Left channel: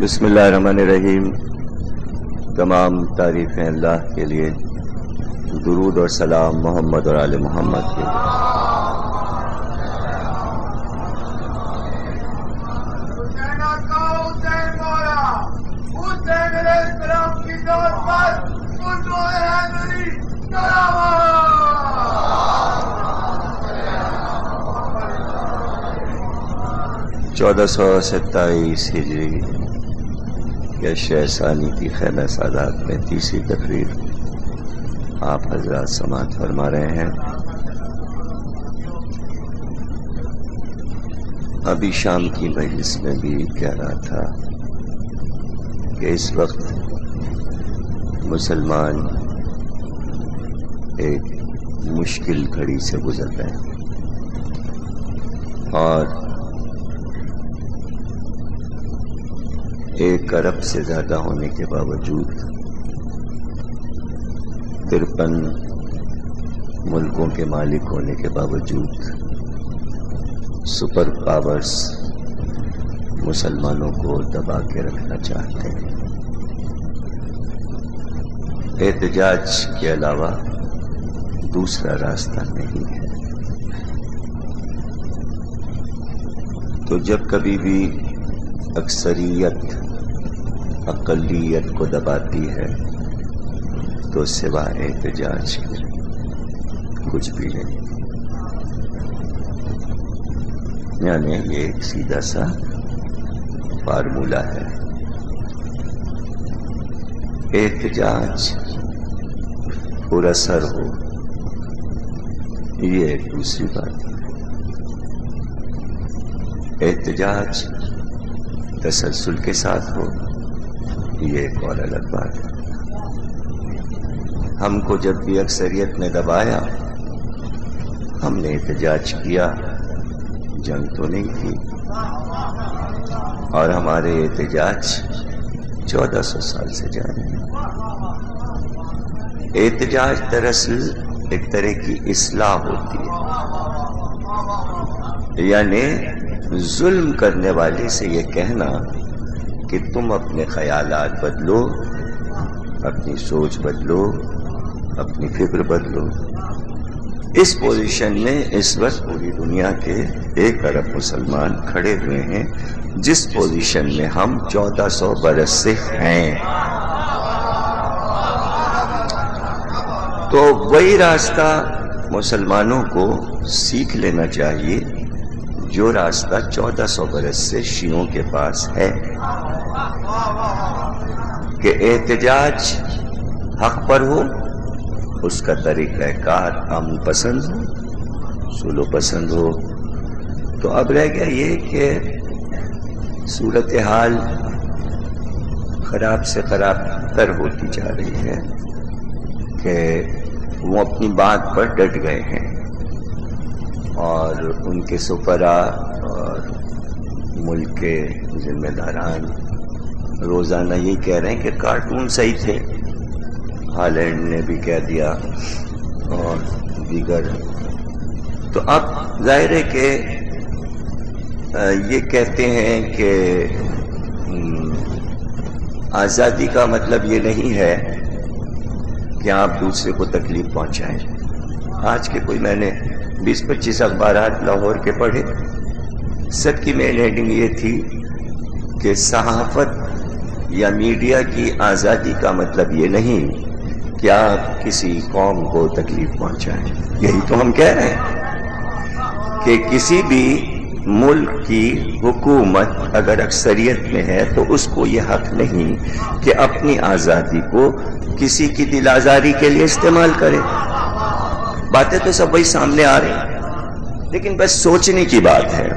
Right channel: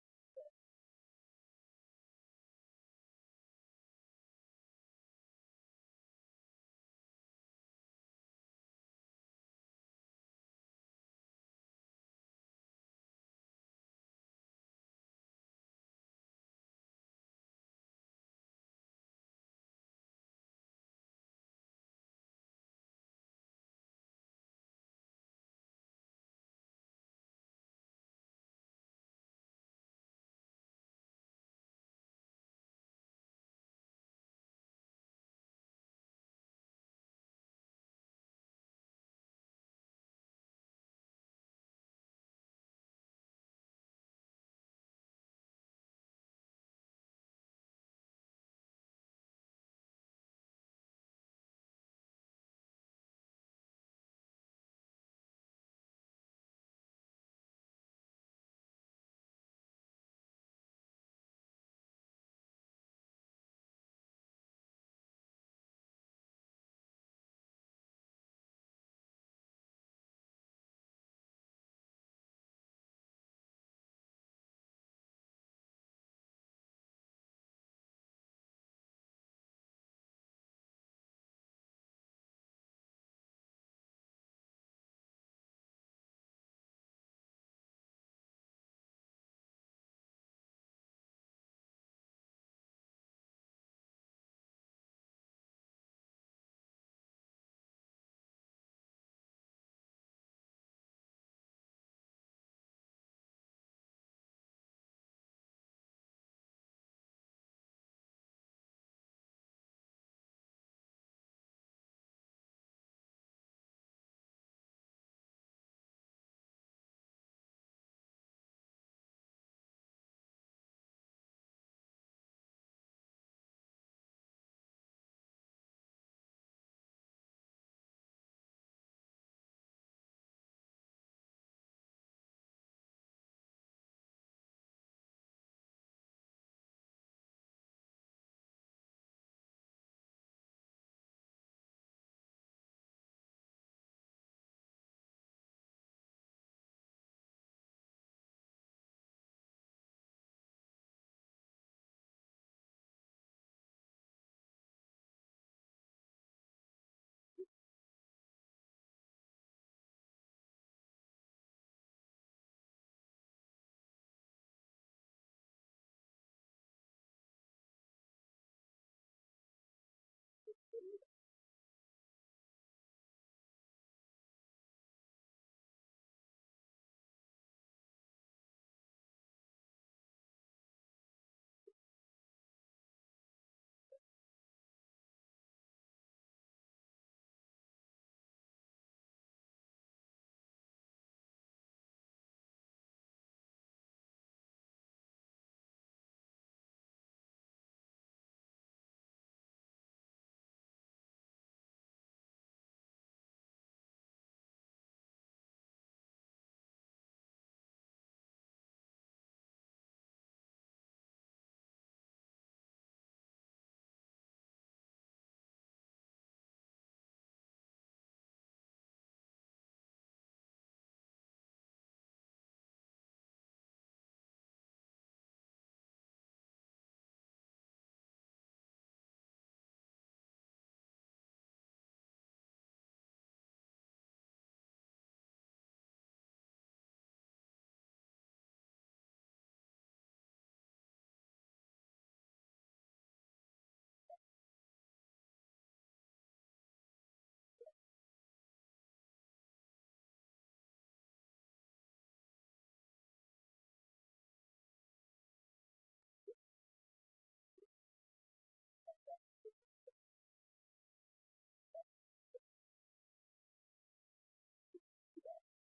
بسم اللہ الرحمن الرحیم. تمام تعریفیں اللہ کے لیے، درود اور سلام محمد اور آل محمد کے لیے. چودہ 1427 ہجری کے شہ ثانی کی خیمہ سادات میں تیسری تقریر آپ حضرات سماعت فرما رہے ہیں. ابھی شام کی مجلس میں بھی کہہ رہا تھا کہ اس وقت مسلمان ایک مشکل گھڑی سے گزر رہے ہیں اور 1 ارب سے زیادہ ہونے کے باوجود 53 ملکوں کے مالک ہونے کے باوجود سپر پاورز مسلمانوں کو دبا کے رکھنا چاہتے ہیں. احتجاج کے علاوہ دوسرا راستہ نہیں ہے. تو جب کبھی بھی اکثریت اقلیت کو دباتی ہے تو سوائے احتجاج کے کچھ بھی نہیں. یعنی یہ ایک سیدھا سا فارمولہ ہے. احتجاج پورا سر ہو یہ ایک دوسری بات ہے. احتجاج تسلسل کے ساتھ ہو یہ ایک اور الگ بات ہے. ہم کو جب بھی اکثریت نے دبایا ہم نے احتجاج کیا، جنگ تو نہیں کی. اور ہمارے احتجاج 1400 سال سے جاری ہیں. احتجاج دراصل ایک طرح کی اصلاح ہوتی ہے. یعنی ظلم کرنے والے سے یہ کہنا کہ تم اپنے خیالات بدلو، اپنی سوچ بدلو، اپنی فکر بدلو. اس پوزیشن میں اس وقت پوری دنیا کے 1 ارب مسلمان کھڑے ہوئے ہیں، جس پوزیشن میں ہم 1400 برس سے ہیں. تو وہی راستہ مسلمانوں کو سیکھ لینا چاہیے جو راستہ 1400 برس سے شیعوں کے پاس ہے کہ احتجاج حق پر ہو، اس کا طریقہ کار امن پسند ہو، سلو پسند ہو. تو اب رہ گیا یہ کہ صورتحال خراب سے خراب تر ہوتی جا رہی ہے کہ وہ اپنی بات پر ڈٹ گئے ہیں اور ان کے سفراء اور ملک کے ذمہ داران روزانہ یہ کہہ رہے ہیں کہ کارٹون صحیح تھے. ہالینڈ نے بھی کہہ دیا اور دیگر. تو اب ظاہر ہے کہ یہ کہتے ہیں کہ آزادی کا مطلب یہ نہیں ہے کہ آپ دوسرے کو تکلیف پہنچائیں. آج کے کوئی میں نے 20-25 اخبارات لاہور کے پڑھے، سب کی مین ہیڈنگ یہ تھی کہ صحافت یا میڈیا کی آزادی کا مطلب یہ نہیں کہ آپ کسی قوم کو تکلیف پہنچائیں. یہی تو ہم کہہ رہے ہیں کہ کسی بھی ملک کی حکومت اگر اکثریت میں ہے تو اس کو یہ حق نہیں کہ اپنی آزادی کو کسی کی دل آزاری کے لیے استعمال کرے. باتیں تو سب وہی سامنے آ رہی ہیں، لیکن بس سوچنے کی بات ہے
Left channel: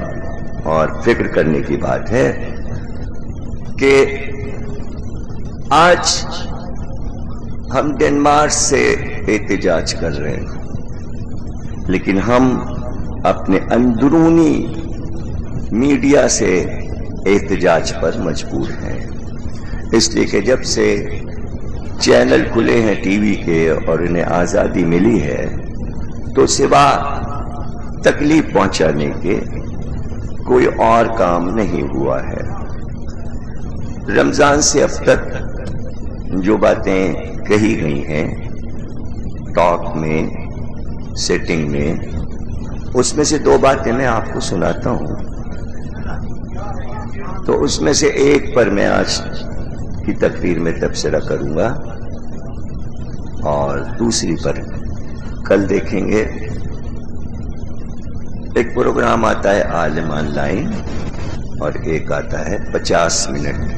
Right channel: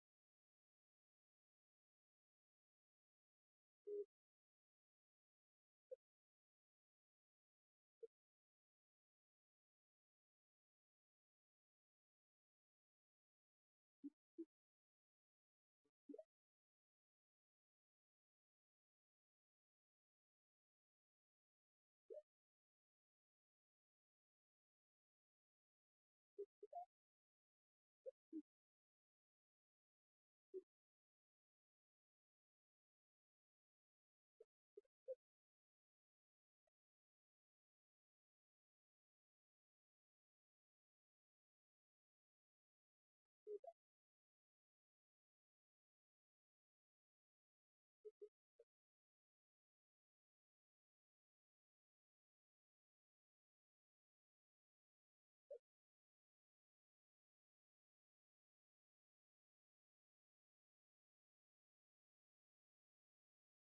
اور فکر کرنے کی بات ہے کہ آج ہم ڈنمارک سے احتجاج کر رہے ہیں، لیکن ہم اپنے اندرونی میڈیا سے احتجاج پر مجبور ہیں. اس لیے کہ جب سے چینل کھلے ہیں ٹی وی کے اور انہیں آزادی ملی ہے تو سوا تکلیف پہنچانے کے کوئی اور کام نہیں ہوا ہے. رمضان سے اب تک جو باتیں کہی گئی ہیں ٹاک میں، سیٹنگ میں، اس میں سے دو باتیں میں آپ کو سناتا ہوں. تو اس میں سے ایک پر میں آج کی تقریر میں تبصرہ کروں گا اور دوسری پر کل دیکھیں گے. ایک پروگرام آتا ہے عالم آن لائن اور ایک آتا ہے 50 منٹ.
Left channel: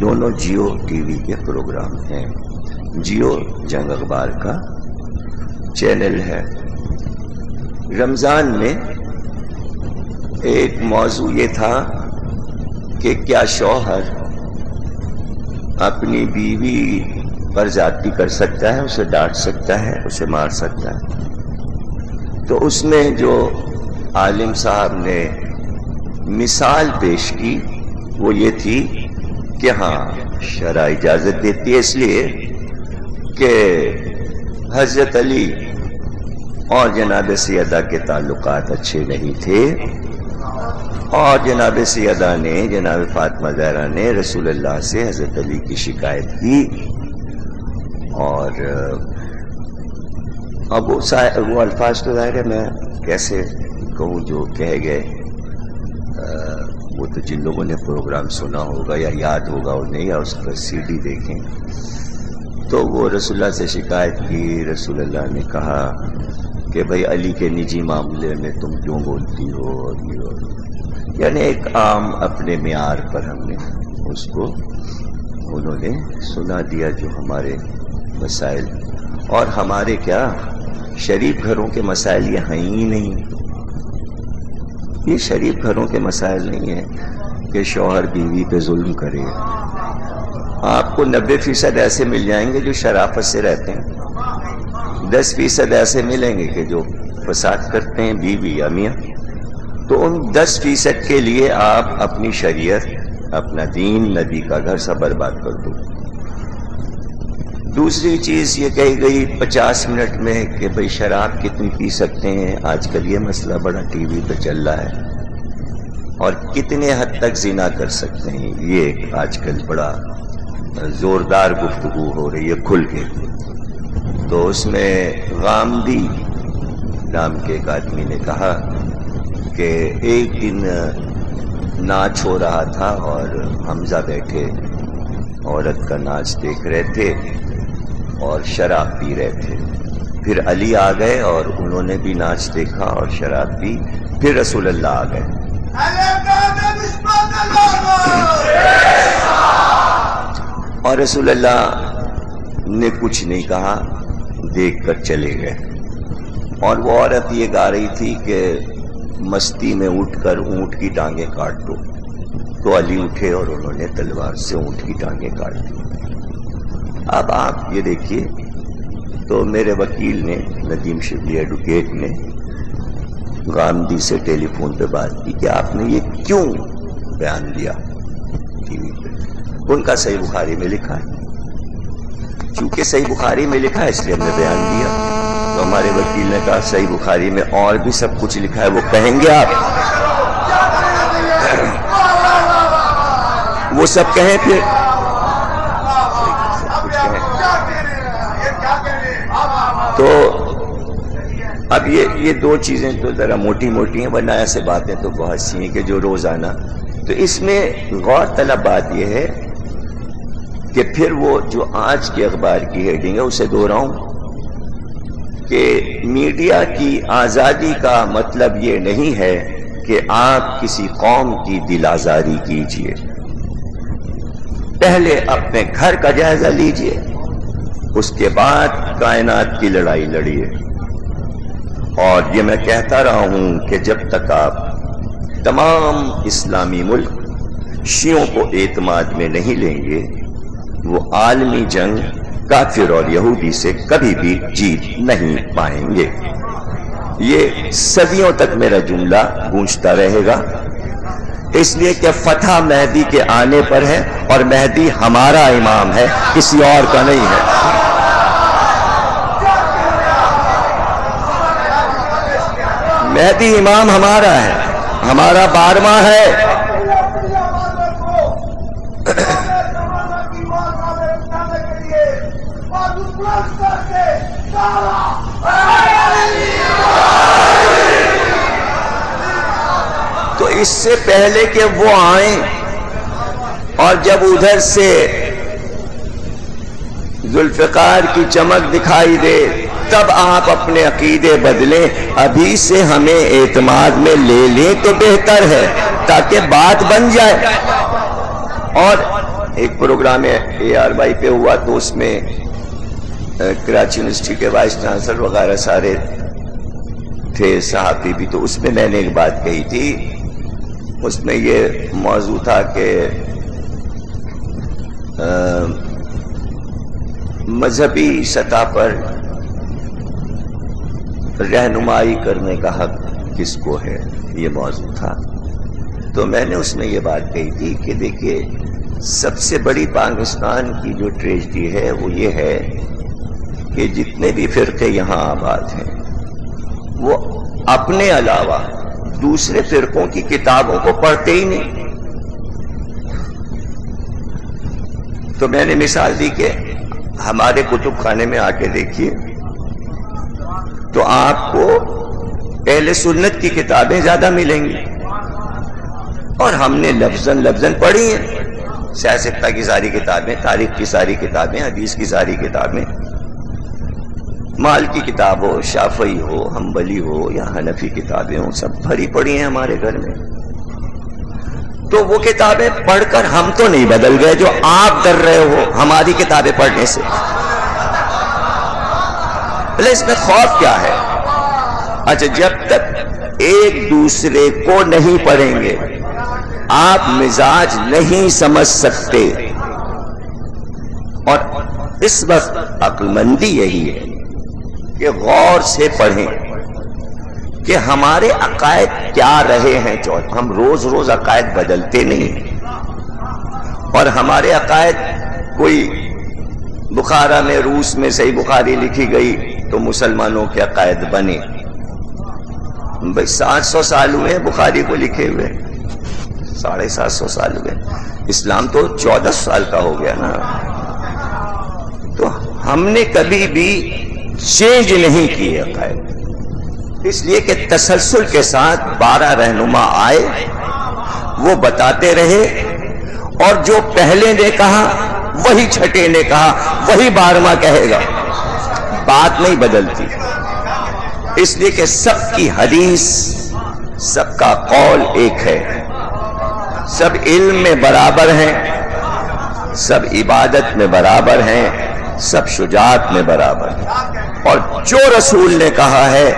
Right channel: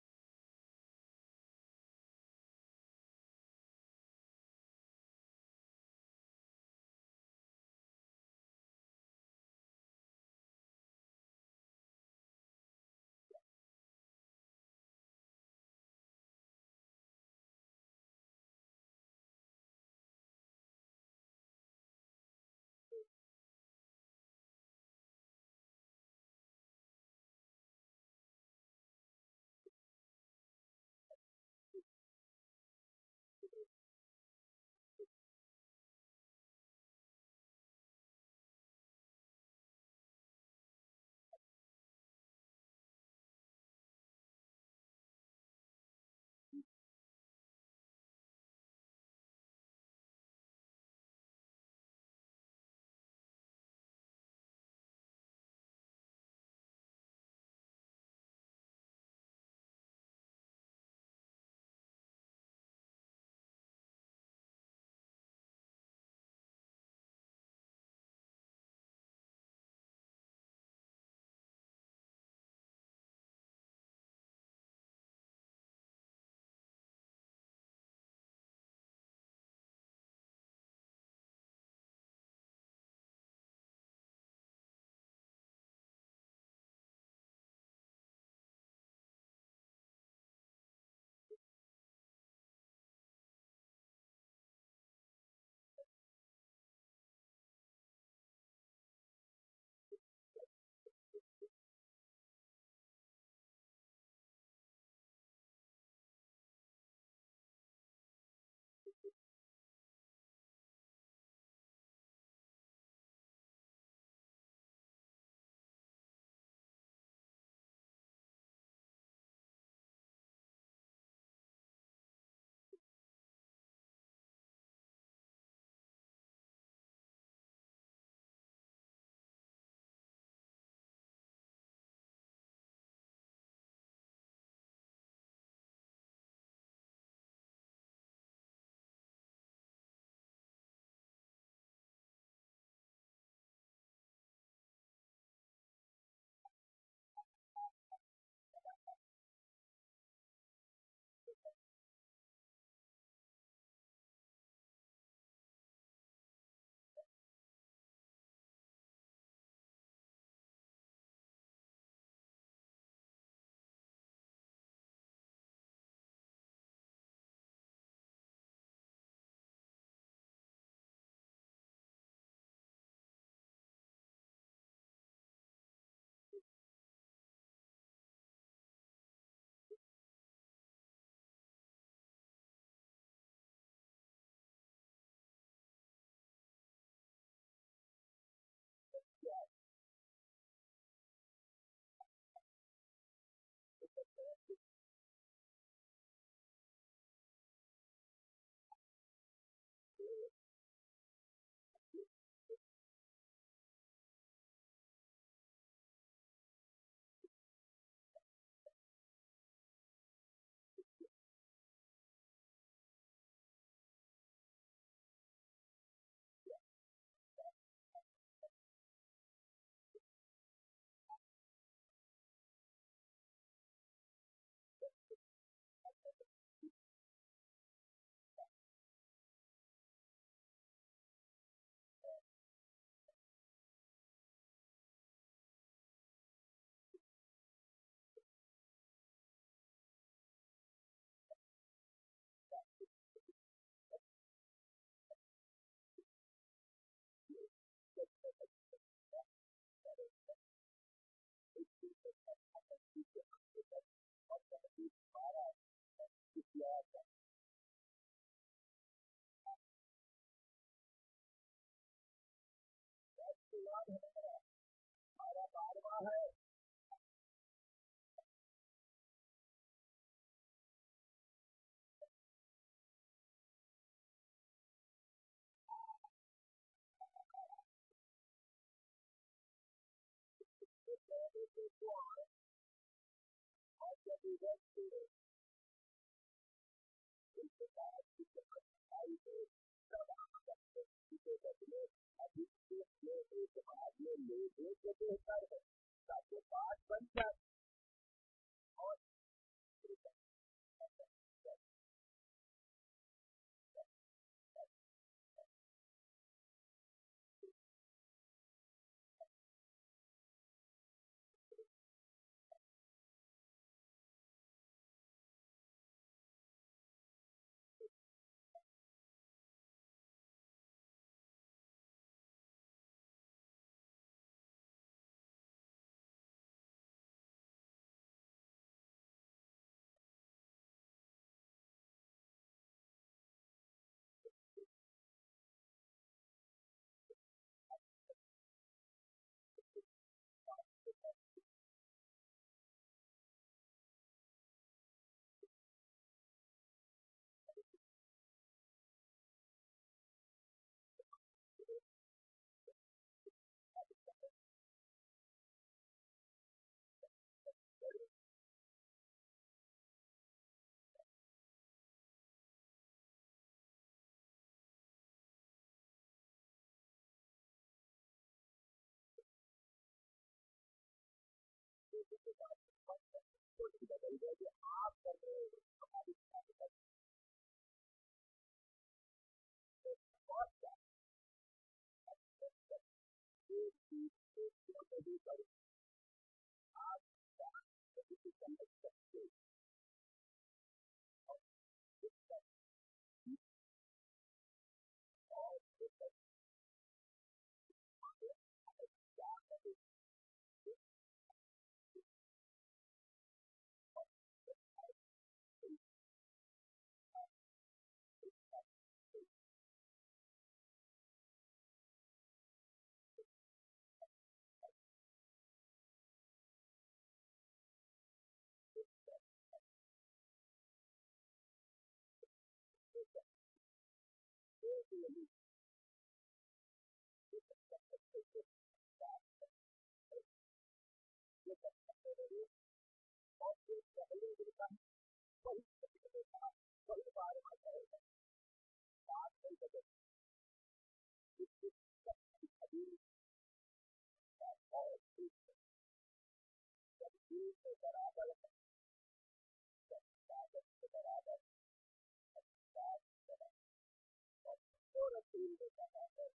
دونوں جیو ٹی وی کے پروگرام ہیں. جیو جنگ اخبار کا چینل ہے. رمضان میں ایک موضوع یہ تھا کہ کیا شوہر اپنی بیوی پر زیادتی کر سکتا ہے، اسے ڈانٹ سکتا ہے، اسے مار سکتا ہے. تو اس میں جو عالم صاحب نے مثال پیش کی وہ یہ تھی کہ ہاں شرع اجازت دیتی ہے، اس لیے کہ حضرت علی اور جناب سیدہ کے تعلقات اچھے نہیں تھے اور جناب سیدہ نے، جناب فاطمہ زہرا نے رسول اللہ سے حضرت علی کی شکایت کی اور اب وہ الفاظ تو ظاہر ہے میں کیسے کہوں جو کہے گئے. وہ تو جن لوگوں نے پروگرام سنا ہوگا یا یاد ہوگا انہیں یا اس پر سی ڈی دیکھیں تو وہ رسول اللہ سے شکایت کی. رسول اللہ نے کہا کہ بھائی علی کے نجی معاملے میں تم کیوں بولتی ہو، اور یعنی ایک عام اپنے معیار پر ہم نے اس کو انہوں نے سنا دیا جو ہمارے مسائل اور ہمارے کیا شریف گھروں کے مسائل یہ ہیں ہی نہیں. یہ شریف گھروں کے مسائل نہیں ہیں کہ شوہر بیوی پہ ظلم کرے. آپ کو 90% ایسے مل جائیں گے جو شرافت سے رہتے ہیں، 10% ایسے ملیں گے کہ جو فساد کرتے ہیں بیوی یا میاں. تو ان 10% کے لیے آپ اپنی شریعت، اپنا دین، نبی کا گھر سب برباد کر دو. دوسری چیز یہ کہی گئی 50 منٹ میں کہ بھئی شراب کتنی پی سکتے ہیں. آج کل یہ مسئلہ بڑا ٹی وی پہ چل رہا ہے. اور کتنے حد تک زنا کر سکتے ہیں، یہ آج کل بڑا زوردار گفتگو ہو رہی ہے کھل کے. تو اس میں غامدی نام کے ایک آدمی نے کہا کہ ایک دن ناچ ہو رہا تھا اور حمزہ بیٹھے عورت کا ناچ دیکھ رہے تھے اور شراب پی رہے تھے. پھر علی آ گئے اور انہوں نے بھی ناچ دیکھا اور شراب پی. پھر رسول اللہ آ گئے اور رسول اللہ نے کچھ نہیں کہا، دیکھ کر چلے گئے. اور وہ عورت یہ گا رہی تھی کہ مستی میں اٹھ کر اونٹ کی ٹانگیں کاٹ دو. تو علی اٹھے اور انہوں نے تلوار سے اونٹ کی ٹانگیں کاٹ دی. اب آپ یہ دیکھیے تو میرے وکیل نے، ندیم شبلی ایڈوکیٹ نے غامدی سے ٹیلی فون پہ بات کی کہ آپ نے یہ کیوں بیان دیا ٹی وی پہ. ان کا صحیح بخاری میں لکھا ہے، چونکہ صحیح بخاری میں لکھا ہے اس لیے ہم نے بیان دیا. تو ہمارے وکیل نے کہا صحیح بخاری میں اور بھی سب کچھ لکھا ہے، وہ کہیں گے آپ، وہ سب کہیں پھر تو اب یہ دو چیزیں تو ذرا موٹی موٹی ہیں، ورنہ ایسے باتیں تو بہت سی ہیں کہ جو روزانہ. تو اس میں غور طلب بات یہ ہے کہ پھر وہ جو آج کے اخبار کی ہیڈنگ ہے اسے دوہراؤں کہ میڈیا کی آزادی کا مطلب یہ نہیں ہے کہ آپ کسی قوم کی دل آزاری کیجئے. پہلے اپنے گھر کا جائزہ لیجئے، اس کے بعد کائنات کی لڑائی لڑیے. اور یہ میں کہتا رہا ہوں کہ جب تک آپ تمام اسلامی ملک شیعوں کو اعتماد میں نہیں لیں گے، وہ عالمی جنگ کافر اور یہودی سے کبھی بھی جیت نہیں پائیں گے. یہ صدیوں تک میرا جملہ گونجتا رہے گا، اس لیے کہ فتح مہدی کے آنے پر ہے اور مہدی ہمارا امام ہے، کسی اور کا نہیں ہے. مہدی امام ہمارا ہے، ہمارا 12واں ہے. تو اس سے پہلے کہ وہ آئیں اور جب ادھر سے ذوالفقار کی چمک دکھائی دے تب آپ اپنے عقیدے بدلیں، ابھی سے ہمیں اعتماد میں لے لیں تو بہتر ہے تاکہ بات بن جائے۔ اور ایک پروگرام اے آر وائی پہ ہوا تو اس میں کراچی یونیورسٹی کے وائس چانسلر وغیرہ سارے تھے، صحافی بھی، تو اس میں میں نے ایک بات کہی تھی، اس میں یہ موضوع تھا کہ مذہبی سطح پر رہنمائی کرنے کا حق کس کو ہے، یہ موضوع تھا۔ تو میں نے اس میں یہ بات کہی تھی کہ دیکھیے سب سے بڑی پاکستان کی جو ٹریجڈی ہے وہ یہ ہے کہ جتنے بھی فرقے یہاں آباد ہیں وہ اپنے علاوہ دوسرے فرقوں کی کتابوں کو پڑھتے ہی نہیں۔ تو میں نے مثال دی کہ ہمارے کتب خانے میں آ کے دیکھیے تو آپ کو اہل سنت کی کتابیں زیادہ ملیں گی، اور ہم نے لفظاً پڑھی ہیں، سیاست کی ساری کتابیں، تاریخ کی ساری کتابیں، حدیث کی ساری کتابیں، مال کی کتاب ہو، شافعی ہو، حنبلی ہو یا حنفی کتابیں ہوں، سب بھری پڑی ہیں ہمارے گھر میں۔ تو وہ کتابیں پڑھ کر ہم تو نہیں بدل گئے جو آپ ڈر رہے ہو ہماری کتابیں پڑھنے سے۔ اس میں خوف کیا ہے؟ اچھا، جب تک ایک دوسرے کو نہیں پڑھیں گے آپ مزاج نہیں سمجھ سکتے، اور اس وقت عقل مندی یہی ہے کہ غور سے پڑھیں کہ ہمارے عقائد کیا رہے ہیں۔ ہم روز روز عقائد بدلتے نہیں، اور ہمارے عقائد کوئی بخارا میں، روس میں صحیح بخاری لکھی گئی تو مسلمانوں کے عقائد بنے۔ بھئی 700 سال ہوئے ہیں بخاری کو لکھے ہوئے، 750 سال ہوئے، اسلام تو 14 سال کا ہو گیا نا۔ تو ہم نے کبھی بھی چینج نہیں کیے عقائد، اس لیے کہ تسلسل کے ساتھ 12 رہنما آئے، وہ بتاتے رہے، اور جو پہلے نے کہا وہی چھٹے نے کہا، وہی 12واں کہے گا، بات نہیں بدلتی، اس لیے کہ سب کی حدیث، سب کا قول ایک ہے، سب علم میں برابر ہیں، سب عبادت میں برابر ہیں، سب شجاعت میں برابر ہیں، اور جو رسول نے کہا ہے،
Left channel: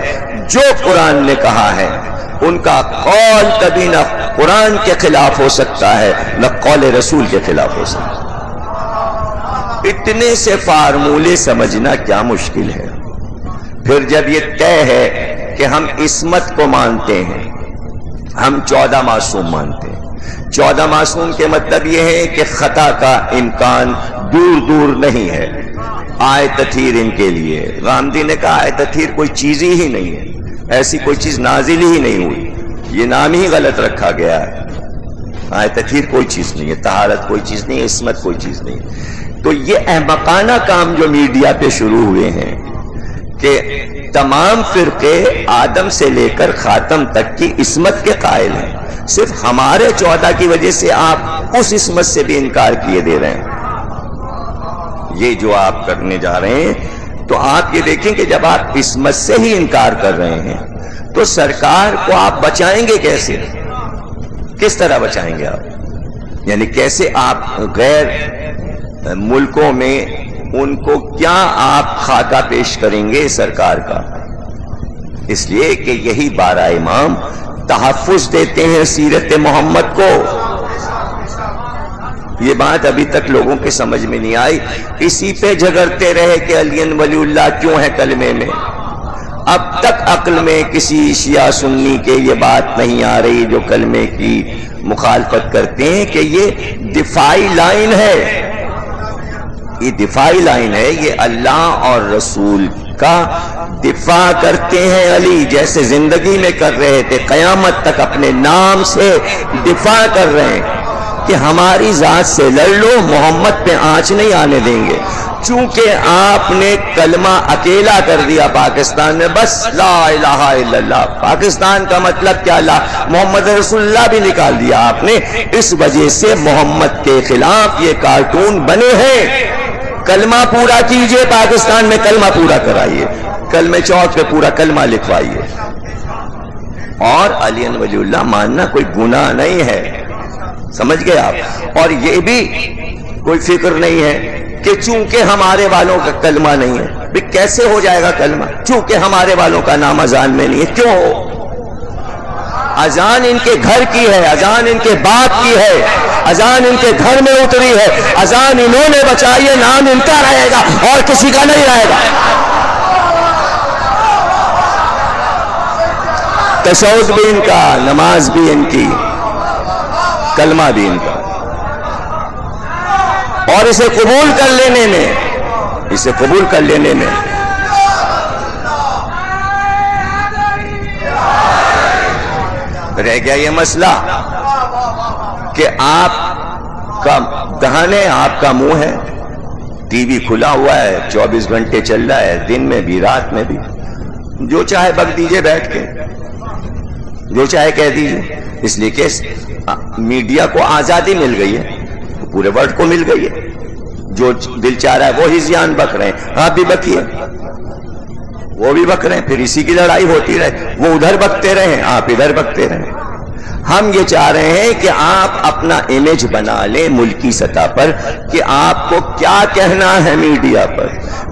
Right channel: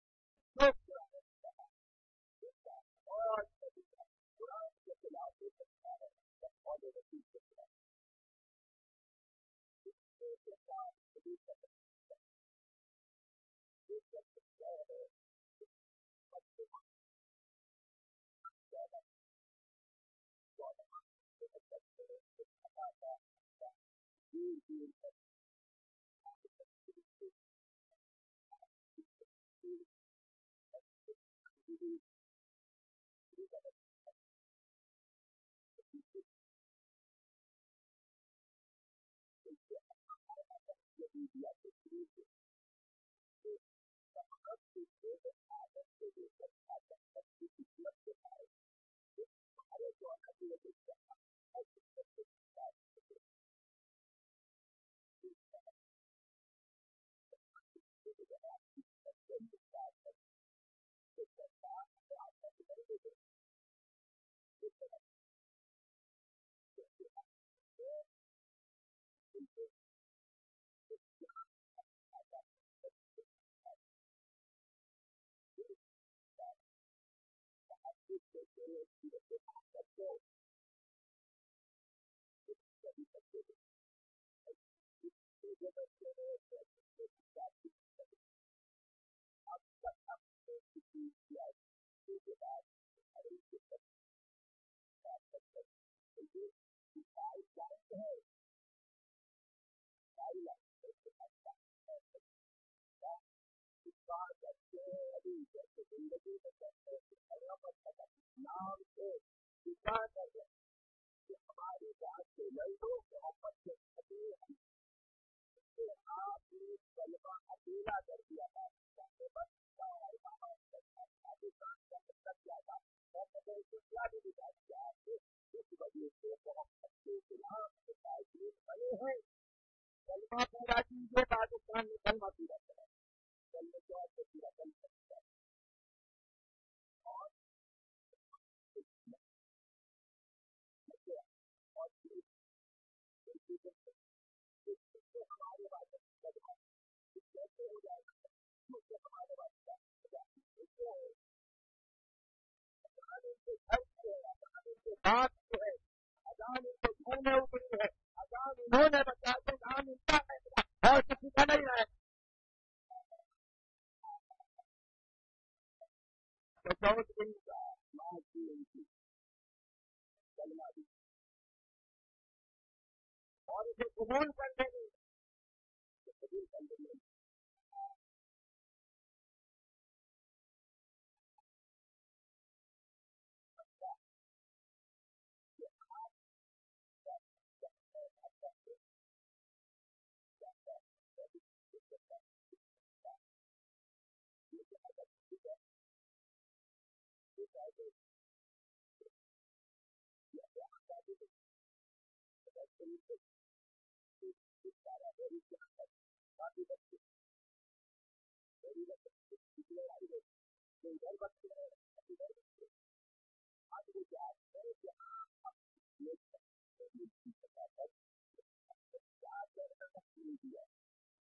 جو قرآن نے کہا ہے، ان کا قول کبھی نہ قرآن کے خلاف ہو سکتا ہے نہ قول رسول کے خلاف ہو سکتا ہے۔ اتنے سے فارمولے سمجھنا کیا مشکل ہے؟ پھر جب یہ طے ہے کہ ہم عصمت کو مانتے ہیں، ہم 14 معصوم مانتے ہیں، 14 معصوم کے مطلب یہ ہے کہ خطا کا امکان دور دور نہیں ہے۔ آئے تطہیر ان کے لیے، غامدی نے کہا آئے تطہیر کوئی چیز ہی نہیں ہے، ایسی کوئی چیز نازل ہی نہیں ہوئی، یہ نام ہی غلط رکھا گیا ہے۔ آئے تطہیر کوئی چیز نہیں ہے، طہارت کوئی چیز نہیں ہے، عصمت کوئی چیز نہیں ہے۔ تو یہ احمقانہ کام جو میڈیا پہ شروع ہوئے ہیں کہ تمام فرقے آدم سے لے کر خاتم تک کی عصمت کے قائل ہیں، صرف ہمارے 14 کی وجہ سے آپ اس عصمت سے بھی انکار کیے دے رہے ہیں۔ یہ جو آپ کرنے جا رہے ہیں، تو آپ یہ دیکھیں کہ جب آپ عصمت سے ہی انکار کر رہے ہیں تو سرکار کو آپ بچائیں گے کیسے؟ کس طرح بچائیں گے آپ؟ یعنی کیسے آپ غیر ملکوں میں ان کو کیا آپ خاکہ پیش کریں گے سرکار کا؟ اس لیے کہ یہی 12 امام تحفظ دیتے ہیں سیرت محمد کو۔ یہ بات ابھی تک لوگوں کے سمجھ میں نہیں آئی، اسی پہ جھگڑتے رہے کہ علی ولی اللہ کیوں ہے کلمے میں۔ اب تک عقل میں کسی شیعہ سنی کے یہ بات نہیں آ رہی جو کلمے کی مخالفت کرتے ہیں کہ یہ دفاعی لائن ہے، یہ دفاعی لائن ہے، یہ اللہ اور رسول کا دفاع کرتے ہیں علی، جیسے زندگی میں کر رہے تھے، قیامت تک اپنے نام سے دفاع کر رہے ہیں کہ ہماری ذات سے لڑ لو، محمد پہ آنچ نہیں آنے دیں گے۔ چونکہ آپ نے کلمہ اکیلا کر دیا پاکستان میں، بس لا الہ الا اللہ، پاکستان کا مطلب کیا، محمد رسول اللہ بھی نکال دیا آپ نے، اس وجہ سے محمد کے خلاف یہ کارٹون بنے ہیں۔ کلمہ پورا کیجئے، پاکستان میں کلمہ پورا کرائیے، کلمہ چوک پہ پورا کلمہ لکھوائیے، اور علی ولی اللہ ماننا کوئی گناہ نہیں ہے، سمجھ گئے آپ؟ اور یہ بھی کوئی فکر نہیں ہے کہ چونکہ ہمارے والوں کا کلمہ نہیں ہے، بھی کیسے ہو جائے گا کلمہ؟ چونکہ ہمارے والوں کا نام اذان میں نہیں ہے، کیوں ہو؟ اذان ان کے گھر کی ہے، اذان ان کے باپ کی ہے، اذان ان کے گھر میں اتری ہے، اذان انہوں نے بچائی ہے، نام ان کا رہے گا اور کسی کا نہیں رہے گا۔ تشہد بھی ان کا، نماز بھی ان کی، کلمہ بھی ان کا، اور اسے قبول کر لینے میں، اسے قبول کر لینے میں رہ گیا یہ مسئلہ کہ آپ کا دہن ہے، آپ کا منہ ہے، ٹی وی کھلا ہوا ہے، 24 گھنٹے چل رہا ہے، دن میں بھی رات میں بھی، جو چاہے بک دیجئے بیٹھ کے، جو چاہے کہہ دیجئے، اس لیے کہ میڈیا کو آزادی مل گئی ہے، پورے ورلڈ کو مل گئی ہے، جو دل چاہ رہا ہے وہ ہزیان بک رہے ہیں، آپ بھی بکیے، وہ بھی بک رہے ہیں، پھر اسی کی لڑائی ہوتی رہے، وہ ادھر بکتے رہے، آپ ادھر بکتے رہے۔ ہم یہ چاہ رہے ہیں کہ آپ اپنا امیج بنا لیں ملکی سطح پر کہ آپ کو کیا کہنا ہے میڈیا پر،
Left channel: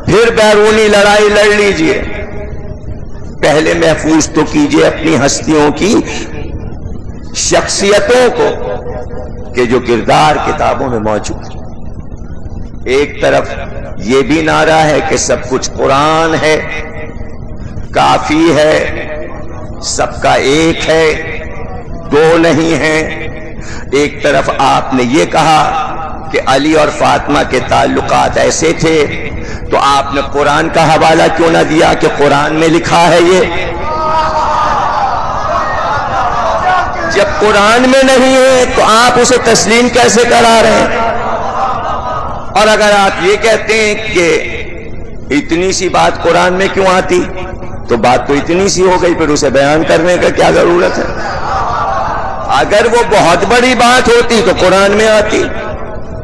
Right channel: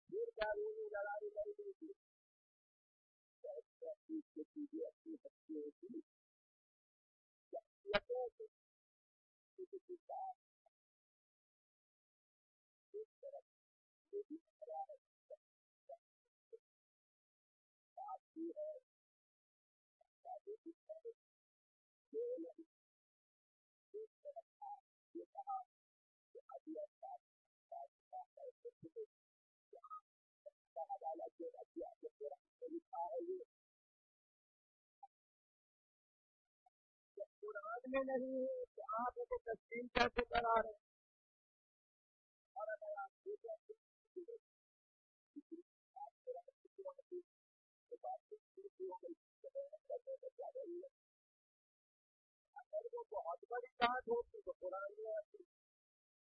پھر بیرونی لڑائی لڑ لیجئے، پہلے محفوظ تو کیجئے اپنی ہستیوں کی شخصیتوں کو کہ جو کردار کتابوں میں موجود ہے۔ ایک طرف یہ بھی نعرہ ہے کہ سب کچھ قرآن ہے، کافی ہے، سب کا ایک ہے، دو نہیں ہیں، ایک طرف آپ نے یہ کہا کہ علی اور فاطمہ کے تعلقات ایسے تھے، تو آپ نے قرآن کا حوالہ کیوں نہ دیا کہ قرآن میں لکھا ہے یہ؟ جب قرآن میں نہیں ہے تو آپ اسے تسلیم کیسے کرا رہے ہیں؟ اور اگر آپ یہ کہتے ہیں کہ اتنی سی بات قرآن میں کیوں آتی، تو بات تو اتنی سی ہو گئی، پھر اسے بیان کرنے کا کیا ضرورت ہے؟ اگر وہ بہت بڑی بات ہوتی تو قرآن میں آتی،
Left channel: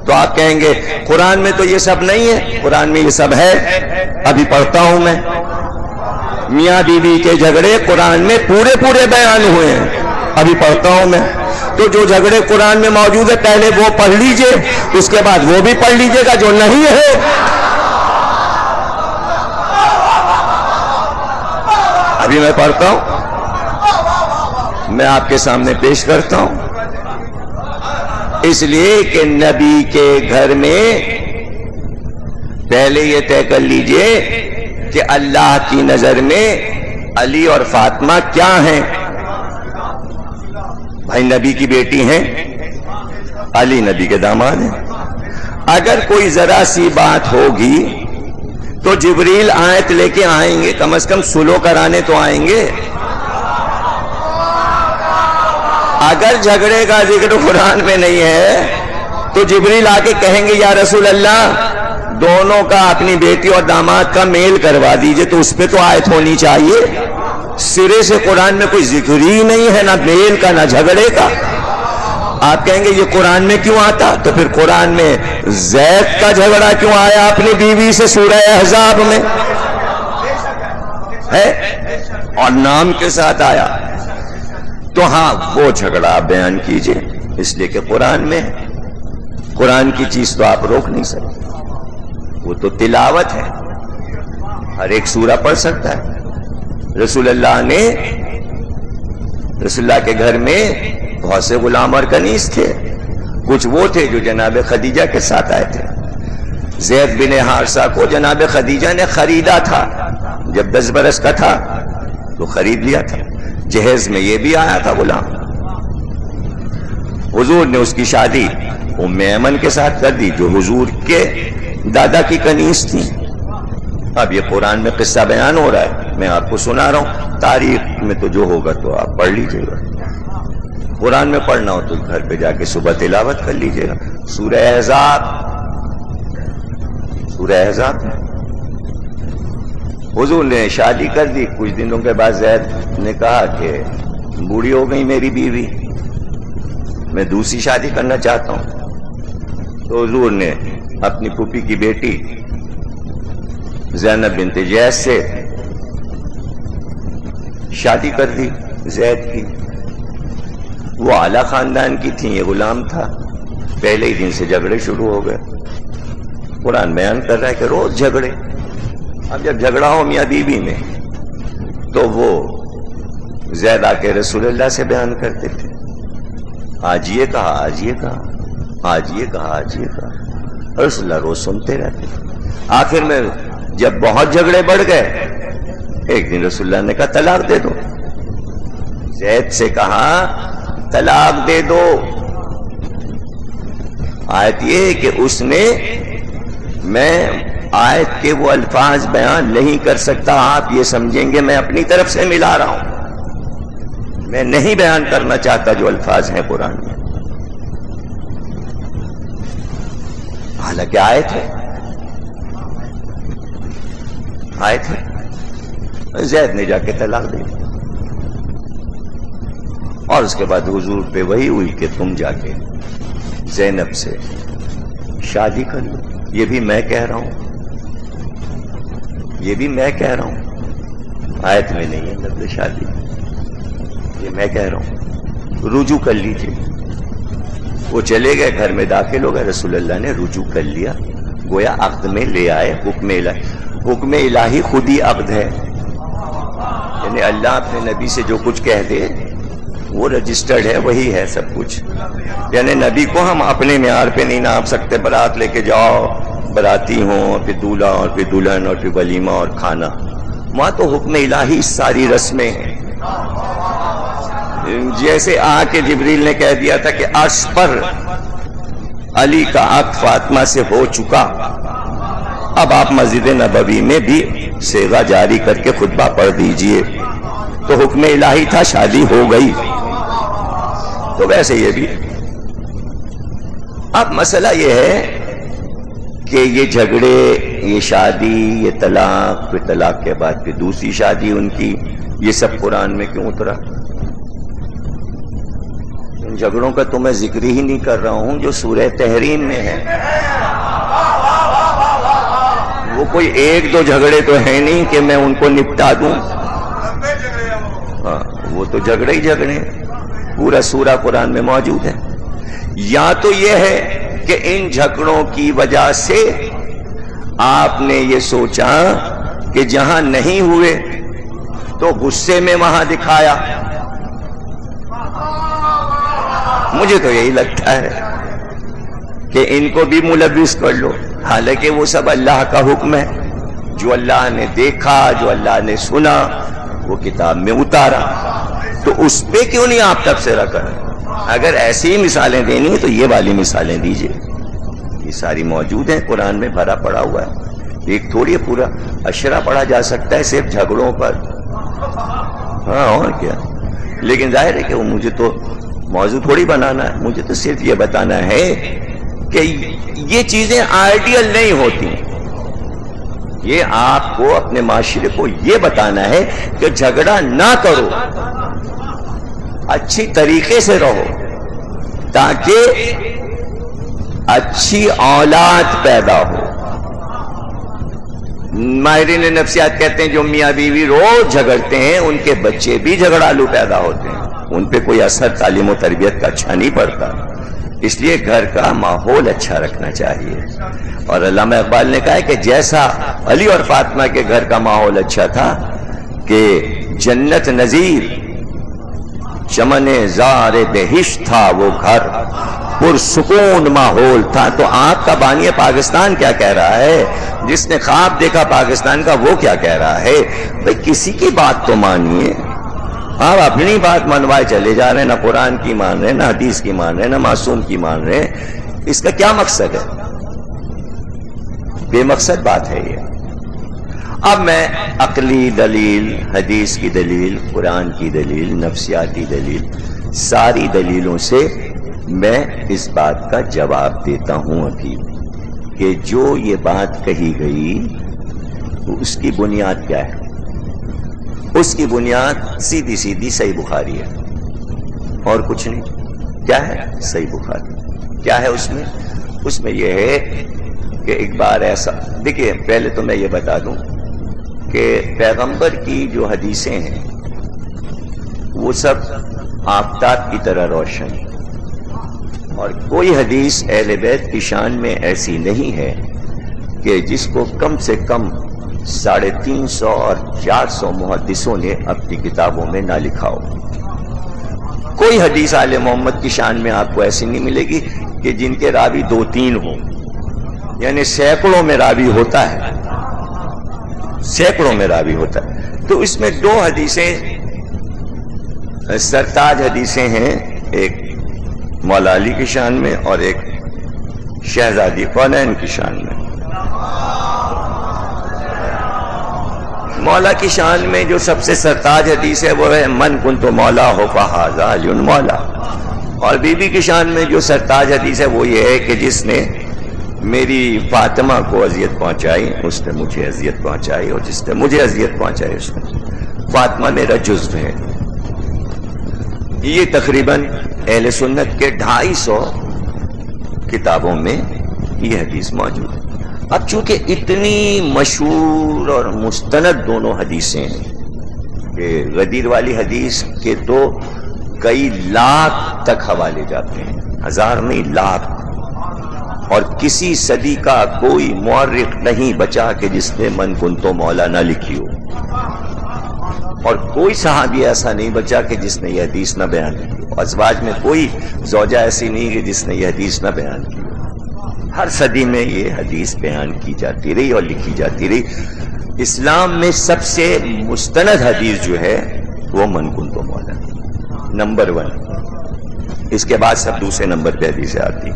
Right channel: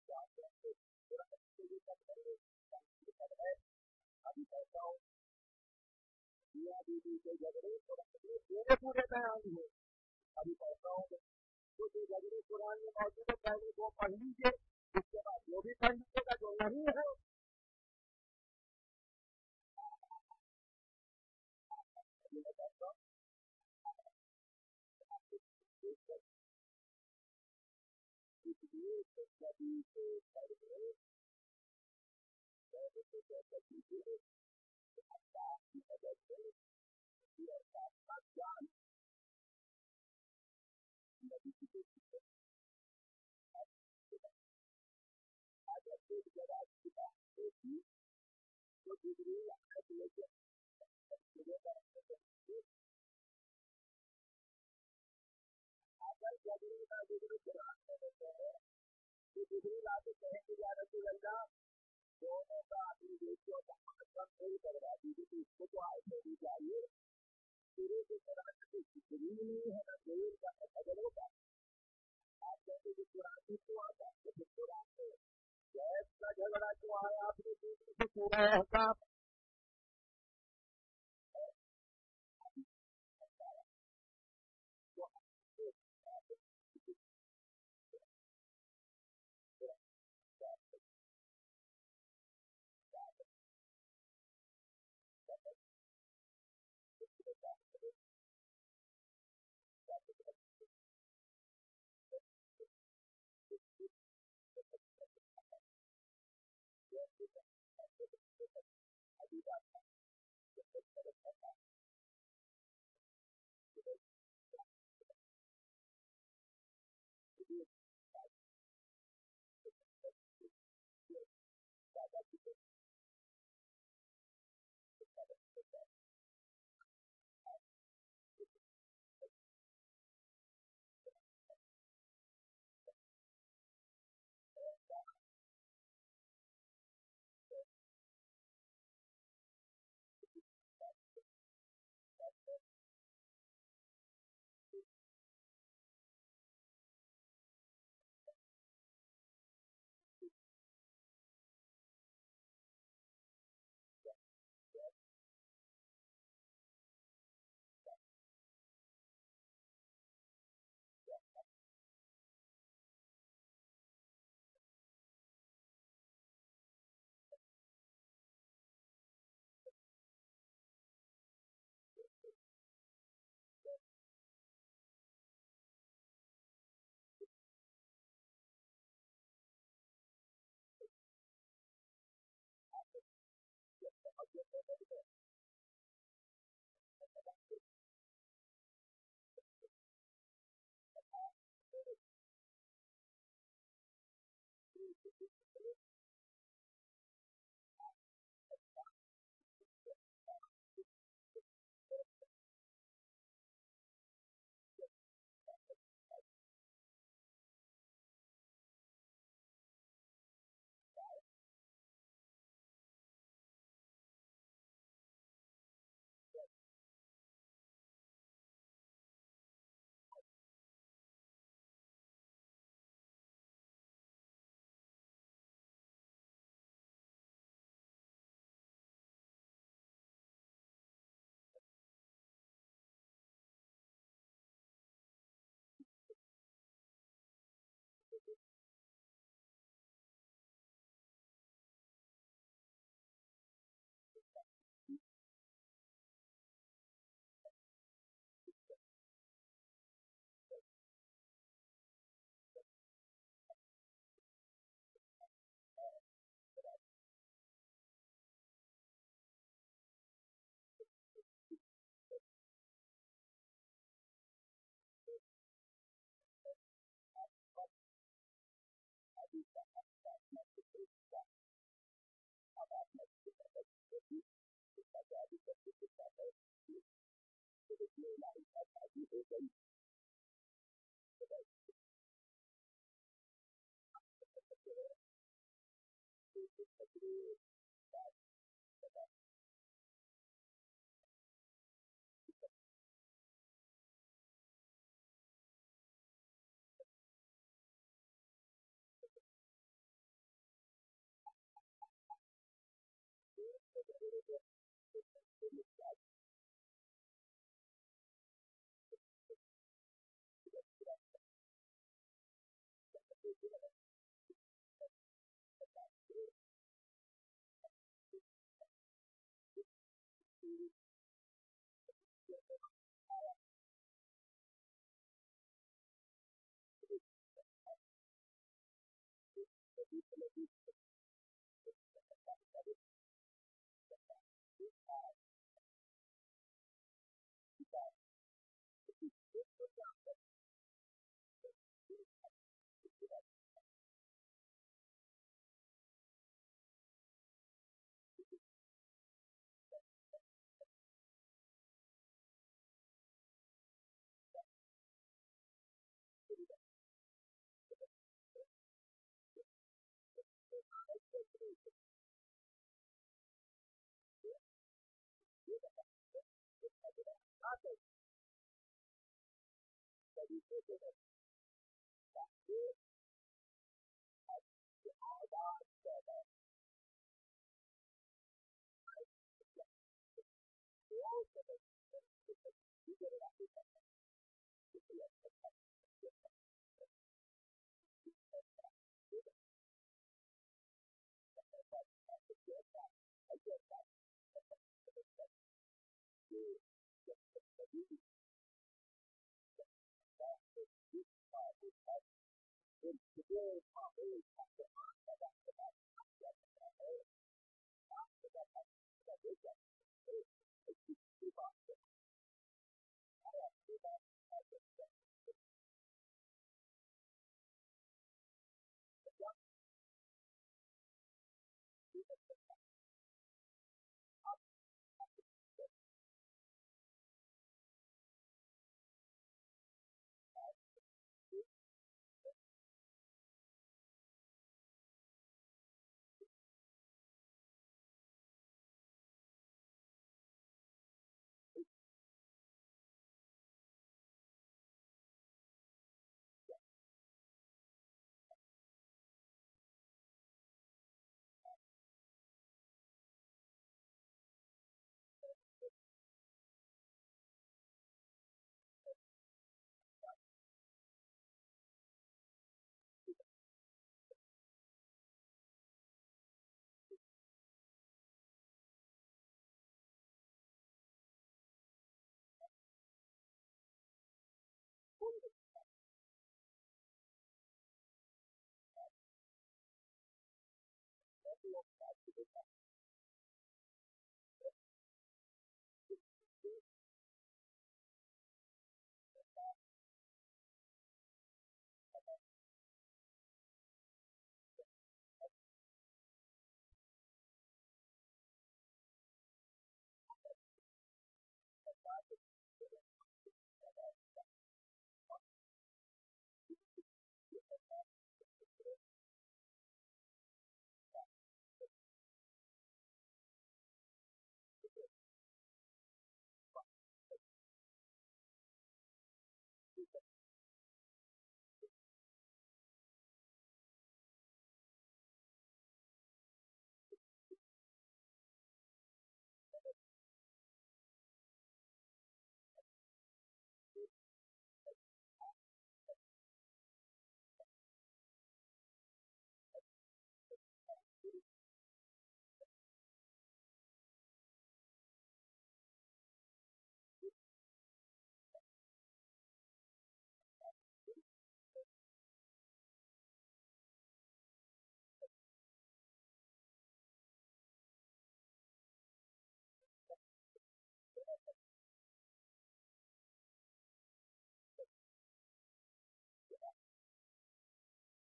تو آپ کہیں گے قرآن میں تو یہ سب نہیں ہے، قرآن میں یہ سب ہے، ابھی پڑھتا ہوں میں، میاں بیوی کے جھگڑے قرآن میں پورے بیان ہوئے ہیں، ابھی پڑھتا ہوں میں، تو جو جھگڑے قرآن میں موجود ہے پہلے وہ پڑھ لیجئے، اس کے بعد وہ بھی پڑھ لیجئے گا جو نہیں ہے۔ ابھی میں پڑھتا ہوں، میں آپ کے سامنے پیش کرتا ہوں، اس لیے کہ نبی کے گھر میں پہلے یہ طے کر لیجئے کہ اللہ کی نظر میں علی اور فاطمہ کیا ہیں؟ بھائی نبی کی بیٹی ہیں، علی نبی کے داماد ہیں، اگر کوئی ذرا سی بات ہوگی تو جبریل آیت لے کے آئیں گے، کم از کم سلو کرانے تو آئیں گے۔ اگر جھگڑے کا ذکر قرآن میں نہیں ہے تو جبریل آ کے کہیں گے یا رسول اللہ دونوں کا، اپنی بیٹی اور داماد کا میل کروا دیجئے، تو اس پہ تو آیت ہونی چاہیے۔ سرے سے قرآن میں کوئی ذکر ہی نہیں ہے، نہ میل کا نہ جھگڑے کا۔ آپ کہیں گے یہ قرآن میں کیوں آتا؟ تو پھر قرآن میں زید کا جھگڑا کیوں آیا اپنی بیوی سے سورہ احزاب میں ہے، اور نام کے ساتھ آیا؟ تو ہاں وہ جھگڑا آپ بیان کیجئے، اس لیے کہ قرآن میں، قرآن کی چیز تو آپ روک نہیں سکتے، وہ تو تلاوت ہے، ہر ایک سورہ پڑھ سکتا ہے۔ رسول اللہ نے، رسول اللہ کے گھر میں بہت سے غلام اور کنیز تھے، کچھ وہ تھے جو جناب خدیجہ کے ساتھ آئے تھے۔ زید بن حارثہ کو جناب خدیجہ نے خریدا تھا، جب 10 برس کا تھا تو خرید لیا تھا، جہیز میں یہ بھی آیا تھا غلام۔ حضور نے اس کی شادی ام ایمن کے ساتھ کر دی جو حضور کے دادا کی کنیز تھی۔ اب یہ قرآن میں قصہ بیان ہو رہا ہے، میں آپ کو سنا رہا ہوں، تاریخ میں تو جو ہوگا تو آپ پڑھ لیجئے گا، قرآن میں پڑھنا ہو تو گھر پہ جا کے صبح تلاوت کر لیجئے گا۔ سورہ احزاب، سورہ احزاب میں حضور نے شادی کر دی. کچھ دنوں کے بعد زید نے کہا کہ بوڑھی ہو گئی میری بیوی, میں دوسری شادی کرنا چاہتا ہوں. تو حضور نے اپنی پھوپھی کی بیٹی زینب بنت جیش سے شادی کر دی زید کی. وہ اعلیٰ خاندان کی تھیں, یہ غلام تھا. پہلے ہی دن سے جھگڑے شروع ہو گئے. قرآن بیان کر رہا ہے کہ روز جھگڑے. اب جب جھگڑا ہو میاں بیوی میں تو وہ زید آ کے رسول اللہ سے بیان کرتے تھے, آج یہ کہا, آج یہ کہا, آج یہ کہا, آج یہ کہا. رسول اللہ روز سنتے رہتے. آخر میں جب بہت جھگڑے بڑھ گئے, ایک دن رسول اللہ نے کہا طلاق دے دو. زید سے کہا طلاق دے دو. آیت یہ کہ اس نے, میں آیت کے وہ الفاظ بیان نہیں کر سکتا, آپ یہ سمجھیں گے میں اپنی طرف سے ملا رہا ہوں, میں نہیں بیان کرنا چاہتا جو الفاظ ہیں قرآن میں, حالانکہ آیت ہے, آیت ہے. زید نے جا کے طلاق دی اور اس کے بعد حضور پہ وہی ہوئی کہ تم جا کے زینب سے شادی کر لو. یہ بھی میں کہہ رہا ہوں, یہ بھی میں کہہ رہا ہوں, آیت میں نہیں ہے لفظ شادی, یہ میں کہہ رہا ہوں. رجوع کر لیجئے. وہ چلے گئے, گھر میں داخل ہو گئے, رسول اللہ نے رجوع کر لیا, گویا عقد میں لے آئے. حکم الہی, حکم الہی خود ہی عقد ہے, یعنی اللہ اپنے نبی سے جو کچھ کہہ دے وہ رجسٹرڈ ہے, وہی ہے سب کچھ. یعنی نبی کو ہم اپنے معیار پہ نہیں ناپ سکتے. برات لے کے جاؤ, براتی ہوں, پھر دولہا اور پھر دلہن اور پھر ولیمہ اور کھانا. وہاں تو حکم الہی ساری رسمیں ہیں. جیسے آ کے جبریل نے کہہ دیا تھا کہ عرش پر علی کا عقد فاطمہ سے ہو چکا, اب آپ مسجد نبوی میں بھی صیغہ جاری کر کے خطبہ پڑھ دیجئے. تو حکم الہی تھا, شادی ہو گئی. تو ویسے یہ بھی. اب مسئلہ یہ ہے کہ یہ جھگڑے, یہ شادی, یہ طلاق, پھر طلاق کے بعد پھر دوسری شادی ان کی, یہ سب قرآن میں کیوں اترا؟ ان جھگڑوں کا تو میں ذکر ہی نہیں کر رہا ہوں جو سورہ تحریم میں ہے. وہ کوئی ایک دو جھگڑے تو ہیں نہیں کہ میں ان کو نپٹا دوں. ہاں, وہ تو جھگڑے ہی جھگڑے, پورا سورہ قرآن میں موجود ہے. یا تو یہ ہے کہ ان جھگڑوں کی وجہ سے آپ نے یہ سوچا کہ جہاں نہیں ہوئے تو غصے میں وہاں دکھایا. مجھے تو یہی لگتا ہے کہ ان کو بھی ملوث کر لو, حالانکہ وہ سب اللہ کا حکم ہے. جو اللہ نے دیکھا, جو اللہ نے سنا, وہ کتاب میں اتارا. تو اس پہ کیوں نہیں آپ تبصرہ کریں؟ اگر ایسی ہی مثالیں دینی ہیں تو یہ والی مثالیں دیجئے, یہ ساری موجود ہیں قرآن میں, بھرا پڑا ہوا ہے. ایک تھوڑی پورا اشرا پڑھا جا سکتا ہے صرف جھگڑوں پر. ہاں اور کیا. لیکن ظاہر ہے کہ وہ مجھے تو موضوع تھوڑی بنانا ہے, مجھے تو صرف یہ بتانا ہے کہ یہ چیزیں آئیڈیل نہیں ہوتی. یہ آپ کو اپنے معاشرے کو یہ بتانا ہے کہ جھگڑا نہ کرو, اچھی طریقے سے رہو, تاکہ اچھی اولاد پیدا ہو. ماہرین نفسیات کہتے ہیں جو میاں بیوی روز جھگڑتے ہیں ان کے بچے بھی جھگڑالو پیدا ہوتے ہیں, ان پہ کوئی اثر تعلیم و تربیت کا اچھا نہیں پڑتا. اس لیے گھر کا ماحول اچھا رکھنا چاہیے. اور علامہ اقبال نے کہا ہے کہ جیسا علی اور فاطمہ کے گھر کا ماحول اچھا تھا کہ جنت نظیر چمن زار بہشت تھا وہ گھر, پرسکون ماحول تھا. تو آپ کا بانی پاکستان کیا کہہ رہا ہے؟ جس نے خواب دیکھا پاکستان کا وہ کیا کہہ رہا ہے؟ بھئی کسی کی بات تو مانیے. آپ اپنی بات منوائے چلے جا رہے ہیں, نہ قرآن کی مان رہے, نہ حدیث کی مان رہے, نہ معصوم کی مان رہے. اس کا کیا مقصد ہے؟ بے مقصد بات ہے یہ. اب میں عقلی دلیل, حدیث کی دلیل, قرآن کی دلیل, نفسیاتی دلیل, ساری دلیلوں سے میں اس بات کا جواب دیتا ہوں. ابھی کہ جو یہ بات کہی گئی اس کی بنیاد کیا ہے؟ اس کی بنیاد سیدھی سیدھی صحیح بخاری ہے اور کچھ نہیں. کیا ہے؟ صحیح بخاری. کیا ہے اس میں؟ اس میں یہ ہے کہ ایک بار ایسا، دیکھیے پہلے تو میں یہ بتا دوں کہ پیغمبر کی جو حدیثیں ہیں وہ سب آفتاب کی طرح روشن ہیں، اور کوئی حدیث اہل بیت کی شان میں ایسی نہیں ہے کہ جس کو کم سے کم 350 اور 400 محدثوں نے اپنی کتابوں میں نہ لکھا ہو. کوئی حدیث آل محمد کی شان میں آپ کو ایسی نہیں ملے گی کہ جن کے راوی 2-3 ہوں، یعنی سینکڑوں میں راوی ہوتا ہے، سینکڑوں میں راوی ہوتا ہے. تو اس میں 2 حدیثیں سرتاج حدیثیں ہیں، ایک مولا علی کی شان میں اور ایک شہزادی کونین کی شان میں. مولا کی شان میں جو سب سے سرتاج حدیث ہے وہ ہے من کنت مولا ہو فہذا علی مولا، اور بی بی کی شان میں جو سرتاج حدیث ہے وہ یہ ہے کہ جس نے میری فاطمہ کو اذیت پہنچائی اس نے مجھے اذیت پہنچائی، اور جس نے مجھے اذیت پہنچائی اس نے. فاطمہ میرا جزو ہے. یہ تقریباً اہل سنت کے 250 کتابوں میں یہ حدیث موجود ہے. اب چونکہ اتنی مشہور اور مستند دونوں حدیثیں ہیں کہ غدیر والی حدیث کے تو کئی لاکھ تک حوالے جاتے ہیں، 1000 نہیں لاکھ، اور کسی صدی کا کوئی مورخ نہیں بچا کہ جس نے من کنتو مولا نہ لکھی ہو، اور کوئی صحابی ایسا نہیں بچا کہ جس نے یہ حدیث نہ بیان کی ہو. ازواج میں کوئی زوجہ ایسی نہیں کہ جس نے یہ حدیث نہ بیان کی ہو. ہر صدی میں یہ حدیث بیان کی جاتی رہی اور لکھی جاتی رہی. اسلام میں سب سے مستند حدیث جو ہے وہ من کنتو مولا نمبر 1. اس کے بعد سب دوسرے نمبر پہ حدیثیں آتی.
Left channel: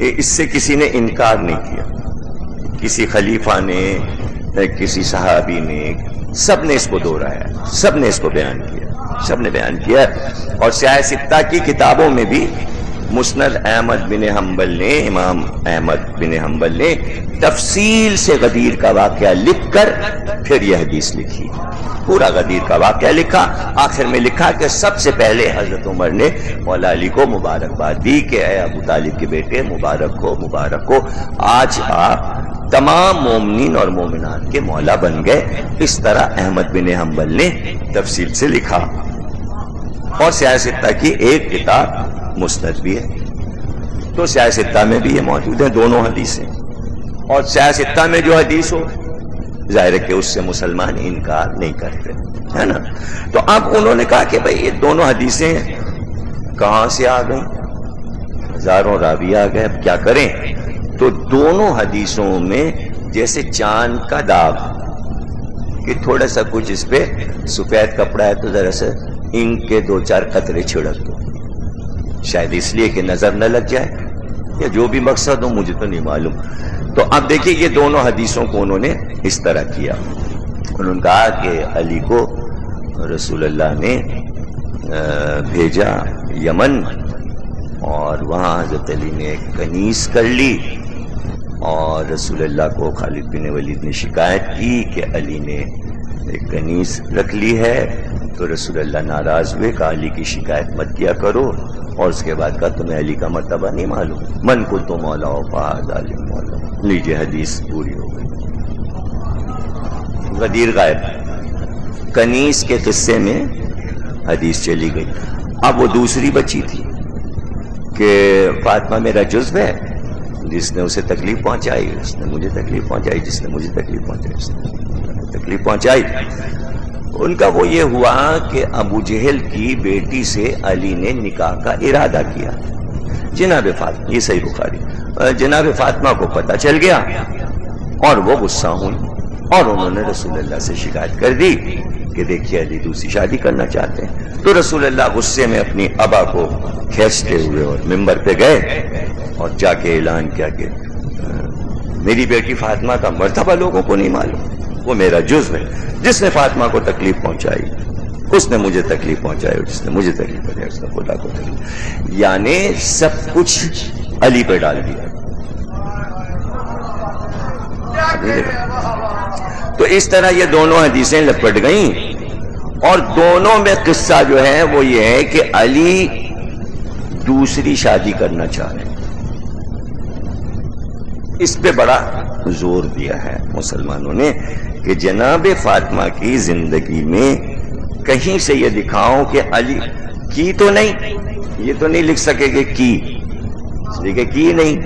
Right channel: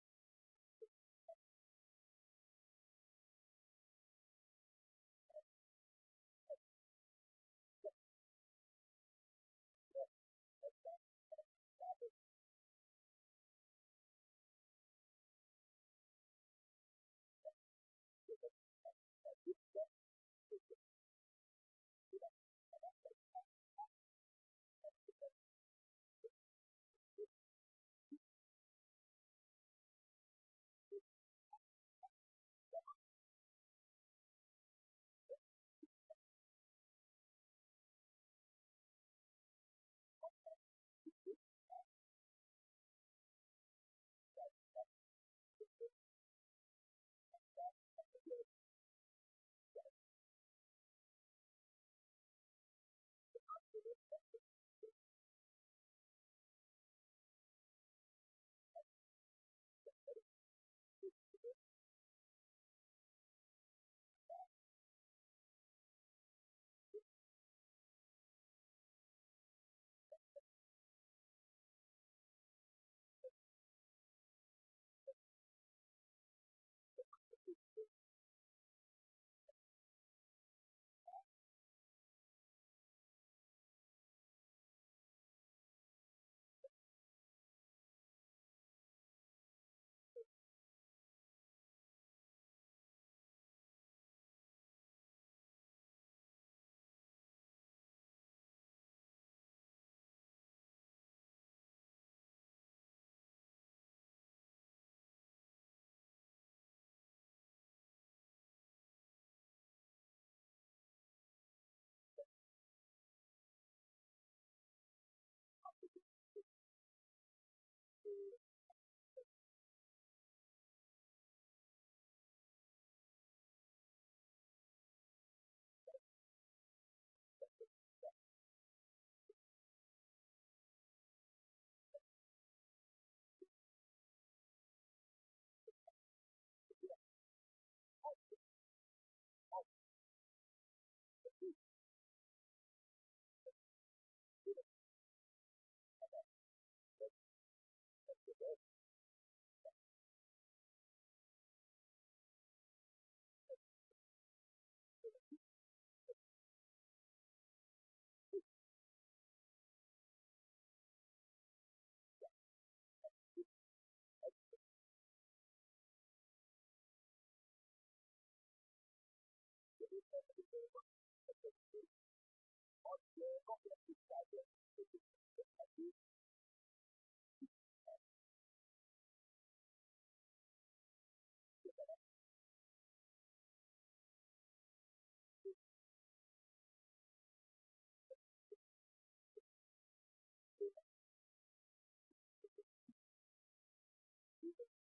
اس سے کسی نے انکار نہیں کیا، کسی خلیفہ نے، کسی صحابی نے، سب نے اس کو دہرایا، سب نے اس کو بیان کیا، سب نے بیان کیا. اور سیاہ ستہ کی کتابوں میں بھی مسند احمد بن حنبل نے، امام احمد بن حنبل نے تفصیل سے غدیر کا واقعہ لکھ کر پھر یہ حدیث لکھی. پورا غدیر کا واقعہ لکھا، آخر میں لکھا کہ سب سے پہلے حضرت عمر نے مولا علی کو مبارکباد دی کہ اے ابو طالب کے بیٹے مبارک ہو، مبارک ہو، آج آپ تمام مومنین اور مومنات کے مولا بن گئے. اس طرح احمد بن حنبل نے تفصیل سے لکھا. اور سیاہ ستہ کی ایک کتاب مسند بھی ہے، تو سیاہ ستہ میں بھی یہ موجود ہیں دونوں حدیثیں. اور سیاہ ستہ میں جو حدیث ہو ظاہر ہے کہ اس سے مسلمان انکار نہیں کرتے، ہے نا. تو اب انہوں نے کہا کہ بھئی یہ دونوں حدیثیں کہاں سے آ گئیں؟ 1000 راوی آ گئے، اب کیا کریں؟ تو دونوں حدیثوں میں جیسے چاند کا داغ کہ تھوڑا سا کچھ اس پہ سفید کپڑا ہے تو ذرا سا انک کے 2-4 قطرے چھڑک دو، شاید اس لیے کہ نظر نہ لگ جائے، یا جو بھی مقصد ہو مجھے تو نہیں معلوم. تو اب دیکھیے یہ دونوں حدیثوں کو انہوں نے اس طرح کیا. انہوں نے کہا کہ علی کو رسول اللہ نے بھیجا یمن، اور وہاں حضرت علی نے کنیز کر لی، اور رسول اللہ کو خالد بن ولید نے شکایت کی کہ علی نے ایک کنیز رکھ لی ہے. تو رسول اللہ ناراض ہوئے، کہا علی کی شکایت مت کیا کرو، اور اس کے بعد کہا تمہیں علی کا مرتبہ نہیں معلوم، من کو تو مولا و فہذا علی مولا. لیجیے حدیث پوری ہو گئی. غدیر غائب کنیز کے قصے میں حدیث چلی گئی. اب وہ دوسری بچی تھی کہ فاطمہ میرا جزو ہے، جس نے اسے تکلیف پہنچائی اس نے مجھے تکلیف پہنچائی، جس نے مجھے تکلیف پہنچائی اس نے تکلیف پہنچائی. ان کا وہ یہ ہوا کہ ابو جہل کی بیٹی سے علی نے نکاح کا ارادہ کیا. جناب فاطمہ، یہ صحیح بخاری، جناب فاطمہ کو پتہ چل گیا اور وہ غصہ ہوئی، اور انہوں نے رسول اللہ سے شکایت کر دی کہ دیکھیے علی دوسری شادی کرنا چاہتے ہیں. تو رسول اللہ غصے میں اپنی ابا کو کھینچتے ہوئے اور ممبر پہ گئے اور جا کے اعلان کیا کہ میری بیٹی فاطمہ کا مرتبہ لوگوں کو نہیں معلوم، وہ میرا جزو ہے. جس نے فاطمہ کو تکلیف پہنچائی اس نے مجھے تکلیف پہنچائی، اور جس نے مجھے تکلیف پہنچائی اس نے خدا کو تکلیف. یعنی سب کچھ علی پہ ڈال دیا. تو اس طرح یہ دونوں حدیثیں لپٹ گئیں، اور دونوں میں قصہ جو ہے وہ یہ ہے کہ علی دوسری شادی کرنا چاہ رہے ہیں۔ اس پہ بڑا زور دیا ہے مسلمانوں نے کہ جناب فاطمہ کی زندگی میں کہیں سے یہ دکھاؤ کہ علی کی تو نہیں، یہ تو نہیں لکھ سکے کہ کی، اس لیے کہ کی نہیں،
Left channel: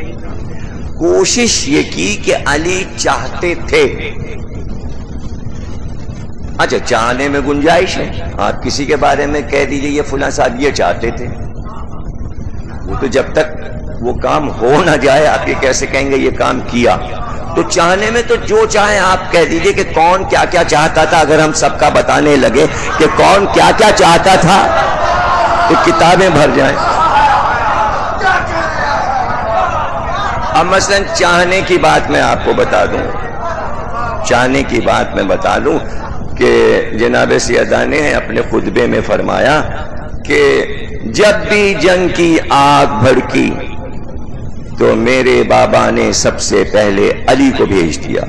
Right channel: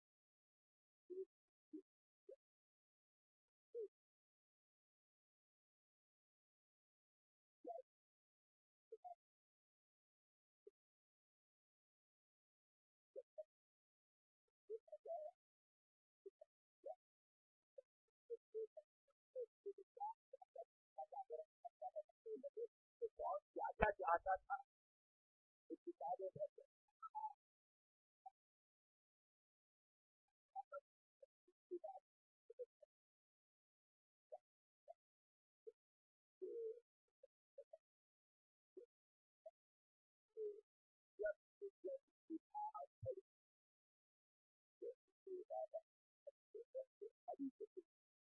کوشش یہ کی کہ علی چاہتے تھے۔ اچھا چاہنے میں گنجائش ہے، آپ کسی کے بارے میں کہہ دیجئے یہ فلاں صاحب یہ چاہتے تھے، وہ تو جب تک وہ کام ہو نہ جائے آپ یہ کیسے کہیں گے یہ کام کیا؟ تو چاہنے میں تو جو چاہیں آپ کہہ دیجئے کہ کون کیا کیا چاہتا تھا۔ اگر ہم سب کا بتانے لگے کہ کون کیا کیا چاہتا تھا تو کتابیں بھر جائیں۔ اب مثلا چاہنے کی بات میں آپ کو بتا دوں، چاہنے کی بات میں بتا دوں کہ جناب سیدہ نے اپنے خطبے میں فرمایا کہ جب بھی جنگ کی آگ بھڑکی تو میرے بابا نے سب سے پہلے علی کو بھیج دیا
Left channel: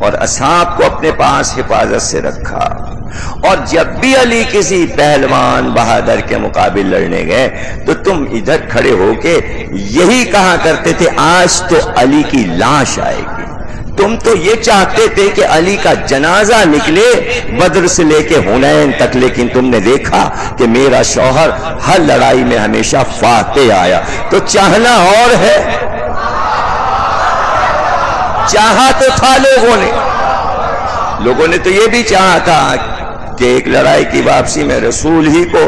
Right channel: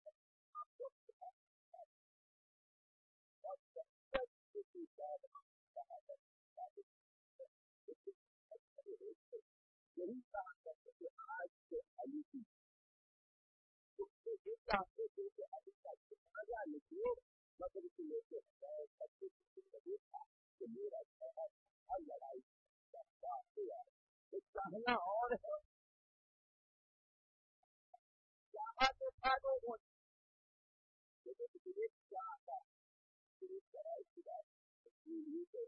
اور اصحاب کو اپنے پاس حفاظت سے رکھا، اور جب بھی علی کسی پہلوان بہادر کے مقابل لڑنے گئے تو تم ادھر کھڑے ہو کے یہی کہا کرتے تھے آج تو علی کی لاش آئے گی۔ تم تو یہ چاہتے تھے کہ علی کا جنازہ نکلے بدر سے لے کے حنین تک، لیکن تم نے دیکھا کہ میرا شوہر ہر لڑائی میں ہمیشہ فاتح آیا۔ تو چاہنا اور ہے، چاہا تو تھا لوگوں نے تو یہ بھی چاہا تھا کہ ایک لڑائی کی واپسی میں رسول ہی کو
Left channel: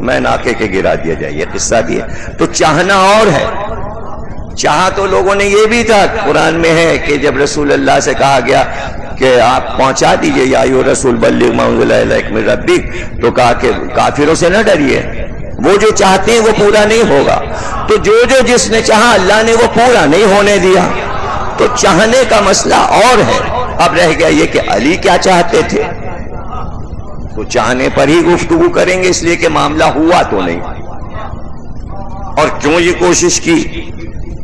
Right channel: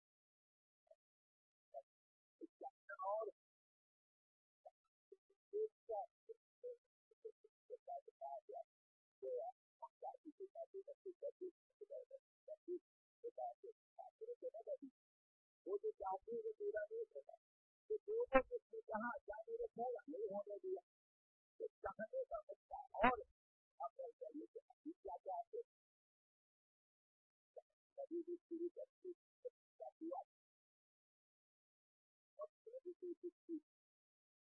میں ناکے کے گرا دیا جائے، یہ قصہ بھی ہے۔ تو چاہنا اور ہے، چاہا تو لوگوں نے یہ بھی تھا، قرآن میں ہے کہ جب رسول اللہ سے کہا گیا کہ آپ پہنچا دیجئے یا ایھا الرسول بلغ ما انزل الیک من ربک، تو کہا کہ کافروں سے نہ ڈریے، وہ جو چاہتے ہیں وہ پورا نہیں ہوگا۔ تو جو جس نے چاہا اللہ نے وہ پورا نہیں ہونے دیا۔ تو چاہنے کا مسئلہ اور ہے، اب رہ گیا یہ کہ علی کیا چاہتے تھے، تو چاہنے پر ہی گفتگو کریں گے، اس لیے کہ معاملہ ہوا تو نہیں، اور کیوں یہ کوشش کی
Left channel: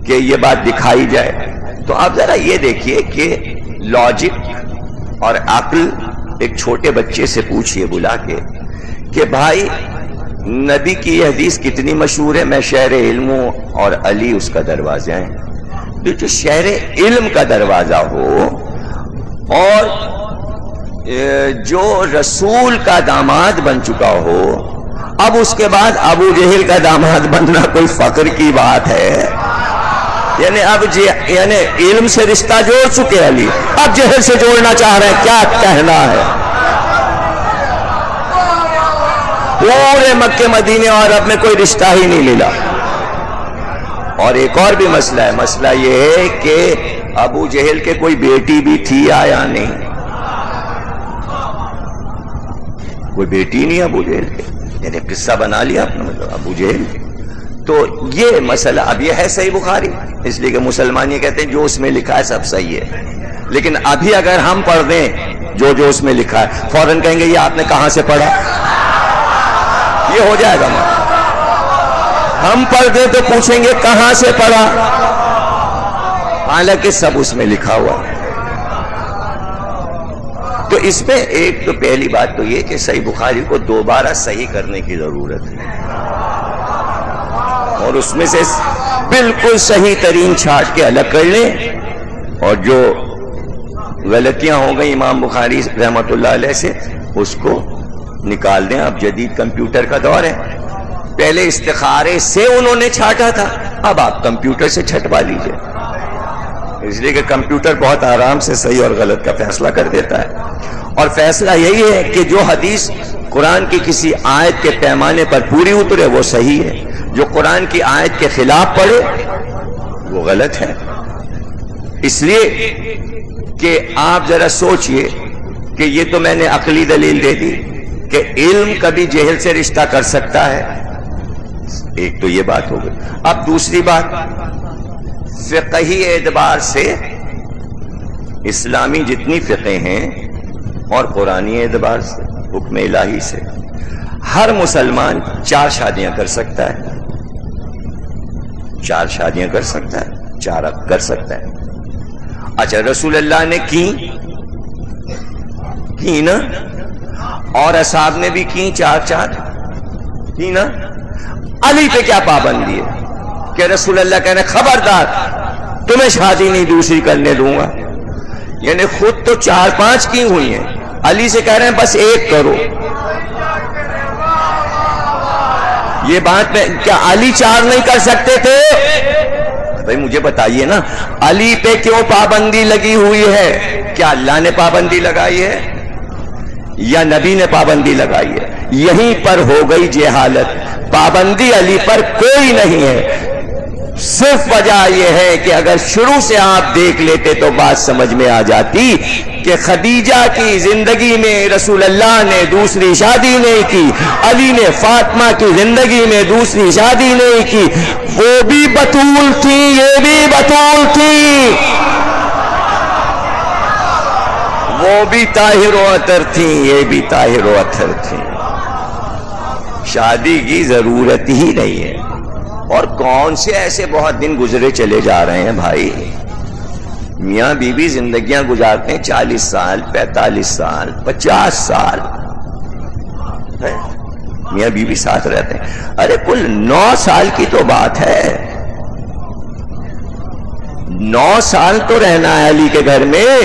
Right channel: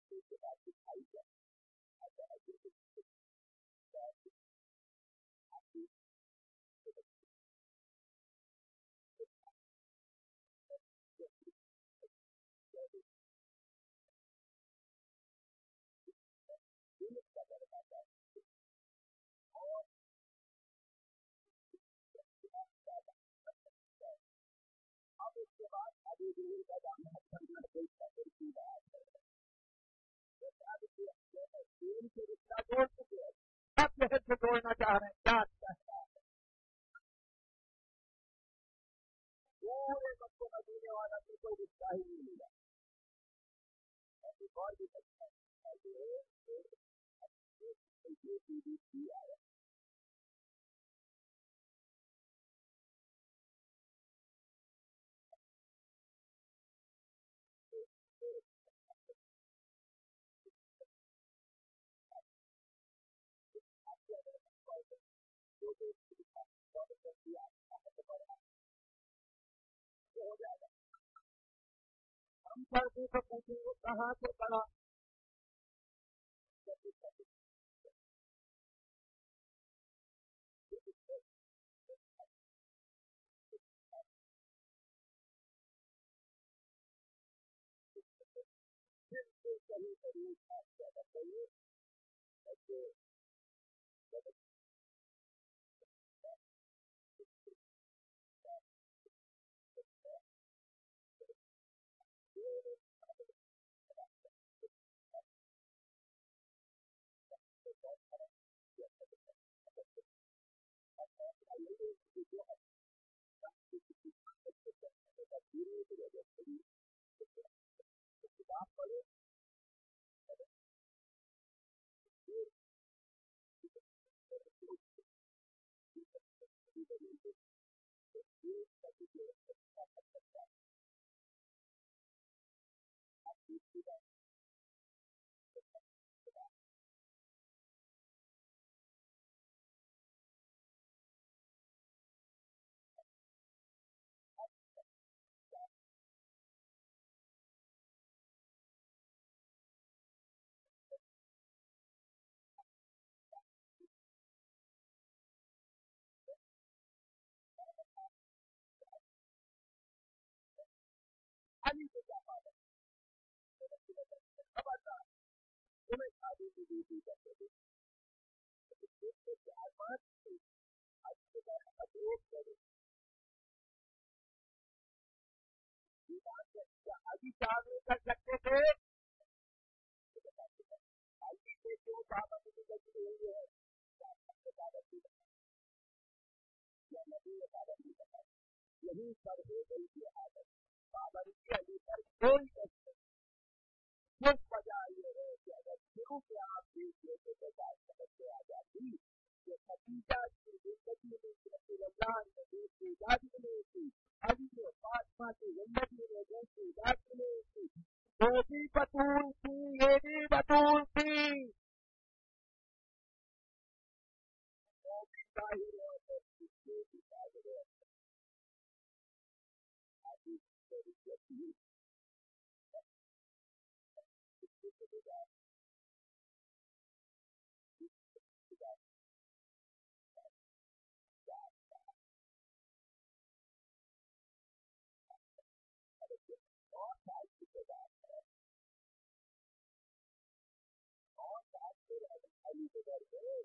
کہ یہ بات دکھائی جائے۔ تو آپ ذرا یہ دیکھیے کہ لاجک اور عقل ایک چھوٹے بچے سے پوچھئے بلا کے کہ بھائی نبی کی یہ حدیث کتنی مشہور ہے، میں شہر علم ہوں اور علی اس کا دروازہ ہے۔ جو شہر علم کا دروازہ ہو اور جو رسول کا داماد بن چکا ہو، اب اس کے بعد ابو جہل کا داماد بننا کوئی فخر کی بات ہے؟ یعنی اب یعنی علم سے رشتہ جوڑ چکے علی، اب جہل سے جوڑنا چاہ رہے ہیں، کیا کہنا ہے؟ پورے مکے مدینے اور اب میں کوئی رشتہ ہی نہیں ملا۔ اور ایک اور بھی مسئلہ ہے، مسئلہ یہ ہے کہ ابو جہل کے کوئی بیٹی بھی تھی یا نہیں؟ کوئی بیٹی نہیں ابو جہل کے، یعنی قصہ بنا لیا اپنا مطلب ابو جہل۔ تو یہ مسئلہ اب یہ ہے صحیح بخاری، اس لیے کہ مسلمان یہ کہتے ہیں جو اس میں لکھا ہے سب صحیح ہے، لیکن ابھی اگر ہم پڑھ دیں جو اس میں لکھا ہے فوراً کہیں گے یہ آپ نے کہاں سے پڑھا، یہ ہو جائے گا۔ ہم پڑھ دیں تو پوچھیں گے کہاں سے پڑھا، حالانکہ سب اس میں لکھا ہوا ہے۔ تو اس میں ایک تو پہلی بات تو یہ کہ صحیح بخاری کو دوبارہ صحیح کرنے کی ضرورت ہے، اور اس میں سے بالکل صحیح ترین چھانٹ کے الگ کر لیں، اور جو غلطیاں ہو گئی امام بخاری رحمۃ اللہ علیہ سے اس کو نکال دیں۔ اب جدید کمپیوٹر کا دور ہے، پہلے استخارے سے انہوں نے چھانٹا تھا، اب آپ کمپیوٹر سے چھٹوا لیجئے، اس لیے کہ کمپیوٹر بہت آرام سے صحیح اور غلط کا فیصلہ کر دیتا ہے۔ اور فیصلہ یہی ہے کہ جو حدیث قرآن کی کسی آیت کے پیمانے پر پوری اترے وہ صحیح ہے، جو قرآن کی آیت کے خلاف پڑھے وہ غلط ہے۔ اس لیے کہ آپ ذرا سوچئے کہ یہ تو میں نے عقلی دلیل دے دی کہ علم کبھی جہل سے رشتہ کر سکتا ہے، ایک تو یہ بات ہو گئی۔ اب دوسری بات، فقہی اعتبار سے اسلامی جتنی فقہ ہیں اور قرآنی اعتبار سے حکم الہی سے ہر مسلمان 4 شادیاں کر سکتا ہے، 4 شادیاں کر سکتا ہے، 4 کر سکتا ہے۔ اچھا رسول اللہ نے کی نا، اور اصحاب نے بھی کی، چار کی نا۔ علی پہ کیا پابندی ہے کہ رسول اللہ کہنے خبردار تمہیں شادی نہیں دوسری کرنے دوں گا؟ یعنی خود تو 4-5 کی ہوئی ہیں، علی سے کہہ رہے ہیں بس ایک کرو۔ یہ بات میں کیا علی 4 نہیں کر سکتے تھے؟ بھائی مجھے بتائیے نا، علی پہ کیوں پابندی لگی ہوئی ہے؟ کیا اللہ نے پابندی لگائی ہے یا نبی نے پابندی لگائی ہے؟ یہیں پر ہو گئی جہالت، پابندی علی پر کوئی نہیں ہے، صرف وجہ یہ ہے کہ اگر شروع سے آپ دیکھ لیتے تو بات سمجھ میں آ جاتی کہ خدیجہ کی زندگی میں رسول اللہ نے دوسری شادی نہیں کی، علی نے فاطمہ کی زندگی میں دوسری شادی نہیں کی، وہ بھی بطول تھی یہ بھی بطول تھی، وہ بھی طاہر و اطہر تھیں یہ بھی طاہر و اطہر تھیں، شادی کی ضرورت ہی نہیں ہے۔ اور کون سے ایسے بہت دن گزرے چلے جا رہے ہیں بھائی، میاں بیوی زندگیاں گزارتے ہیں 40 سال 45 سال 50 سال، میاں بیوی ساتھ رہتے ہیں۔ ارے کل 9 سال کی تو بات ہے، 9 سال تو رہنا ہے علی کے گھر میں،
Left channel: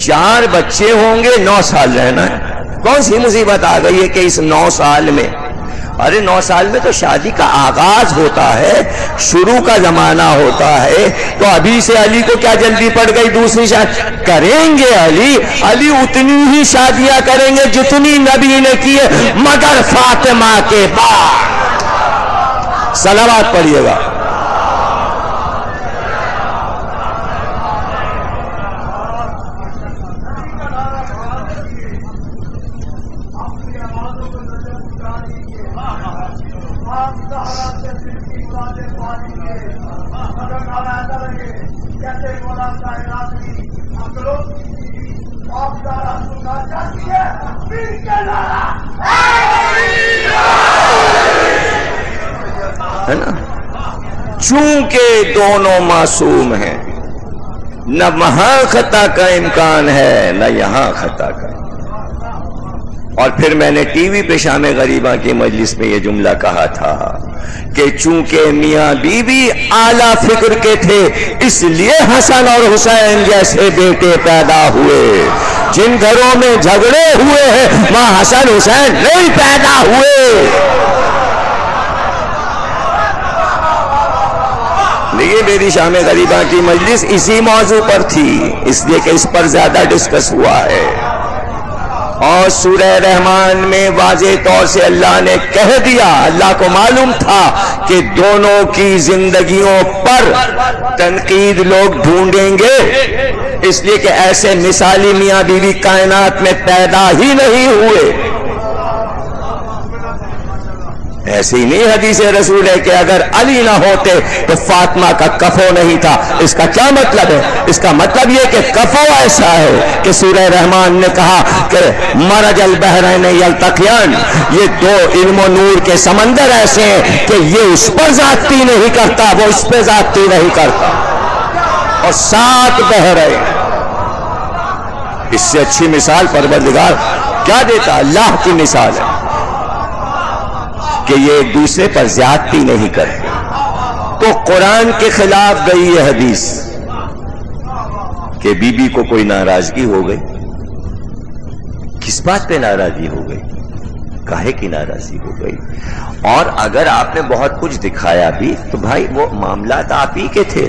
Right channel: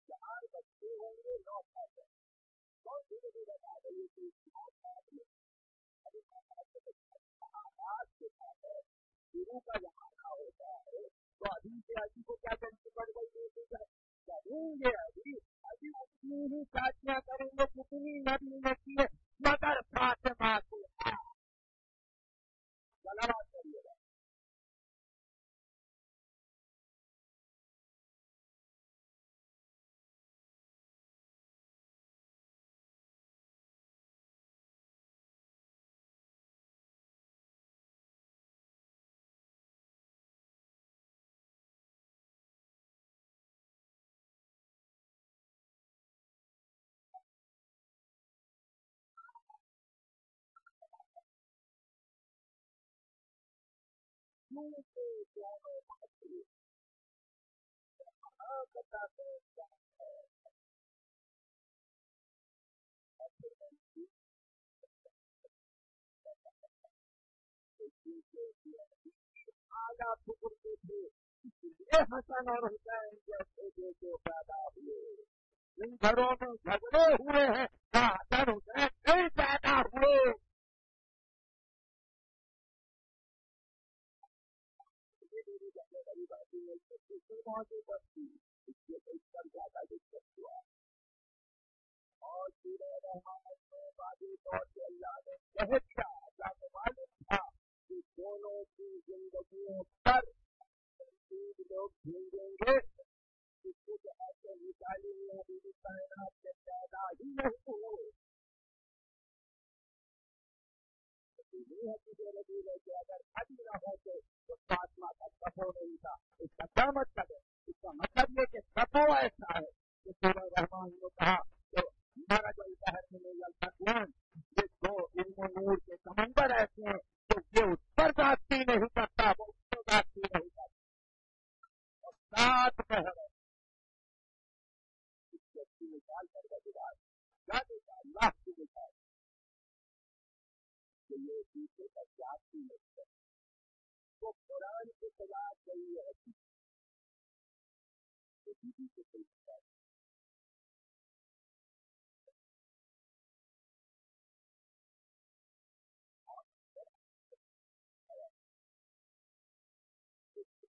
4 بچے ہوں گے 9 سال رہنا ہے۔ کون سی مصیبت آ گئی ہے کہ اس 9 سال میں؟ ارے 9 سال میں تو شادی کا آغاز ہوتا ہے، شروع کا زمانہ ہوتا ہے، تو ابھی سے علی کو کیا جلدی پڑ گئی دوسری شادی؟ کریں گے علی اتنی ہی شادیاں کریں گے جتنی نبی نے کیے، مگر فاطمہ کے بعد۔ صلوات پڑھیے گا۔ ہے نا؟ چونکہ دونوں معصوم ہیں، نہ وہاں خطا کا امکان ہے نہ یہاں خطا کا۔ اور پھر میں نے ٹی وی پہ شام غریبہ کی مجلس میں یہ جملہ کہا تھا کہ چونکہ میاں بیوی اعلیٰ فکر کے تھے اس لیے حسن اور حسین جیسے بیٹے پیدا ہوئے، جن گھروں میں جھگڑے ہوئے ہیں وہاں حسن حسین نہیں پیدا ہوئے۔ لیکن میری شام غریبہ کی مجلس اسی موضوع پر تھی، اس لیے کہ اس پر زیادہ ڈسکس ہوا ہے، اور سورہ رحمان میں واضح طور سے اللہ نے کہہ دیا، اللہ کو معلوم تھا کہ دونوں کی زندگیوں پر تنقید لوگ ڈھونڈیں گے، اس لیے کہ ایسے مثالی میاں بیوی کائنات میں پیدا ہی نہیں ہوئے۔ ایسی نہیں حدیث رسول ہے کہ اگر علی نہ ہوتے تو فاطمہ کا کفو نہیں تھا۔ اس کا کیا مطلب ہے؟ اس کا مطلب یہ کہ کفو ایسا ہے کہ سورہ رحمان نے کہا کہ مرج البحرین یلتقیان، یہ 2 علم و نور کے سمندر ایسے ہیں کہ یہ اس پر زیادتی نہیں کرتا وہ اس پہ زیادتی نہیں کرتا، اور 7 بحرین۔ اس سے اچھی مثال پروردگار کیا دیتا؟ اللہ کی مثال ہے کہ یہ ایک دوسرے پر زیادتی نہیں کرتے۔ تو قرآن کے خلاف گئی یہ حدیث کہ بی بی کو کوئی ناراضگی ہو گئی، کس بات پہ ناراضگی ہو گئی؟ کاہے کی ناراضگی ہو گئی؟ اور اگر آپ نے بہت کچھ دکھایا بھی تو بھائی وہ معاملات آپ ہی کے تھے،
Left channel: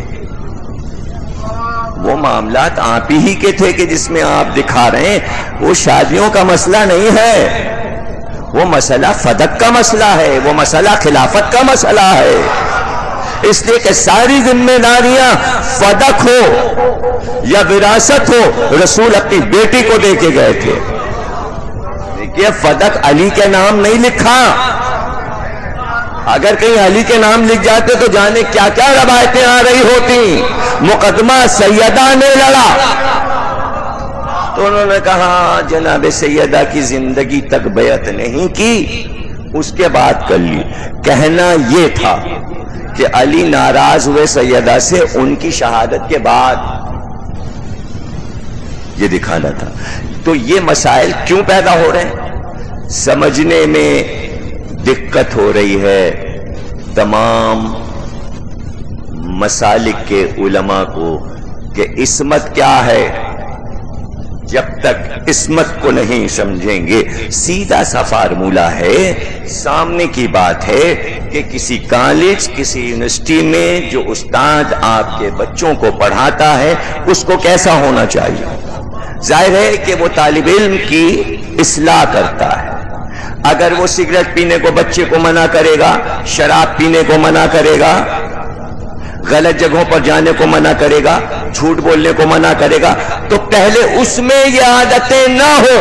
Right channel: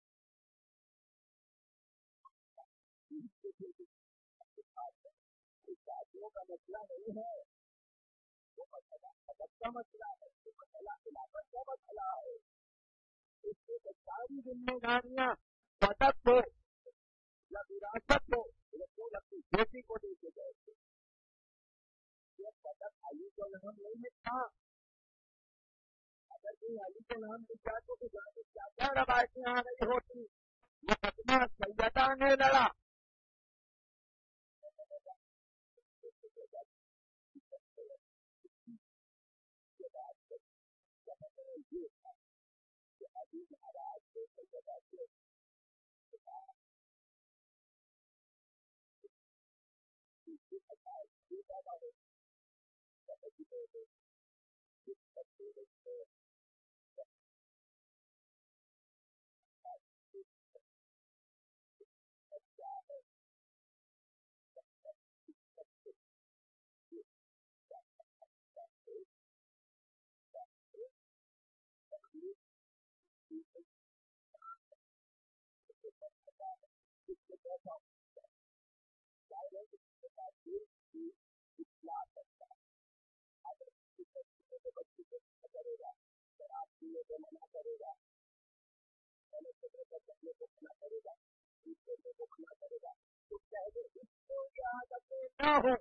وہ معاملات آپ ہی کے تھے کہ جس میں آپ دکھا رہے ہیں، وہ شادیوں کا مسئلہ نہیں ہے، وہ مسئلہ فدق کا مسئلہ ہے، وہ مسئلہ خلافت کا مسئلہ ہے۔ اس لیے کہ ساری ذمہ داریاں فدق ہو یا وراثت ہو، رسول اپنی بیٹی کو دے کے گئے تھے۔ دیکھیے فدق علی کے نام نہیں لکھا، اگر کہیں علی کے نام لکھ جاتے تو جانے کیا کیا روایتیں آ رہی ہوتی۔ مقدمہ سیدہ نے لڑا تو انہوں نے کہا جناب سیدہ کی زندگی تک بیعت نہیں کی، اس کے بعد کر لی۔ کہنا یہ تھا کہ علی ناراض ہوئے سیدہ سے ان کی شہادت کے بعد یہ دکھانا تھا. تو یہ مسائل کیوں پیدا ہو رہے ہیں؟ سمجھنے میں دقت ہو رہی ہے تمام مسالک کے علماء کو کہ عصمت کیا ہے. جب تک عصمت کو نہیں سمجھیں گے، سیدھا سا فارمولہ ہے، سامنے کی بات ہے کہ کسی کالج، کسی یونیورسٹی میں جو استاد آپ کے بچوں کو پڑھاتا ہے اس کو کیسا ہونا چاہیے؟ ظاہر ہے کہ وہ طالب علم کی اصلاح کرتا ہے. اگر وہ سگریٹ پینے کو بچے کو منع کرے گا، شراب پینے کو منع کرے گا، غلط جگہوں پر جانے کو منع کرے گا، جھوٹ بولنے کو منع کرے گا، تو پہلے اس میں یہ عادتیں نہ ہو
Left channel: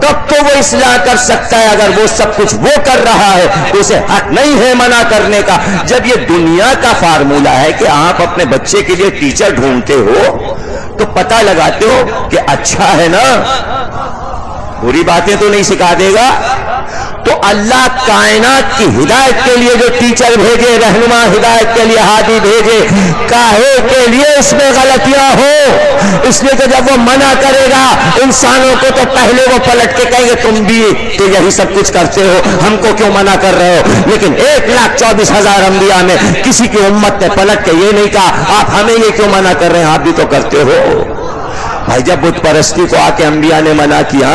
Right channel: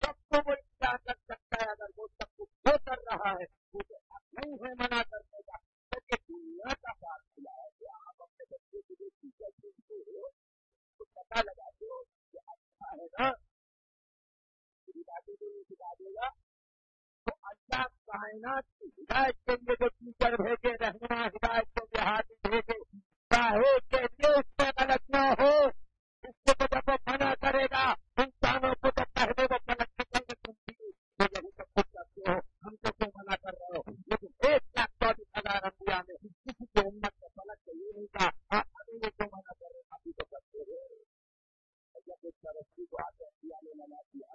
تب تو وہ اصلاح کر سکتا ہے. اگر وہ سب کچھ وہ کر رہا ہے تو اسے حق نہیں ہے منع کرنے کا. جب یہ دنیا کا فارمولہ ہے کہ آپ اپنے بچے کے لیے ٹیچر ڈھونڈتے ہو تو پتہ لگاتے ہو کہ اچھا ہے نا، بری باتیں تو نہیں سکھا دے گا. تو اللہ کائنات کی ہدایت کے لیے جو ٹیچر بھیجے، رہنما ہدایت کے لیے ہادی بھیجے، کاہے کے لیے اس میں غلطیاں ہو. اس لیے کہ جب وہ منع کرے گا انسانوں کو تو پہلے وہ پلٹ کے کہیں گے تم بھی تو یہی سب کچھ کرتے ہو، ہم کو کیوں منع کر رہے ہو. لیکن 1,24,000 انبیاء میں کسی کی امت نے پلٹ کے یہ نہیں کہا آپ ہمیں یہ کیوں منع کر رہے ہیں، آپ بھی تو کرتے ہو. بھائی جب بت پرستی کو آ کے انبیاء نے منع کیا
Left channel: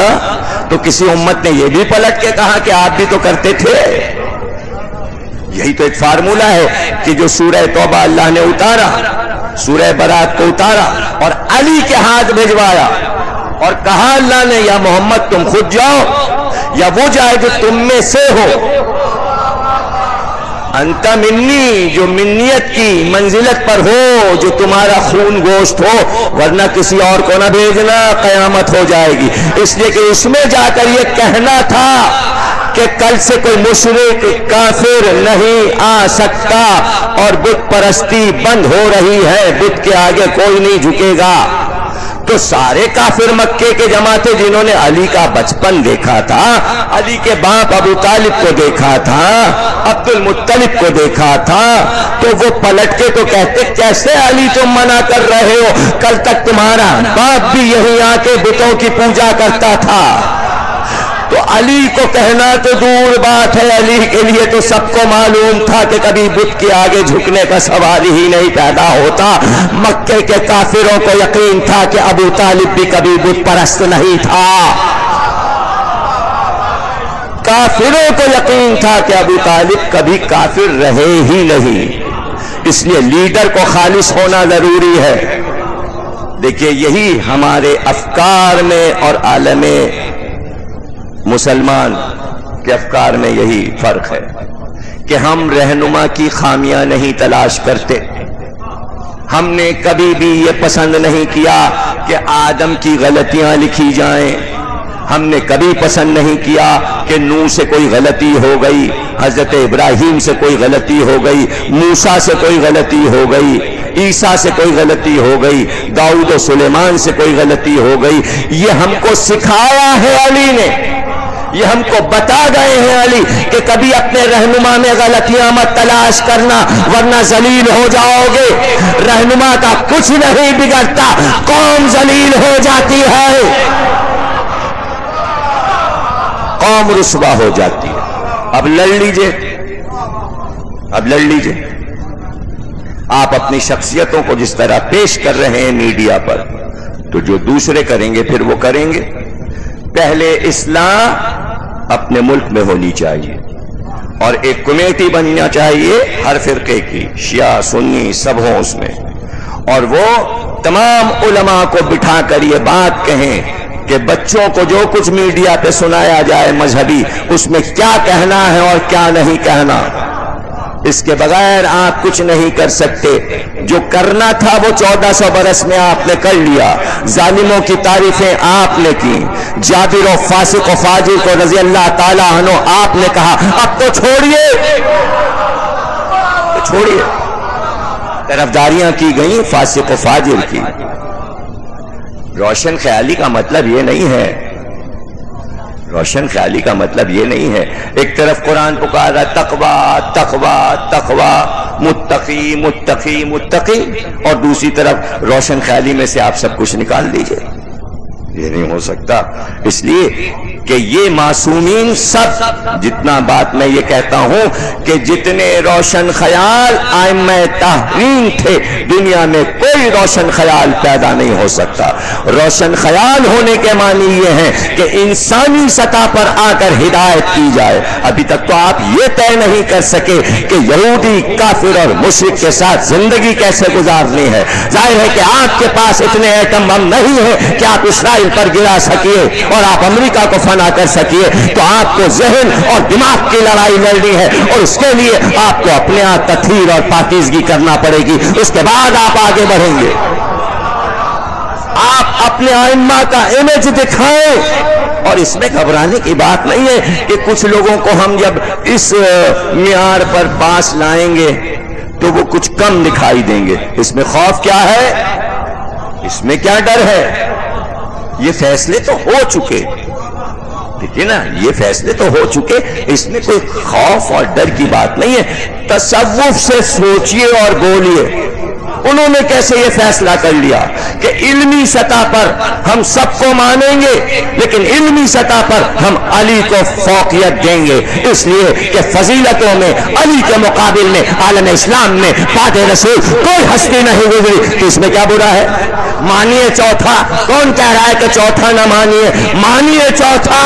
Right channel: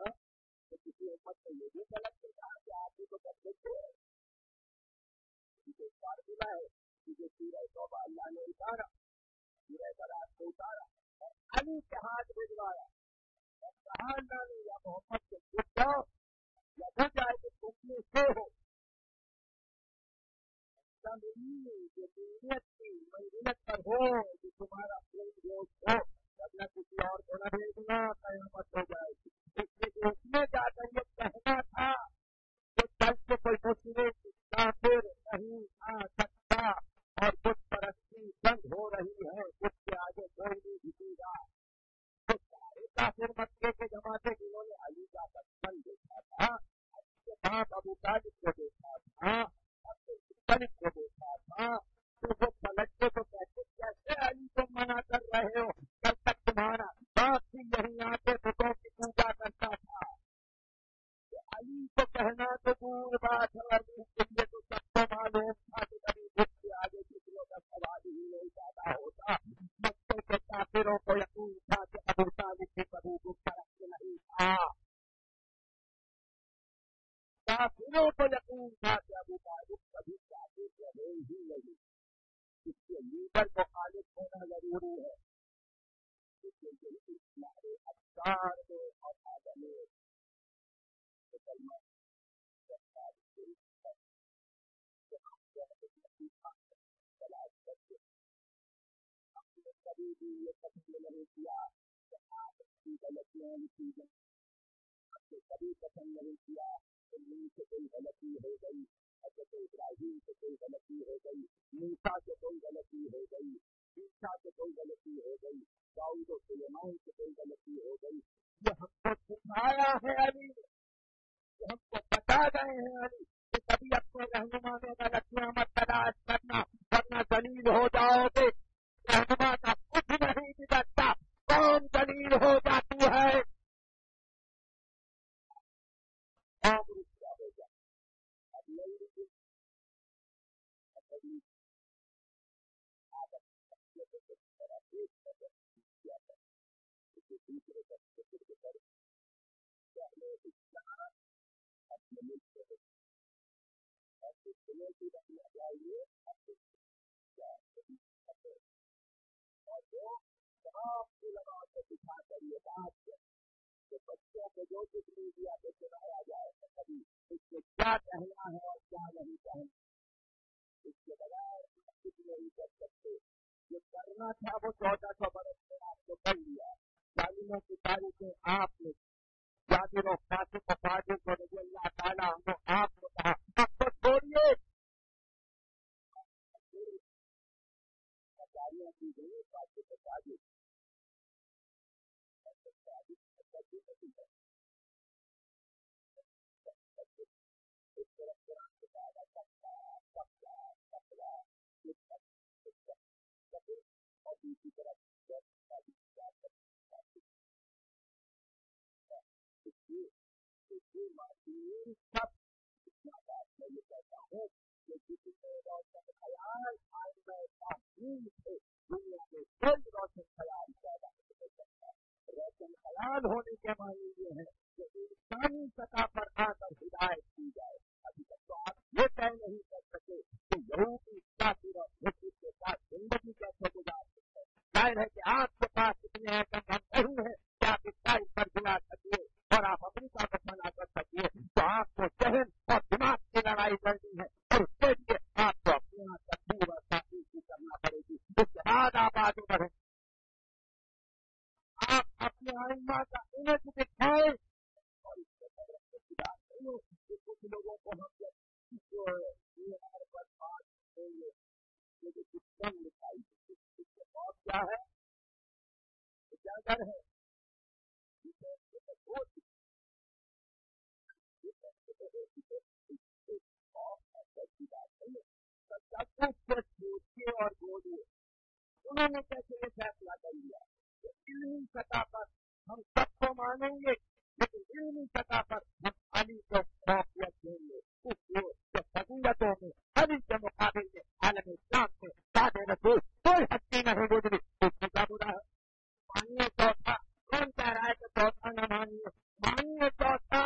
تو کسی امت نے یہ بھی پلٹ کے کہا کہ آپ بھی تو کرتے تھے. یہی تو ایک فارمولہ ہے کہ جو سورہ توبہ اللہ نے اتارا، سورہ برات کو اتارا اور علی کے ہاتھ بھجوایا اور کہا اللہ نے یا محمد تم خود جاؤ یا وہ جائے جو تم میں سے ہو. انت منی، جو منیت کی منزلت پر ہو، جو تمہارا خون گوشت ہو، ورنہ کسی اور کو نہ بھیجنا، قیامت ہو جائے گی. اس لیے کہ اس میں جا کر یہ کہنا تھا کہ کل سے کوئی مشرک کافر نہیں آ سکتا اور بت پرستی بند ہو رہی ہے، بت کے آگے کوئی نہیں جھکے گا. تو سارے کافر مکے کے جمع تھے جنہوں نے علی کا بچپن دیکھا تھا، علی کے باپ ابو طالب کو دیکھا تھا، عبد المطلب کو دیکھا تھا. تو وہ پلٹ کے تو کہتے کیسے علی تم منع کر رہے ہو، کل تک تمہارا باپ بھی یہیں آ کے بتوں کی پوجا کرتا تھا. تو علی کو کہنا تو دور بات ہے، علی کے لیے تو سب کو معلوم تھا کہ کبھی بت کے آگے جھکنے کا سوال ہی نہیں پیدا ہوتا. مکے کے کافروں کو یقین تھا کہ ابو طالب بھی کبھی بت پرست نہیں تھا. کافروں کو یقین تھا کہ ابو طالب کبھی کافر رہے ہی نہیں. اس لیے لیڈر کو خالص ہونا ضروری ہے. دیکھیے یہی ہمارے افکار میں اور عالم مسلمان کے افکار میں یہی فرق ہے کہ ہم رہنما کی خامیاں نہیں تلاش کرتے. ہم نے کبھی بھی یہ پسند نہیں کیا کہ آدم کی غلطیاں لکھی جائیں. ہم نے کبھی پسند نہیں کیا کہ نوح سے کوئی غلطی ہو گئی، حضرت ابراہیم سے کوئی غلطی ہو گئی، موسیٰ سے کوئی غلطی ہو گئی، عیسیٰ سے کوئی غلطی ہو گئی، داؤد و سلیمان سے کوئی غلطی ہو گئی. یہ ہم کو سکھایا ہے علی نے، یہ ہم کو بتا گئے ہیں علی کہ کبھی اپنے رہنما میں غلطیاں مت تلاش کرنا ورنہ ذلیل ہو جاؤ گے. رہنما کا کچھ نہیں بگڑتا، قوم ذلیل ہو جاتی ہے، قوم رسوا ہو جاتی ہے. اب لڑ لیجئے، اب لڑ لیجئے. آپ اپنی شخصیتوں کو جس طرح پیش کر رہے ہیں میڈیا پر، تو جو دوسرے کریں گے پھر وہ کریں گے. پہلے اصلاح اپنے ملک میں ہونی چاہیے اور ایک کمیٹی بننا چاہیے ہر فرقے کی، شیعہ سنی سب ہوں اس میں، اور وہ تمام علماء کو بٹھا کر یہ بات کہیں کہ بچوں کو جو کچھ میڈیا پہ سنایا جائے مذہبی، اس میں کیا کہنا ہے اور کیا نہیں کہنا. اس کے بغیر آپ کچھ نہیں کر سکتے. جو کرنا تھا وہ 1400 برس میں آپ نے کر لیا. ظالموں کی تعریفیں آپ نے کی، جابر و فاسق و فاجر کو رضی اللہ تعالیٰ عنہ آپ نے کہا اب تو چھوڑیے، چھوڑیے. طرفداریاں کی گئیں فاسق و فاجر کی. روشن خیالی کا مطلب یہ نہیں ہے، روشن خیالی کا مطلب یہ نہیں ہے. ایک طرف قرآن پکارا تقوی تقوی تقوی، متقی متقی متقی، اور دوسری طرف روشن خیالی میں سے آپ سب کچھ نکال دیجئے. یہ نہیں ہو سکتا، اس لیے کہ یہ معصومین سب، جتنا بات میں یہ کہتا ہوں کہ جتنے روشن خیال ائمہ تحریم تھے، دنیا میں کوئی روشن خیال پیدا نہیں ہو سکتا۔ روشن خیال ہونے کے معنی یہ ہیں کہ انسانی سطح پر آ کر ہدایت کی جائے۔ ابھی تک تو آپ یہ طے نہیں کر سکے کہ یہودی، کافر اور مشرک کے ساتھ زندگی کیسے گزارنی ہے۔ ظاہر ہے کہ آپ کے پاس اتنے ایٹم بم نہیں ہیں کہ آپ اسرائیل پر گرا سکیے اور آپ امریکہ کو فنا کر سکیے، تو آپ کو ذہن اور دماغ کی لڑائی لڑنی ہے، اور اس کے لیے آپ کو اپنے آپ تطہیر اور پاکیزگی کرنا پڑے گی، اس کے بعد آپ آگے بڑھیں گے۔ آپ اپنے ائمہ کا امیج دکھائیں، اور اس میں گھبرانے کی بات نہیں ہے کہ کچھ لوگوں کو ہم جب اس معیار پر پاس لائیں گے تو وہ کچھ کم دکھائی دیں گے۔ اس میں خوف کیا ہے؟ اس میں کیا ڈر ہے؟ یہ فیصلے تو ہو چکے، ٹھیک ہے نا، یہ فیصلے تو ہو چکے، اس میں کوئی خوف اور ڈر کی بات نہیں ہے۔ تصوف سے سوچئے اور بولیے، انہوں نے کیسے یہ فیصلہ کر لیا کہ علمی سطح پر ہم سب کو مانیں گے، لیکن علمی سطح پر ہم علی کو فوقیت دیں گے، اس لیے کہ فضیلتوں میں علی کے مقابل میں عالم اسلام میں بعد رسول کوئی ہستی نہیں گزری، تو اس میں کیا برا ہے؟ مانیے چوتھا، کون کہہ رہا ہے کہ چوتھا نہ مانیے؟ مانیے چوتھا،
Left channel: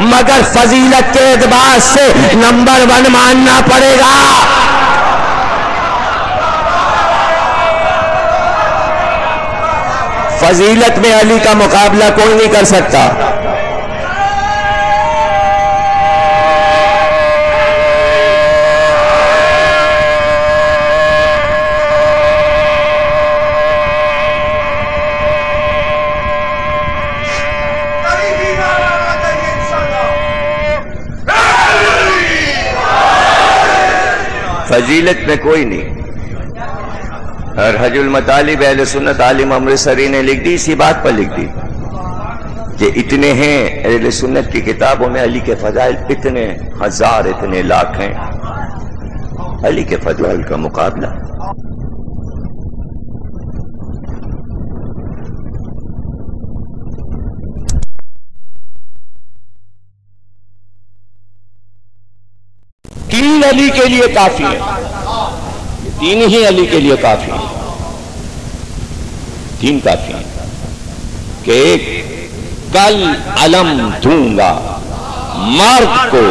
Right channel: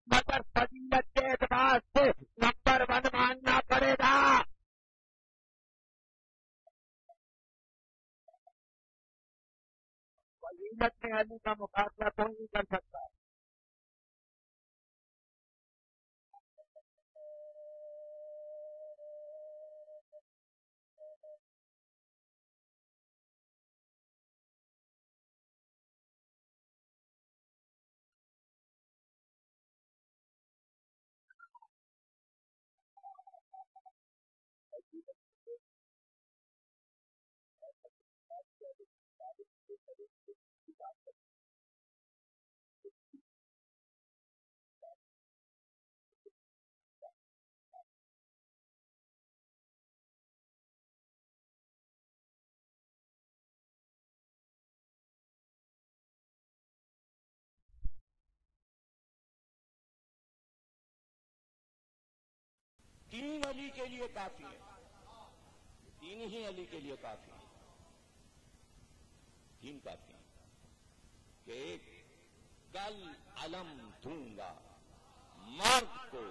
مگر فضیلت کے اعتبار سے نمبر 1 ماننا پڑے گا۔ فضیلت میں علی کا مقابلہ کوئی نہیں کر سکتا۔ فضیلت میں کوئی نہیں۔ اور حج المطالب اہل سنت عالم امرتسری نے لکھ دی، اسی بات پر لکھ دی کہ اتنے ہیں اہل سنت کی کتابوں میں علی کے فضائل اتنے ہزار، اتنے لاکھ ہیں، علی کے فضائل کا مقابلہ۔ تین علی کے لیے کافی ہے، تین ہی علی کے لیے کافی ہیں، تین کافی ہیں کہ ایک کل علم دوں گا مرد کو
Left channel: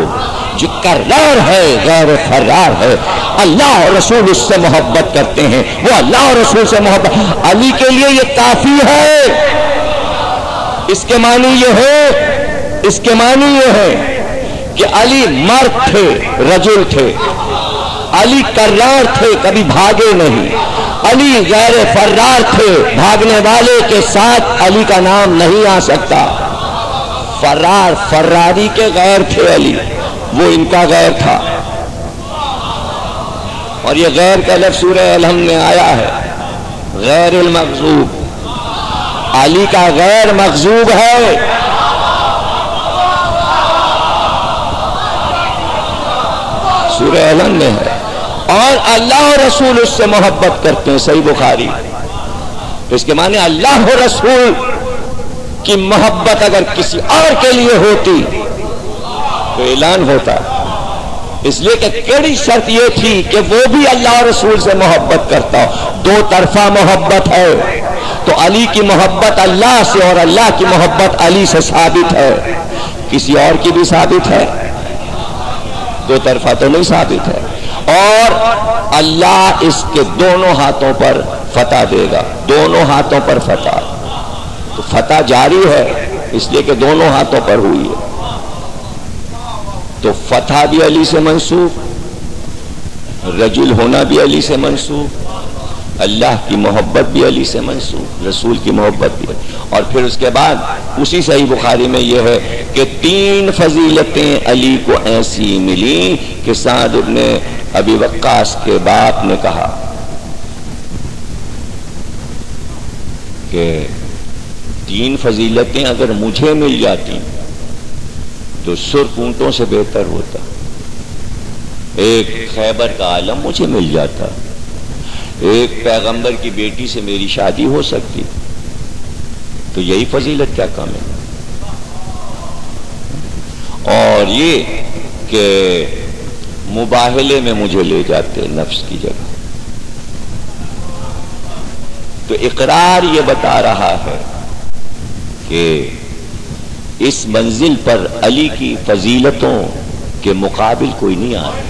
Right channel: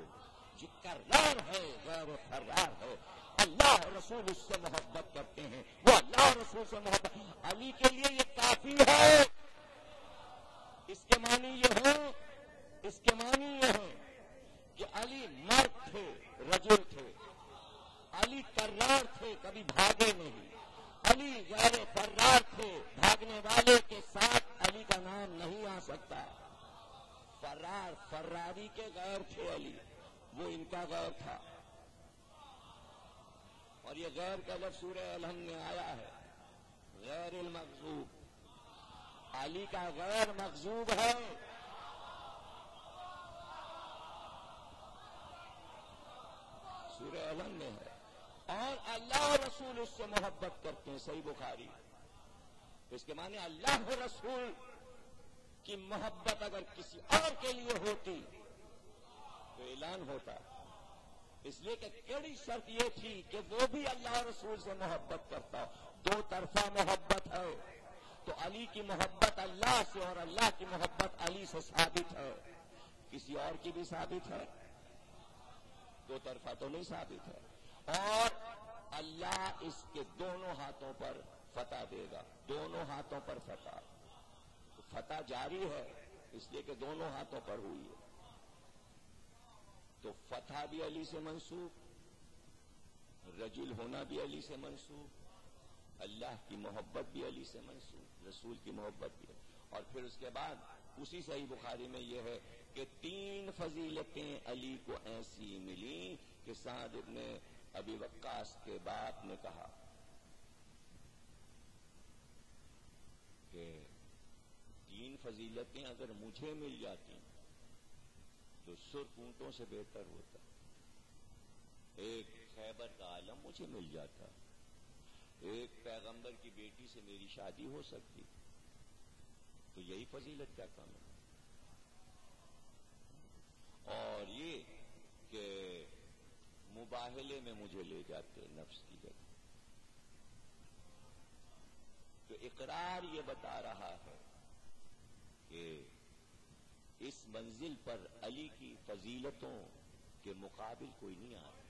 جو کرار ہے غیر فرار ہے، اللہ اور رسول اس سے محبت کرتے ہیں، وہ اللہ اور رسول سے محبت، علی کے لیے یہ کافی ہے۔ اس کے معنی یہ ہے، اس کے معنی یہ ہے کہ علی مرد تھے، رجل تھے، علی کرار تھے، کبھی بھاگے نہیں، علی غیر فرار تھے، بھاگنے والے کے ساتھ علی کا نام نہیں آ سکتا۔ فرار، فراری کے غیر تھے علی، وہ ان کا غیر تھا، اور یہ غیر کا لفظ سورہ الحم میں آیا ہے، غیر المغضوب، علی کا غیر مغضوب ہے۔ سورہ الحم میں ہے، اور اللہ اور رسول اس سے محبت کرتے ہیں، صحیح بخاری۔ اس کے معنی اللہ اور رسول کی محبت اگر کسی اور کے لیے ہوتی تو اعلان ہوتا، اس لیے کہ کیڑی شرط یہ تھی کہ وہ بھی اللہ اور رسول سے محبت کرتا ہو، دو طرفہ محبت ہے، تو علی کی محبت اللہ سے اور اللہ کی محبت علی سے ثابت ہے، کسی اور کی بھی ثابت ہے، دو طرفہ تو نہیں ثابت ہے، اور اللہ اس کے دونوں ہاتھوں پر فتح دے گا، دونوں ہاتھوں پر فتح، تو فتح جاری ہے اس لیے کہ دونوں ہاتھوں پر ہوئی ہے، تو فتح بھی علی سے منسوب، رجل ہونا بھی علی سے منسوب، اللہ کی محبت بھی علی سے منسوب، رسول کی محبت بھی، اور پھر اس کے بعد اسی صحیح بخاری میں یہ ہے کہ تین فضیلتیں علی کو ایسی ملی کہ سعد ابن ابی وقاص کے باپ نے کہا کہ تین فضیلتیں اگر مجھے مل جاتی تو سرخ اونٹوں سے بہتر ہوتا، ایک خیبر کا عالم مجھے مل جاتا، ایک پیغمبر کی بیٹی سے میری شادی ہو سکتی، تو یہی فضیلت کیا کم ہے؟ اور یہ کہ مباہلے میں مجھے لے جاتے نفس کی جگہ. تو اقرار یہ بتا رہا ہے کہ اس منزل پر علی کی فضیلتوں کے مقابل کوئی نہیں آ رہا.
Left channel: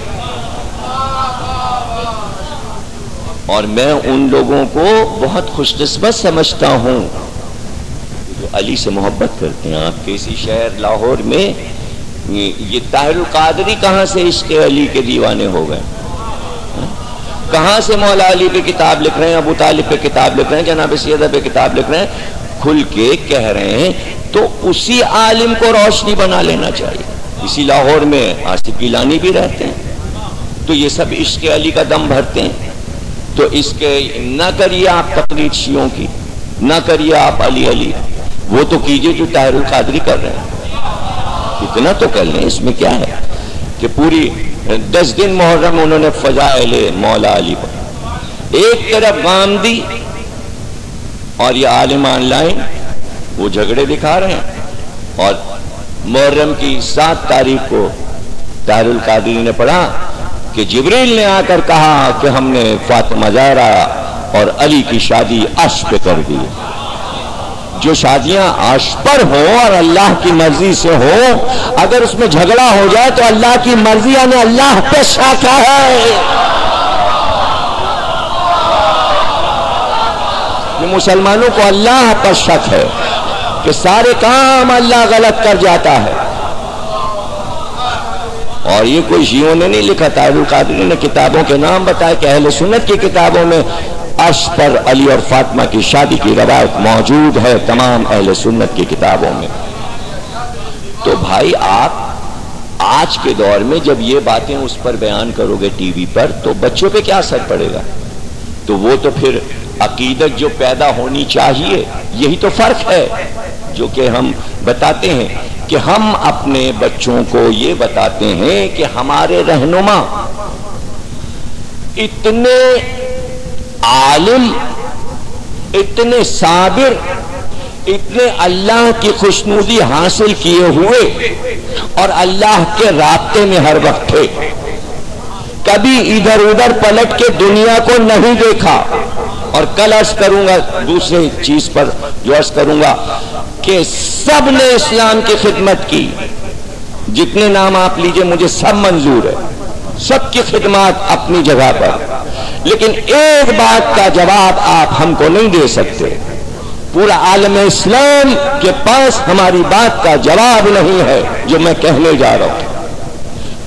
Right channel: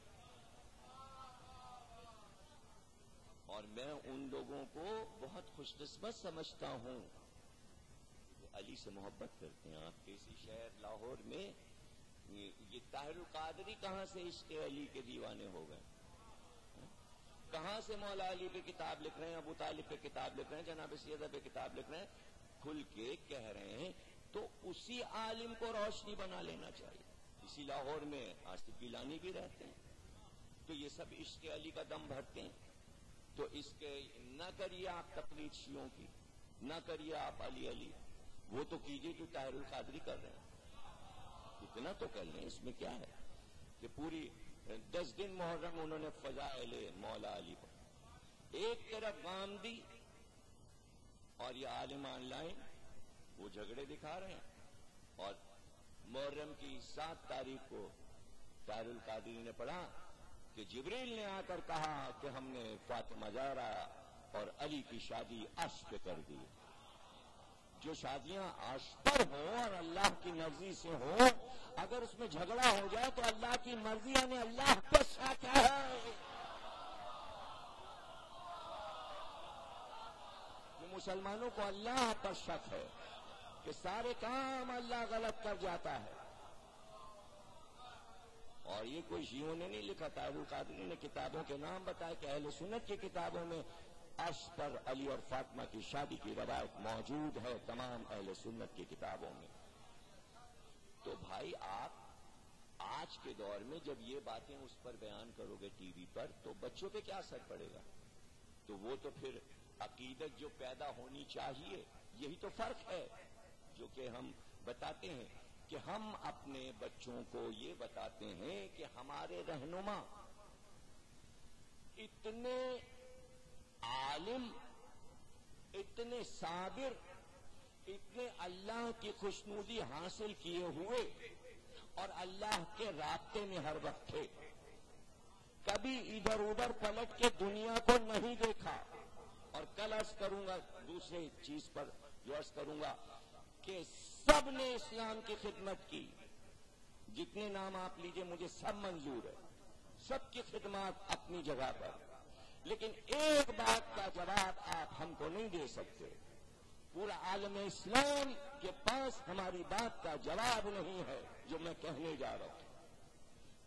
اور میں ان لوگوں کو بہت خوش قسمت سمجھتا ہوں جو علی سے محبت کرتے ہیں. آپ کے اسی شہر لاہور میں یہ طاہر القادری کہاں سے عشق علی کے دیوانے ہو گئے؟ کہاں سے مولا علی پہ کتاب لکھ رہے ہیں، ابو طالب پہ کتاب لکھ رہے ہیں، جناب سیدہ پہ کتاب لکھ رہے ہیں، کھل کے کہہ رہے ہیں. تو اسی عالم کو روشنی بنا لینا چاہیے. اسی لاہور میں آصف گیلانی بھی رہتے ہیں. تو یہ سب عشق علی کا دم بھرتے ہیں. تو اس کے نہ کریے آپ تقلید شیعوں کی، نہ کریے آپ علی علی، وہ تو کیجئے جو طاہر القادری کر رہے ہیں. اتنا تو کر لیں، اس میں کیا ہے کہ پوری 10 دن محرم انہوں نے فضائل مولا علی پر ایک طرف غامدی اور یہ عالم آن لائن وہ جھگڑے دکھا رہے ہیں. اور محرم کی 7 تاریخ کو طاہر القادری نے پڑھا کہ جبریل نے آ کر کہا کہ ہم نے فاطمہ زہرا اور علی کی شادی عرش پہ کر دی. جو شادیاں عرش پر ہوں اور اللہ کی مرضی سے ہوں، اگر اس میں جھگڑا ہو جائے تو اللہ کی مرضی یعنی اللہ پہ شک ہے. یہ مسلمانوں کو اللہ پر شک ہے کہ سارے کام اللہ غلط کر جاتا ہے. اور یہ کوئی شیعوں نے نہیں لکھا، طاہر القادری نے کتابوں کے نام بتائے کہ اہل سنت کی کتابوں میں عرش پر علی اور فاطمہ کی شادی کی روایت موجود ہے، تمام اہل سنت کی کتابوں میں. تو بھائی آپ آج کے دور میں جب یہ باتیں اس پر بیان کرو گے ٹی وی پر تو بچوں پہ کیا اثر پڑے گا؟ تو وہ تو پھر عقیدت جو پیدا ہونی چاہیے، یہی تو فرق ہے جو کہ ہم بتاتے ہیں کہ ہم اپنے بچوں کو یہ بتاتے ہیں کہ ہمارے رہنما اتنے عالم، اتنے صابر، اتنے اللہ کی خوشنودی حاصل کیے ہوئے اور اللہ کے رابطے میں ہر وقت تھے. کبھی ادھر ادھر پلٹ کے دنیا کو نہیں دیکھا. اور کل عرض کروں گا دوسری چیز پر جو عرض کروں گا کہ سب نے اسلام کی خدمت کی. جتنے نام آپ لیجئے مجھے سب منظور ہے، سب کی خدمات اپنی جگہ پر. لیکن ایک بات کا جواب آپ ہم کو نہیں دے سکتے. پورا عالم اسلام کے پاس ہماری بات کا جواب نہیں ہے جو میں کہنے جا رہا ہوں.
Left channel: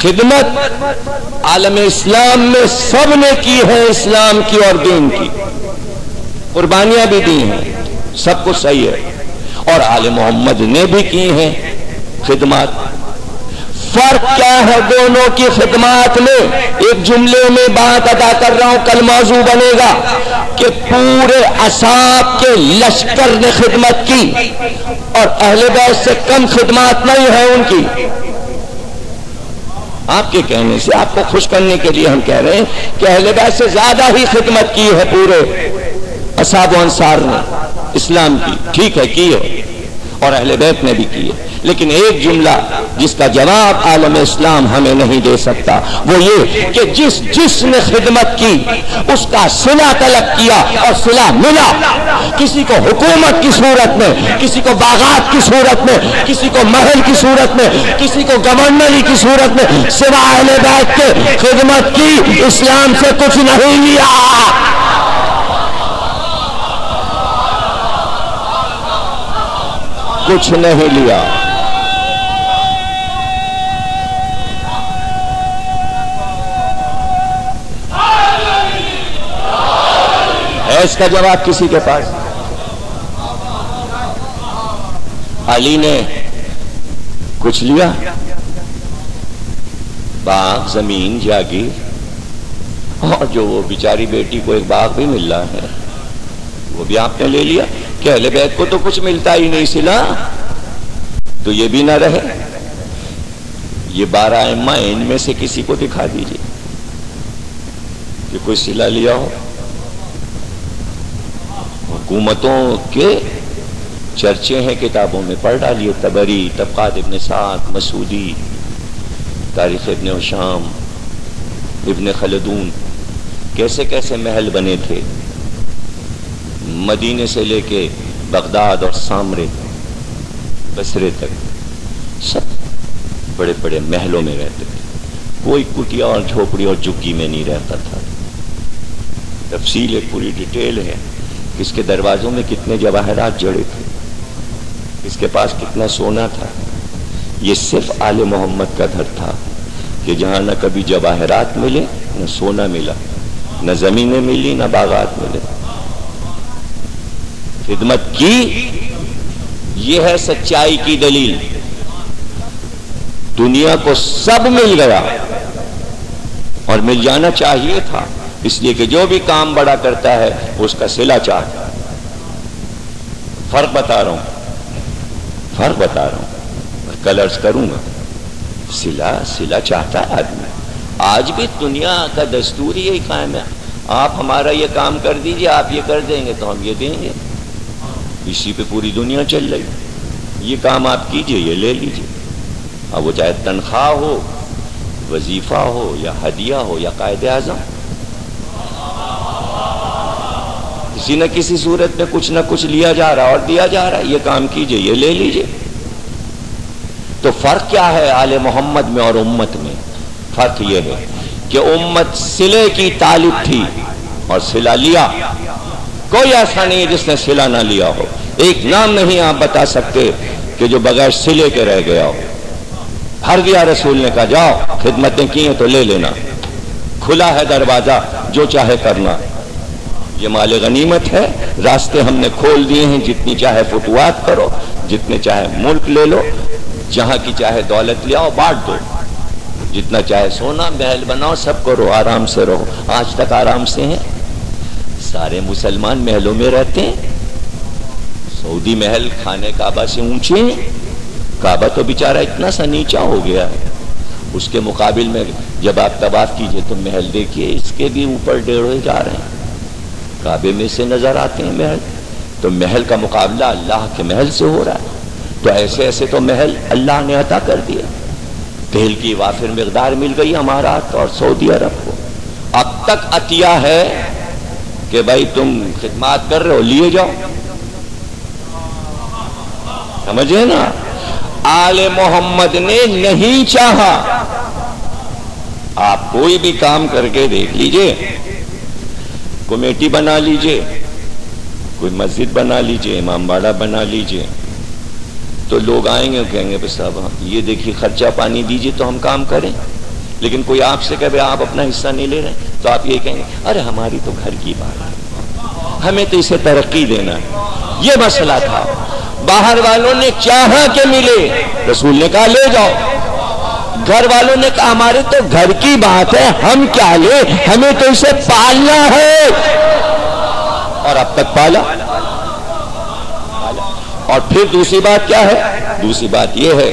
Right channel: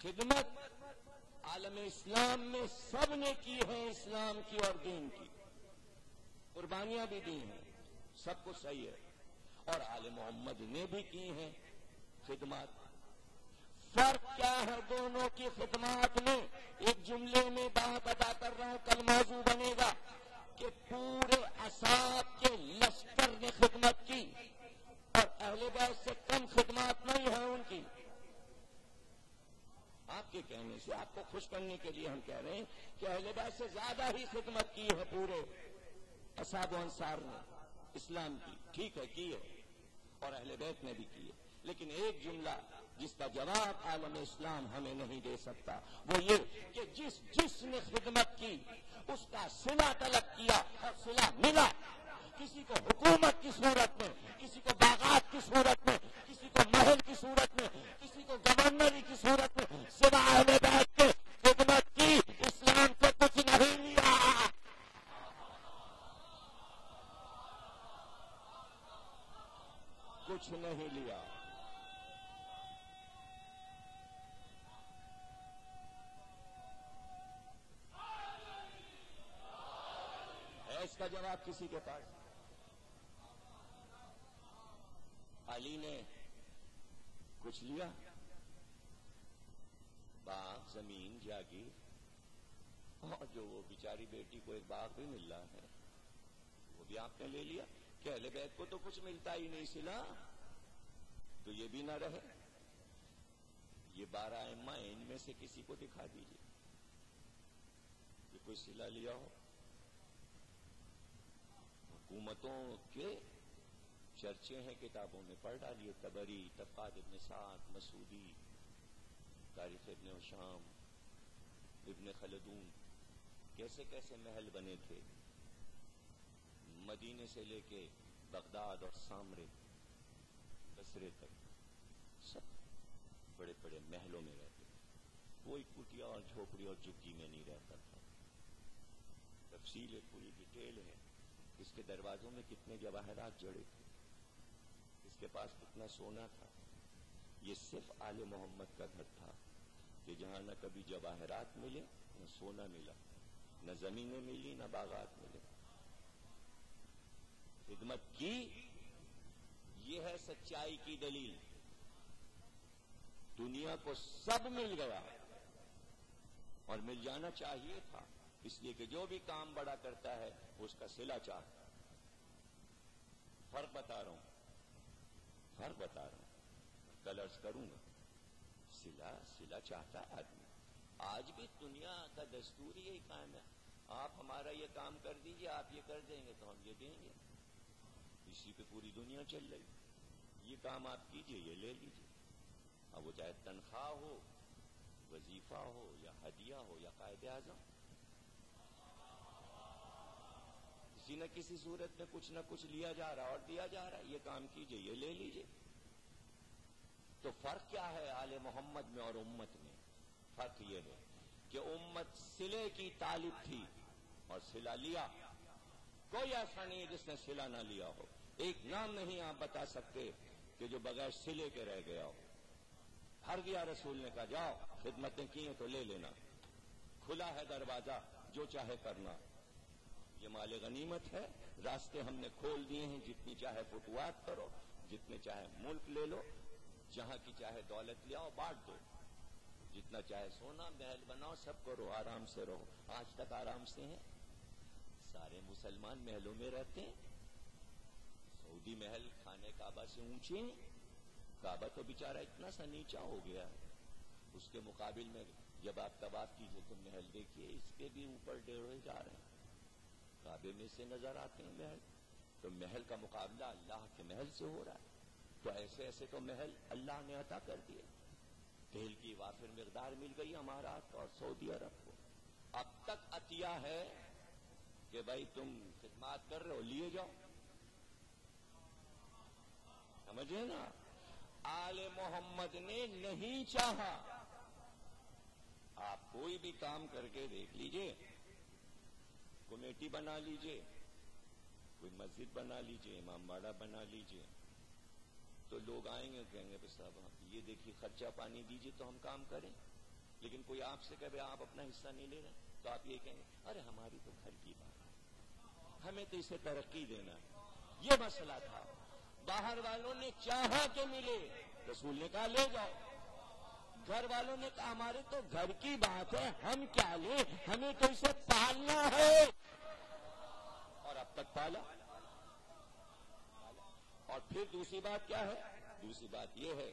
خدمت عالم اسلام میں سب نے کی ہے، اسلام کی اور دین کی، قربانیاں بھی دی ہیں، سب کچھ صحیح ہے. اور آل محمد نے بھی کی ہیں خدمات. فرق کیا ہے دونوں کی خدمات میں؟ ایک جملے میں بات ادا کر رہا ہوں، کل موضوع بنے گا کہ پورے اصحاب کے لشکر نے خدمت کی اور اہل بیت سے کم خدمات نہیں ہے ان کی. آپ کے کہنے سے آپ کو خوش کرنے کے لیے ہم کہہ رہے ہیں کہ اہل بیت سے زیادہ ہی خدمت کی ہے پورے اصحاب و انصار نے اسلام کی. ٹھیک ہے کی ہے اور اہل بیت نے بھی کی ہے، لیکن ایک جملہ جس کا جواب عالم اسلام ہمیں نہیں دے سکتا وہ یہ کہ جس نے خدمت کی اس کا صلہ طلب کیا اور صلہ ملا. کسی کو حکومت کی صورت میں، کسی کو باغات کی صورت میں، کسی کو محل کی صورت میں، کسی کو گورنری کی صورت میں، سوا اہل بیت کے خدمت کی، اسلام سے کچھ نہیں لیا. کچھ نہیں لیا. ہے اس کا جواب کسی کے پاس؟ علی نے کچھ لیا؟ باغ، زمین، جاگیر، اور جو وہ بیچاری بیٹی کو ایک باغ بھی مل رہا ہے وہ بھی آپ نے لے لیا. کہ اہل بیت کو تو کچھ ملتا ہی نہیں صلہ، تو یہ بھی نہ رہے. یہ 12 ائمہ ان میں سے کسی کو دکھا دیجیے کہ کوئی صلہ لیا ہو. حکومتوں کے چرچے ہیں کتابوں میں، پڑھ ڈالیے، طبری، طبقات ابن سعد، مسعودی، تاریخ ابن ہشام، ابن خلدون، کیسے کیسے محل بنے تھے، مدینے سے لے کے بغداد اور سامرے بصرے تک، سب بڑے بڑے محلوں میں رہتے تھے، کوئی کٹیا اور جھوپڑی اور جھگی میں نہیں رہتا تھا۔ تفصیل ایک پوری ڈیٹیل ہے، کس کے دروازوں میں کتنے جواہرات جڑے تھے، کس کے پاس کتنا سونا تھا۔ یہ صرف آل محمد کا گھر تھا کہ جہاں نہ کبھی جواہرات ملے، نہ سونا ملا، نہ زمینیں ملی، نہ باغات ملے۔ خدمت کی، یہ ہے سچائی کی دلیل۔ دنیا کو سب مل گیا اور مل جانا چاہیے تھا، اس لیے کہ جو بھی کام بڑا کرتا ہے اس کا صلہ چاہتا ہے۔ فرق بتا رہا ہوں، کل عرض کروں گا، صلہ چاہتا ہے آدمی۔ آج بھی دنیا کا دستور یہی قائم ہے، آپ ہمارا یہ کام کر دیجئے، آپ یہ کر دیں گے تو ہم یہ دیں گے، اسی پہ پوری دنیا چل رہی۔ یہ کام آپ کیجئے، یہ لے لیجئے، اب وہ چاہے تنخواہ ہو، وظیفہ ہو، یا ہدیہ ہو، یا قائد اعظم، کسی نہ کسی صورت میں کچھ نہ کچھ لیا جا رہا اور دیا جا رہا ہے، یہ کام کیجئے، یہ لے لیجئے۔ تو فرق کیا ہے آل محمد میں اور امت میں؟ فرق یہ ہے کہ امت صلے کی طالب تھی اور صلہ لیا۔ کوئی ایسا نہیں ہے جس نے صلہ نہ لیا ہو، ایک نام نہیں آپ بتا سکتے کہ جو بغیر صلے کے رہ گیا ہو۔ ہر دیا رسول نے کہا جاؤ، خدمتیں کی ہیں تو لے لینا، کھلا ہے دروازہ، جو چاہے کرنا، یہ مال غنیمت ہے، راستے ہم نے کھول دیے ہیں، جتنی چاہے فتوحات کرو، جتنے چاہے ملک لے لو، جہاں کی چاہے دولت لے آؤ، بانٹ دو، جتنا چاہے سونا محل بناؤ، سب کرو، آرام سے رہو۔ آج تک آرام سے ہیں، سارے مسلمان محلوں میں رہتے ہیں۔ سعودی محل خانے کعبہ سے اونچے ہیں، کعبہ تو بیچارہ اتنا سا نیچا ہو گیا ہے، اس کے مقابل میں جب آپ طواف کیجئے تو محل دیکھیے، اس کے بھی اوپر ڈیڑھے جا رہے ہیں، کعبے میں سے نظر آتے ہیں محل۔ تو محل کا مقابلہ اللہ کے محل سے ہو رہا ہے، تو ایسے ایسے تو محل اللہ نے عطا کر دیا۔ تیل کی وافر مقدار مل گئی امارات اور سعودی عرب کو۔ اب تک عطیہ ہے کہ بھائی تم خدمات کر رہے ہو، لیے جاؤ، سمجھے نا؟ آل محمد نے نہیں چاہا۔ آپ کوئی بھی کام کر کے دیکھ لیجئے، کمیٹی بنا لیجئے، کوئی مسجد بنا لیجئے، امام باڑہ بنا لیجئے، تو لوگ آئیں گے اور کہیں گے بس صاحب یہ دیکھیے خرچہ پانی دیجئے تو ہم کام کریں۔ لیکن کوئی آپ سے کہے آپ اپنا حصہ نہیں لے رہے تو آپ یہ کہیں گے ارے ہماری تو گھر کی بات ہے، ہمیں تو اسے ترقی دینا ہے۔ یہ مسئلہ تھا، باہر والوں نے چاہا کہ ملے، رسول نے کہا لے جاؤ، گھر والوں نے کہا ہمارے تو گھر کی بات ہے، ہم کیا لے، ہمیں تو اسے پالنا ہے، اور اب تک پالا۔ اور پھر دوسری بات کیا ہے؟ دوسری بات یہ ہے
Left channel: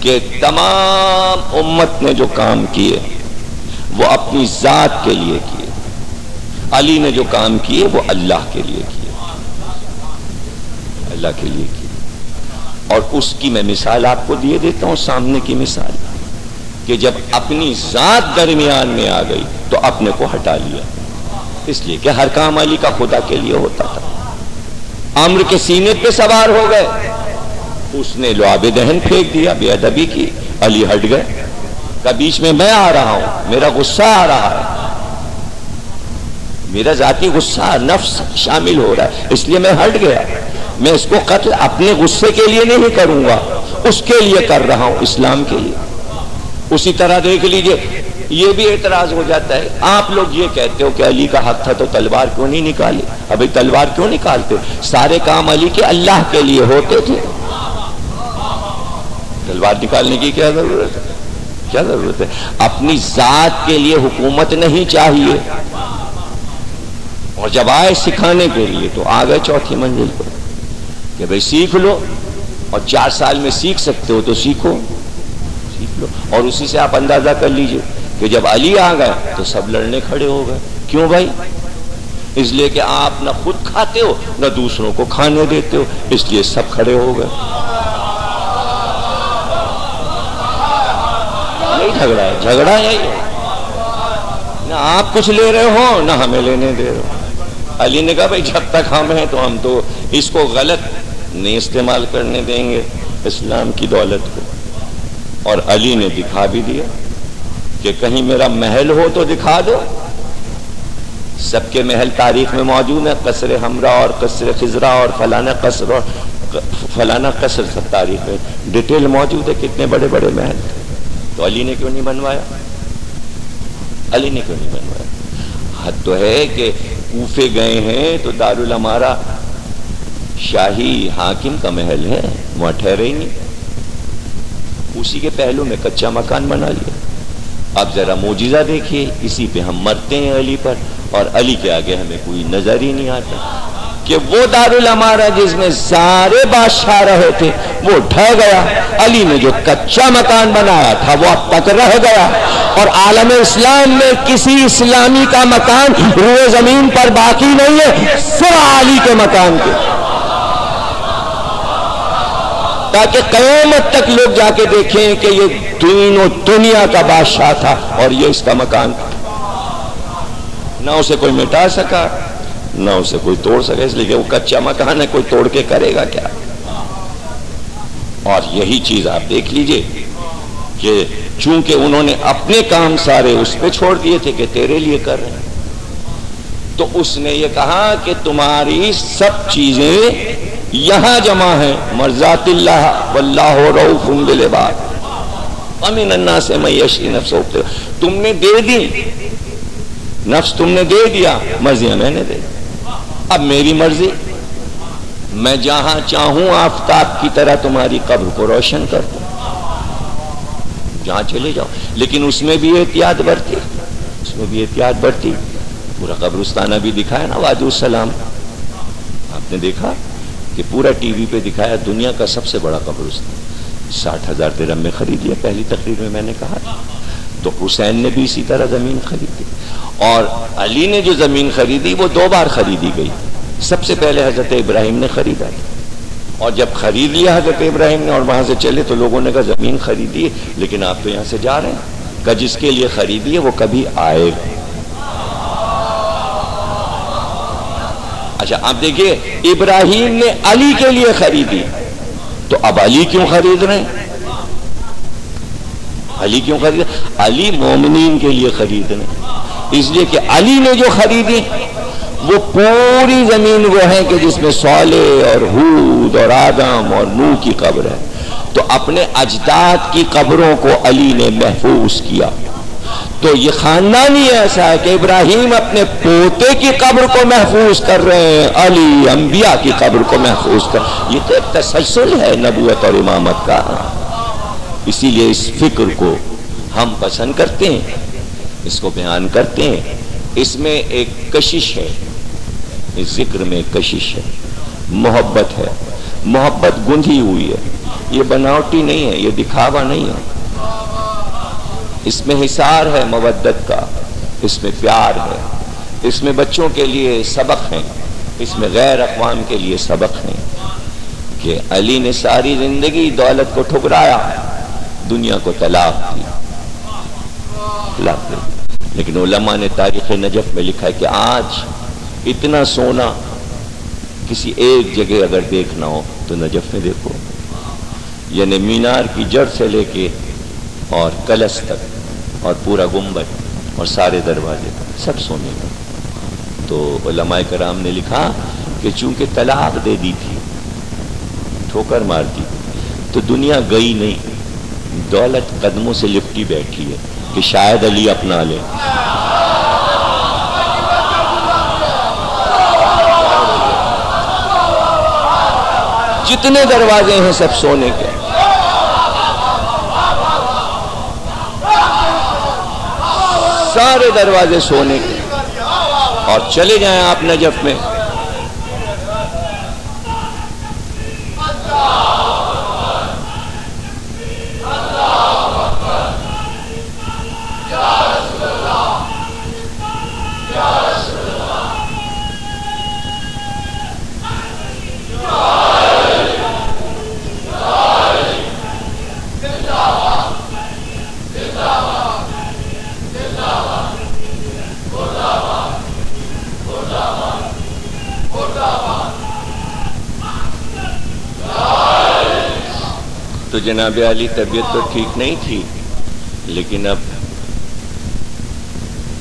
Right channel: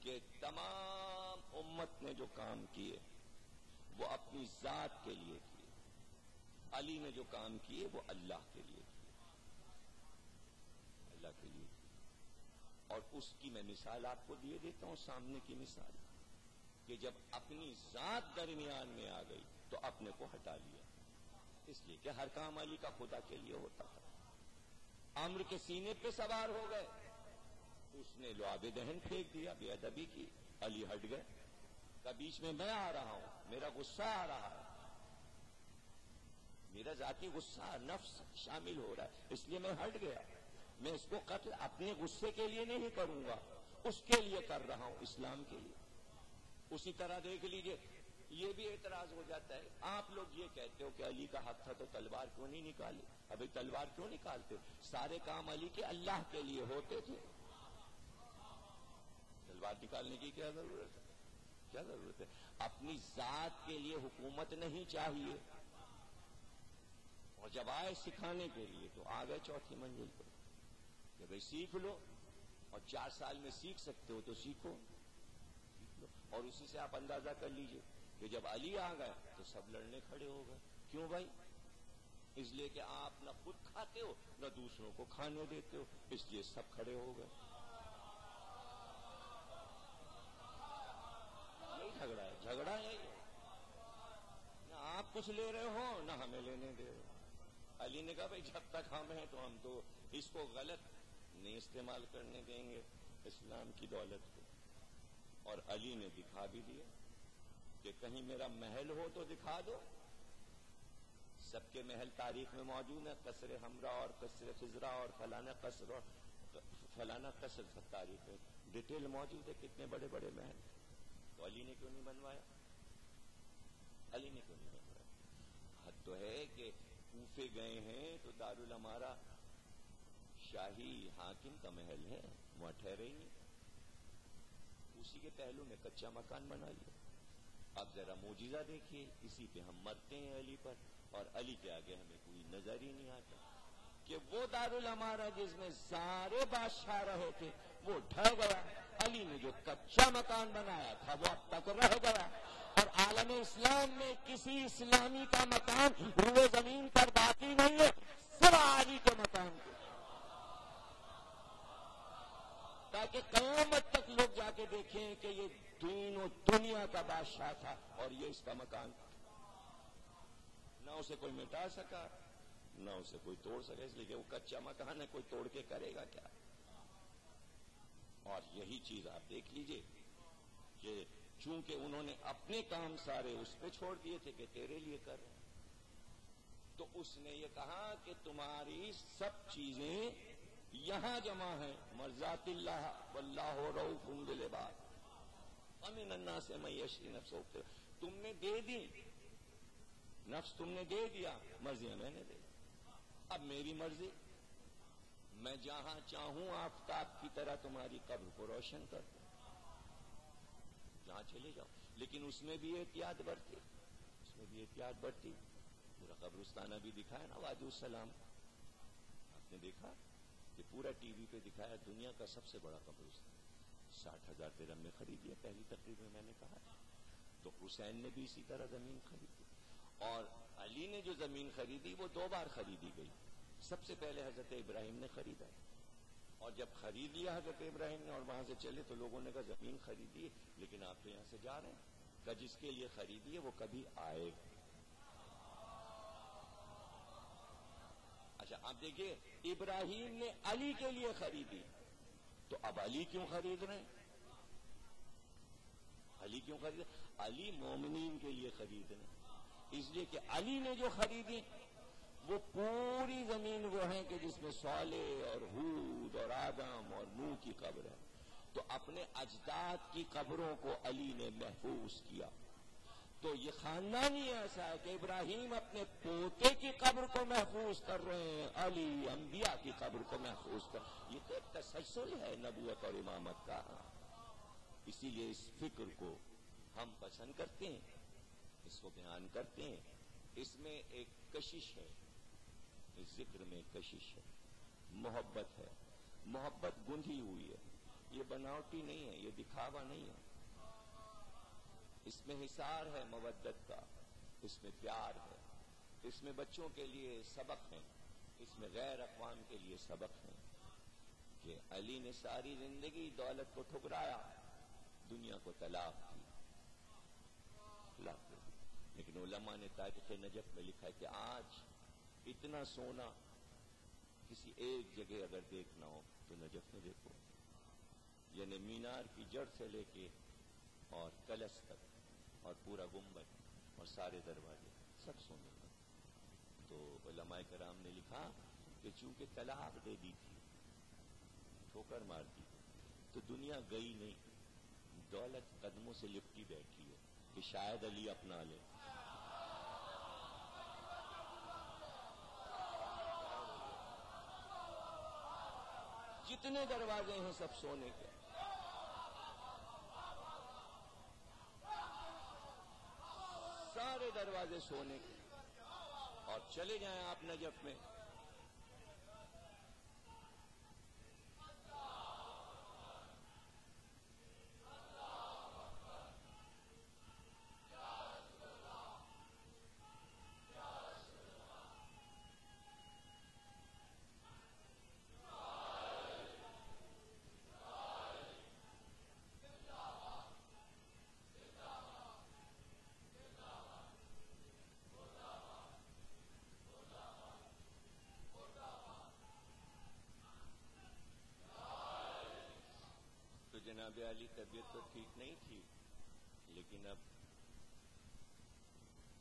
کہ تمام امت نے جو کام کیے وہ اپنی ذات کے لیے کیے، علی نے جو کام کیے وہ اللہ کے لیے کیے، اللہ کے لیے کیے۔ اور اس کی میں مثال آپ کو دیے دیتا ہوں، سامنے کی مثال، کہ جب اپنی ذات درمیان میں آ گئی تو اپنے کو ہٹا لیا، اس لیے کہ ہر کام علی کا خدا کے لیے ہوتا تھا۔ عمرو کے سینے پہ سوار ہو گئے، اس نے لعاب دہن پھینک دیا، بے ادبی کی، علی ہٹ گئے، کہ بیچ میں میں آ رہا ہوں، میرا غصہ آ رہا ہے، میرا ذاتی غصہ نفس شامل ہو رہا ہے، اس لیے میں ہٹ گیا، میں اس کو قتل اپنے غصے کے لیے نہیں کروں گا، اس کے لیے کر رہا ہوں، اسلام کے لیے۔ اسی طرح دیکھ لیجئے، یہ بھی اعتراض ہو جاتا ہے، آپ لوگ یہ کہتے ہو کہ علی کا حق تھا تو تلوار کیوں نہیں نکالی؟ ابھی تلوار کیوں نکالتے؟ سارے کام علی کے اللہ کے لیے ہوتے تھے، تلوار نکالنے کی کیا ضرورت ہے؟ کیا ضرورت ہے؟ اپنی ذات کے لیے حکومت نہیں چاہیے۔ اور جب آئے سکھانے کے لیے تو آ گئے چوتھی منزل پر کہ بھئی سیکھ لو، اور 4 سال میں سیکھ سکتے ہو تو سیکھو، سیکھ لو۔ اور اسی سے آپ اندازہ کر لیجئے کہ جب علی آ گئے تو سب لڑنے کھڑے ہو گئے۔ کیوں بھائی؟ اس لیے کہ آپ نہ خود کھاتے ہو نہ دوسروں کو کھانے دیتے ہو، اس لیے سب کھڑے ہو گئے. یہی جھگڑا ہے، جھگڑا یہی ہے. نہ آپ کچھ لے رہے ہو نہ ہمیں لینے دے رہے ہو. علی نے کہا بھائی جب تک ہم ہیں تو ہم تو اس کو غلط نہیں استعمال کرنے دیں گے اسلام کی دولت کو. اور علی نے دکھا بھی دیا کہ کہیں میرا محل ہو تو دکھا دو. سب کے محل تاریخ میں موجود ہیں، قصر حمراء اور قصر خضرا اور فلانا قصر اور فلانا قصر، سب تاریخ میں ڈیٹیل موجود ہے کتنے بڑے بڑے محل. تو علی نے کیوں نہیں بنوایا؟ علی نے کیوں نہیں بنوایا؟ حد تو ہے کہ کوفے گئے ہیں تو دارالامارہ شاہی حاکم کا محل ہے، وہاں ٹھہرے ہی نہیں، اسی کے پہلو میں کچا مکان بنا لیا. اب ذرا معجزہ دیکھیے، اسی پہ ہم مرتے ہیں علی پر، اور علی کے آگے ہمیں کوئی نظر ہی نہیں آتا کہ وہ دارالامارہ جس میں سارے بادشاہ رہے تھے وہ ڈھہ گیا. علی نے جو کچا مکان بنایا تھا وہ اب تک رہ گیا، اور عالم اسلام میں کسی اسلامی کا مکان روئے زمین پر باقی نہیں ہے سوائے علی کے مکان کے. تاکہ قیامت تک لوگ جا کے دیکھیں کہ یہ دین و دنیا کا بادشاہ تھا اور یہ اس کا مکان تھا. نہ اسے کوئی مٹا سکا نہ اسے کوئی توڑ سکا، اس لیے کہ وہ کچا مکان ہے، کوئی توڑ کے کرے گا کیا. اور یہی چیز آپ دیکھ لیجئے کہ چونکہ انہوں نے اپنے کام سارے اس پہ چھوڑ دیے تھے کہ تیرے لیے کر رہے ہیں، تو اس نے یہ کہا کہ تمہاری سب چیزیں یہاں جمع ہیں، مرضات اللہ واللہ رؤوف بالعباد ومن الناس من یشری نفسہ. تم نے دے دی نفس، تم نے دے دیا، مرضیاں میں نے دے دی. اب میری مرضی، میں جہاں چاہوں آفتاب کی طرح تمہاری قبر کو روشن کر دوں، جہاں چلے جاؤ. لیکن اس میں بھی احتیاط برتی، اس میں بھی احتیاط برتی. پورا قبرستانہ بھی دکھایا نا وادی السلام، آپ نے دیکھا کہ پورا ٹی وی پہ دکھایا دنیا کا سب سے بڑا قبرستان، 60,000 درہم میں خرید لیا. پہلی تقریر میں میں نے کہا تھا. تو حسین نے بھی اسی طرح زمین خریدی، اور علی نے جو زمین خریدی وہ 2 بار خریدی گئی. سب سے پہلے حضرت ابراہیم نے خریدا تھا، اور جب خرید لیا حضرت ابراہیم نے اور وہاں سے چلے تو لوگوں نے کہا زمین خریدی ہے لیکن آپ تو یہاں سے جا رہے ہیں. کہ جس کے لیے خریدی ہے وہ کبھی آئے گا. اچھا آپ دیکھیے، ابراہیم نے علی کے لیے خریدی تو اب علی کیوں خرید رہے ہیں؟ علی کیوں خرید؟ علی مومنین کے لیے خرید رہے ہیں، اس لیے کہ علی نے جو خریدی وہ پوری زمین وہ ہے کہ جس میں صالح اور ہود اور آدم اور نوح کی قبر ہے. تو اپنے اجداد کی قبروں کو علی نے محفوظ کیا. تو یہ خاندانی ایسا ہے کہ ابراہیم اپنے پوتے کی قبر کو محفوظ کر رہے ہیں، علی انبیاء کی قبر کو محفوظ کر. یہ تو ایک تسلسل ہے نبوت اور امامت کا. اسی لیے اس فکر کو ہم پسند کرتے ہیں، اس کو بیان کرتے ہیں. اس میں ایک کشش ہے، اس ذکر میں کشش ہے، محبت ہے. محبت گندھی ہوئی ہے، یہ بناوٹی نہیں ہے، یہ دکھاوا نہیں ہے. اس میں حصار ہے مودت کا، اس میں پیار ہے، اس میں بچوں کے لیے سبق ہیں، اس میں غیر اقوام کے لیے سبق ہیں. کہ علی نے ساری زندگی دولت کو ٹھکرایا، دنیا کو طلاق دی. لیکن علماء نے تاریخ نجف میں لکھا ہے کہ آج اتنا سونا کسی ایک جگہ اگر دیکھنا ہو تو نجف میں دیکھو. یعنی مینار کی جڑ سے لے کے اور کلش تک اور پورا گنبد اور سارے دروازے سب سونے کا. تو علماء کرام نے لکھا کہ چونکہ طلاق دے دی تھی، ٹھوکر مار دی، تو دنیا گئی نہیں، دولت قدموں سے لپٹی بیٹھی ہے کہ شاید علی اپنا لے. جتنے دروازے ہیں سب سونے کے، سارے دروازے سونے کے. اور چلے جائیں آپ نجف میں، جناب علی طبیعت تو ٹھیک نہیں تھی، لیکن اب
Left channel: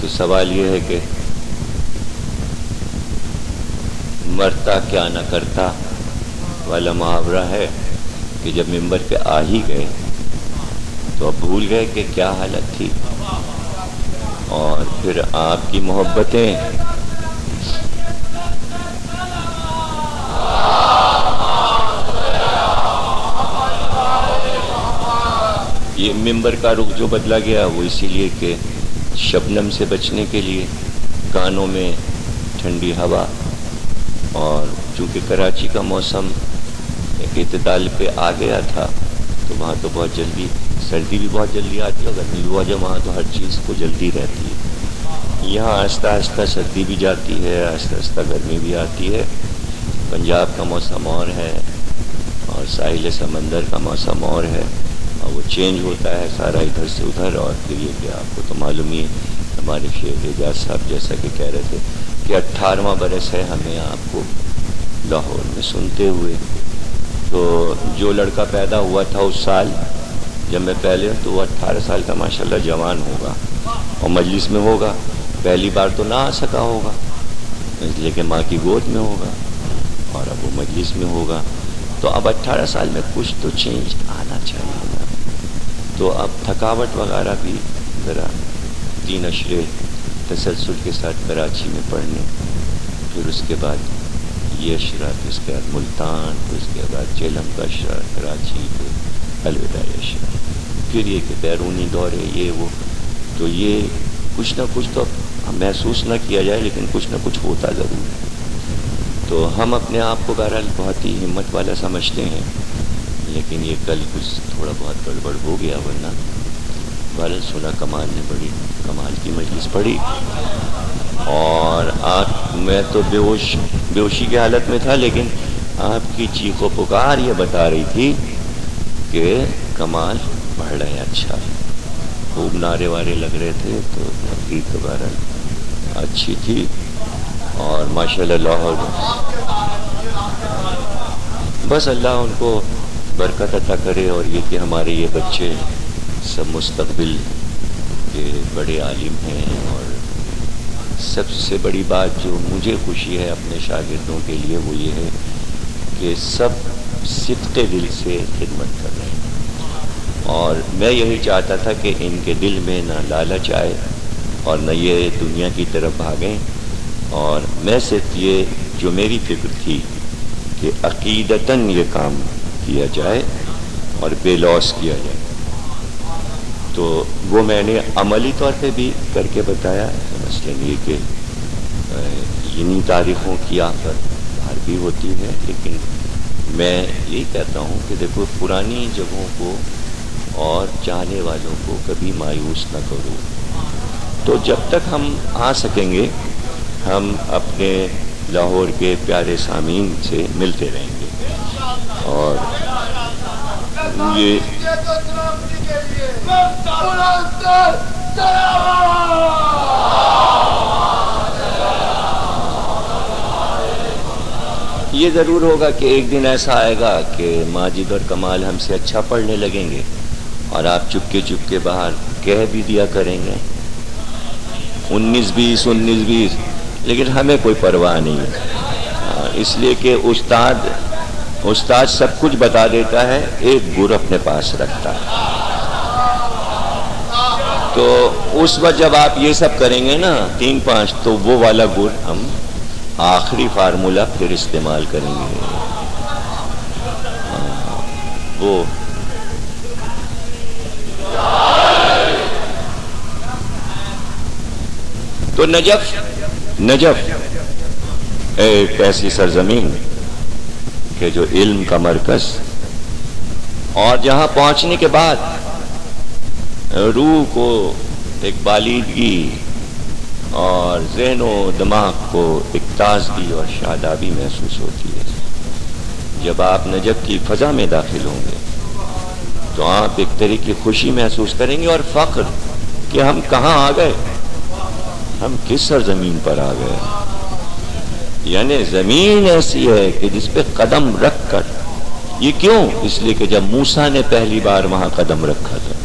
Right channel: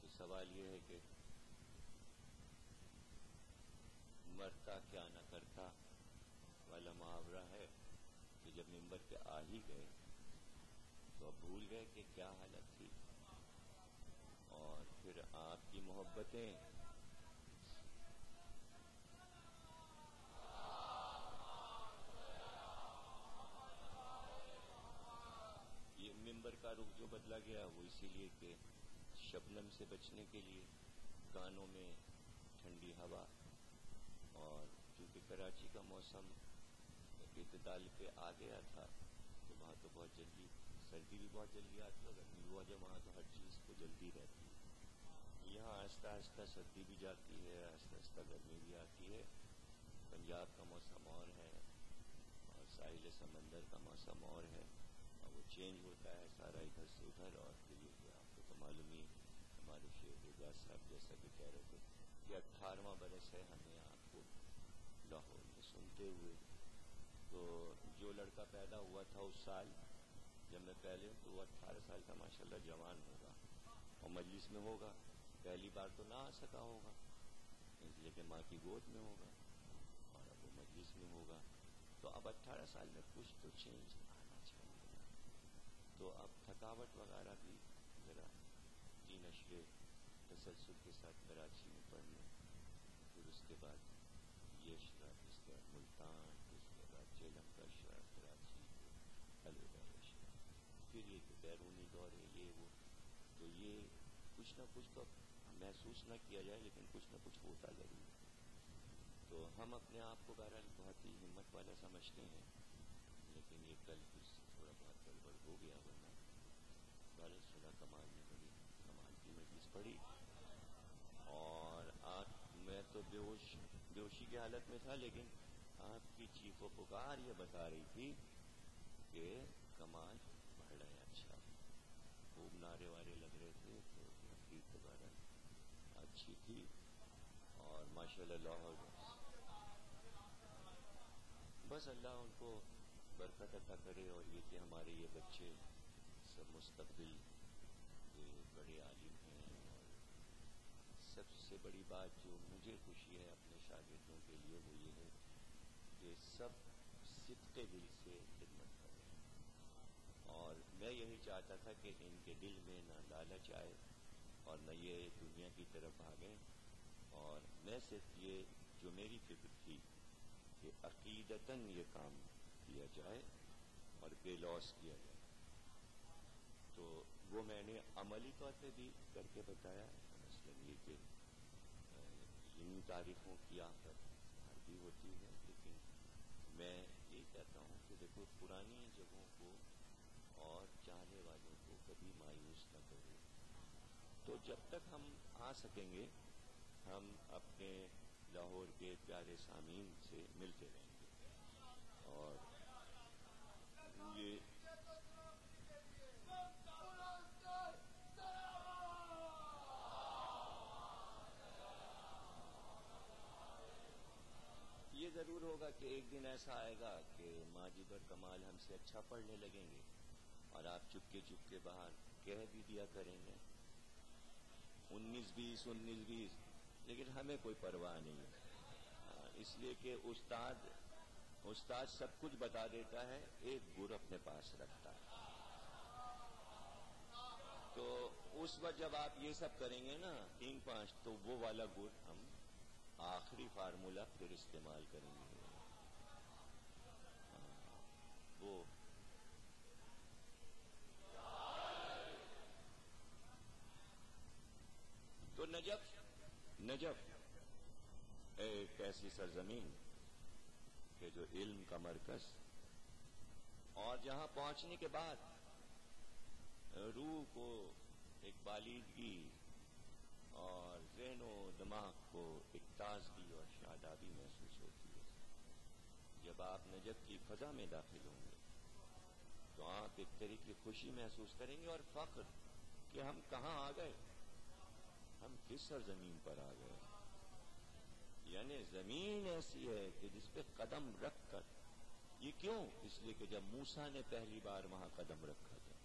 تو سوال یہ ہے کہ مرتا کیا نہ کرتا والا محاورہ ہے کہ جب ممبر پہ آ ہی گئے تو اب بھول گئے کہ کیا حالت تھی، اور پھر آپ کی محبتیں یہ ممبر کا رخ جو بدلا گیا وہ اسی لیے کہ شبنم سے بچنے کے لیے کانوں میں ٹھنڈی ہوا، اور چونکہ کراچی کا موسم ایک اعتدال پہ آ گیا تھا تو وہاں تو بہت جلدی سردی بھی بہت جلدی آتی ہے، گرمی بھی بہت، وہاں تو ہر چیز کو جلدی رہتی ہے۔ یہاں آہستہ آہستہ سردی بھی جاتی ہے، آہستہ آہستہ گرمی بھی آتی ہے۔ پنجاب کا موسم اور ہے اور ساحل سمندر کا موسم اور ہے، اور وہ چینج ہوتا ہے سارا ادھر سے ادھر۔ اور پھر یہ کہ آپ کو تو معلوم ہی ہے، ہمارے شیخ اعجاز صاحب جیسا کہ کہہ رہے تھے کہ 18واں برس ہے ہمیں آپ کو لاہور میں سنتے ہوئے۔ تو جو لڑکا پیدا ہوا تھا اس سال جب میں پہلے، تو وہ 18 سال کا ماشاءاللہ جوان ہوگا اور مجلس میں ہوگا، پہلی بار تو نہ آ سکا ہوگا اس لیے کہ ماں کی گود میں ہوگا، اور اب وہ مجلس میں ہوگا۔ تو اب 18 سال میں کچھ تو چینج آنا چاہیے نا۔ تو اب تھکاوٹ وغیرہ بھی ذرا 3 اشرے تسلسل کے ساتھ کراچی میں پڑھنے، پھر اس کے بعد یہ اشرا، پھر اس کے بعد ملتان، پھر اس کے بعد جہلم کا اشرا، کراچی، پھر الوداعی اشرا، پھر یہ کہ بیرونی دورے یہ وہ۔ تو یہ کچھ نہ کچھ تو محسوس نہ کیا جائے لیکن کچھ نہ کچھ ہوتا ضرور ہے۔ تو ہم اپنے آپ کو بہرحال بہت ہی ہمت والا سمجھتے ہیں، لیکن یہ کل کچھ تھوڑا بہت گڑبڑ ہو گیا، ورنہ بہرحال سنا کمال نے بڑی کمال کی مجلس پڑھی، اور میں تو بے ہوشی کی حالت میں تھا، لیکن آپ کی چیخ و پکار یہ بتا رہی تھی کہ کمال پڑھ رہے ہیں، اچھا خوب نعرے وارے لگ رہے تھے۔ تو تقریر تو بہرحال اچھی تھی، اور ماشاءاللہ لاہور بس اللہ ان کو برکت عطا کرے، اور یہ کہ ہمارے یہ بچے سب مستقبل کے بڑے عالم ہیں۔ اور سب سے بڑی بات جو مجھے خوشی ہے اپنے شاگردوں کے لیے وہ یہ ہے کہ سب صدق دل سے خدمت کر رہے ہیں، اور میں یہی چاہتا تھا کہ ان کے دل میں نہ لالچ آئے اور نہ یہ دنیا کی طرف بھاگیں، اور میں صرف یہ جو میری فکر تھی کہ عقیدتاً یہ کام کیا جائے اور بے لوث کیا جائے، تو وہ میں نے عملی طور پہ بھی کر کے بتایا۔ مثلاً یہ کہ انہی تاریخوں کی آفت باہر بھی ہوتی ہے، لیکن میں یہی کہتا ہوں کہ دیکھو پرانی جگہوں کو اور چاہنے والوں کو کبھی مایوس نہ کرو۔ تو جب تک ہم آ سکیں گے ہم اپنے لاہور کے پیارے سامعین سے ملتے رہیں گے، اور یہ ضرور ہوگا کہ ایک دن ایسا آئے گا کہ ماجد اور کمال ہم سے اچھا پڑھنے لگیں گے، اور آپ چپکے چپکے باہر کہہ بھی دیا کریں گے 19-20 لیکن ہمیں کوئی پرواہ نہیں ہے، اس لیے کہ استاد سب کچھ بتا دیتا ہے، ایک گر اپنے پاس رکھتا ہے۔ تو اس وقت جب آپ یہ سب کریں گے نا 3-5، تو وہ والا گر ہم آخری فارمولہ پھر استعمال کریں گے۔ وہ تو نجف ایک ایسی سرزمین کہ جو علم کا مرکز، اور جہاں پہنچنے کے بعد روح کو ایک بالیدگی اور ذہن و دماغ کو ایک تازگی اور شادابی محسوس ہوتی ہے۔ جب آپ نجف کی فضا میں داخل ہوں گے تو آپ ایک طرح کی خوشی محسوس کریں گے اور فخر کہ ہم کہاں آ گئے، ہم کس سرزمین پر آ گئے۔ یعنی زمین ایسی ہے کہ جس پہ قدم رکھ کر یہ کیوں؟ اس لیے کہ جب موسیٰ نے پہلی بار وہاں قدم رکھا تھا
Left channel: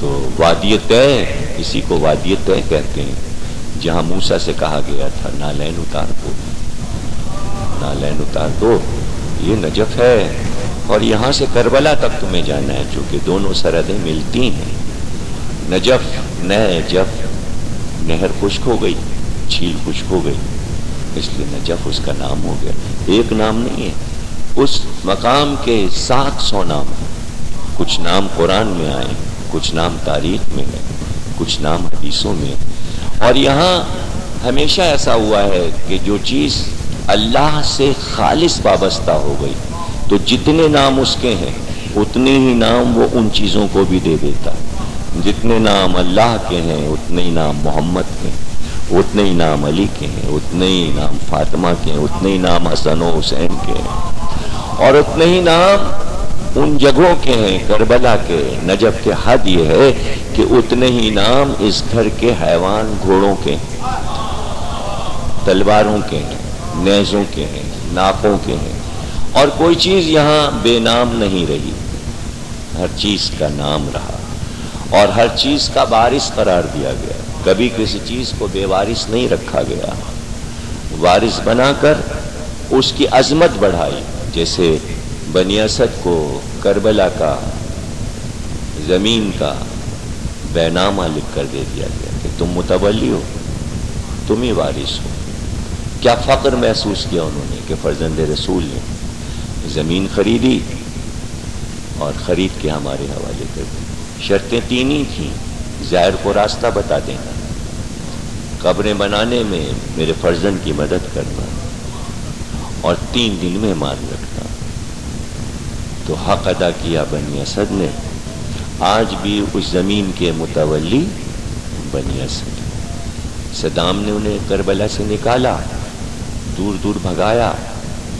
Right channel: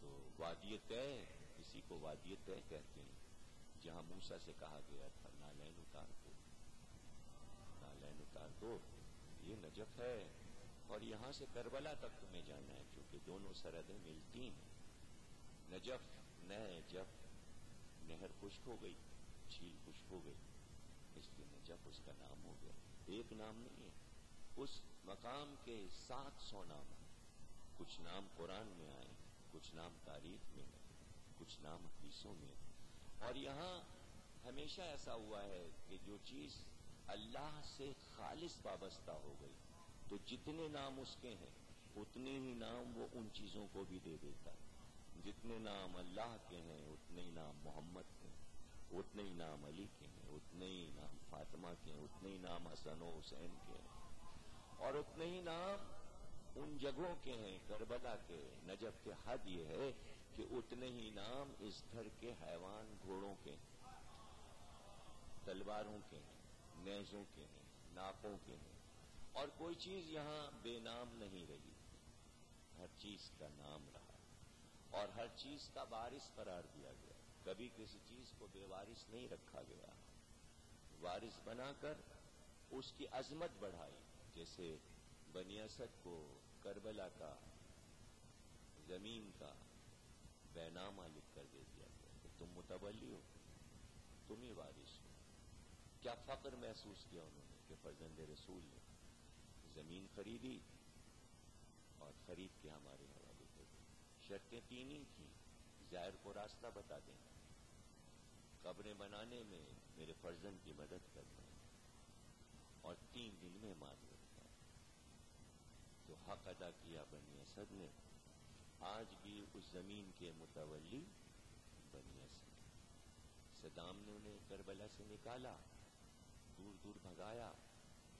تو وادی طے، اسی کو وادی طے کہتے ہیں، جہاں موسیٰ سے کہا گیا تھا نالین اتار دو، نالین اتار دو، یہ نجف ہے اور یہاں سے کربلا تک تمہیں جانا ہے، چونکہ دونوں سرحدیں ملتی ہیں۔ نجف، نجف، نہر خشک ہو گئی، جھیل خشک ہو گئی، اس لیے نجف اس کا نام ہو گیا۔ ایک نام نہیں ہے، اس مقام کے 700 نام ہیں۔ کچھ نام قرآن میں آئے، کچھ نام تاریخ میں ہے، کچھ نام حدیثوں میں، اور یہاں ہمیشہ ایسا ہوا ہے کہ جو چیز اللہ سے خالص وابستہ ہو گئی تو جتنے نام اس کے ہیں اتنے ہی نام وہ ان چیزوں کو بھی دے دیتا ہے۔ جتنے نام اللہ کے ہیں اتنے ہی نام محمد کے ہیں، اتنے ہی نام علی کے ہیں، اتنے ہی نام فاطمہ کے ہیں، اتنے ہی نام حسن و حسین کے ہیں، اور اتنے ہی نام ان جگہوں کے ہیں، کربلا کے، نجف کے۔ حد یہ ہے کہ اتنے ہی نام اس گھر کے حیوان گھوڑوں کے ہیں، تلواروں کے ہیں، نیزوں کے ہیں، ناقوں کے ہیں، اور کوئی چیز یہاں بے نام نہیں رہی، ہر چیز کا نام رہا اور ہر چیز کا وارث قرار دیا گیا۔ کبھی کسی چیز کو بے وارث نہیں رکھا گیا، وارث بنا کر اس کی عظمت بڑھائی۔ جیسے بنی اسد کو کربلا کا، زمین کا بے نامہ لکھ کر دے دیا گیا کہ تم متولی ہو، تم ہی وارث ہو۔ کیا فخر محسوس کیا انہوں نے کہ فرزند رسول نے زمین خریدی اور خرید کے ہمارے حوالے کر دی۔ شرطیں 3 ہی تھیں، زائر کو راستہ بتا دینا، قبریں بنانے میں میرے فرزند کی مدد کرنا، اور 3 دن میں مان رکھنا۔ تو حق ادا کیا بنی اسد نے۔ آج بھی اس زمین کے متولی بنی اسد۔ صدام نے انہیں کربلا سے نکالا، دور دور بھگایا،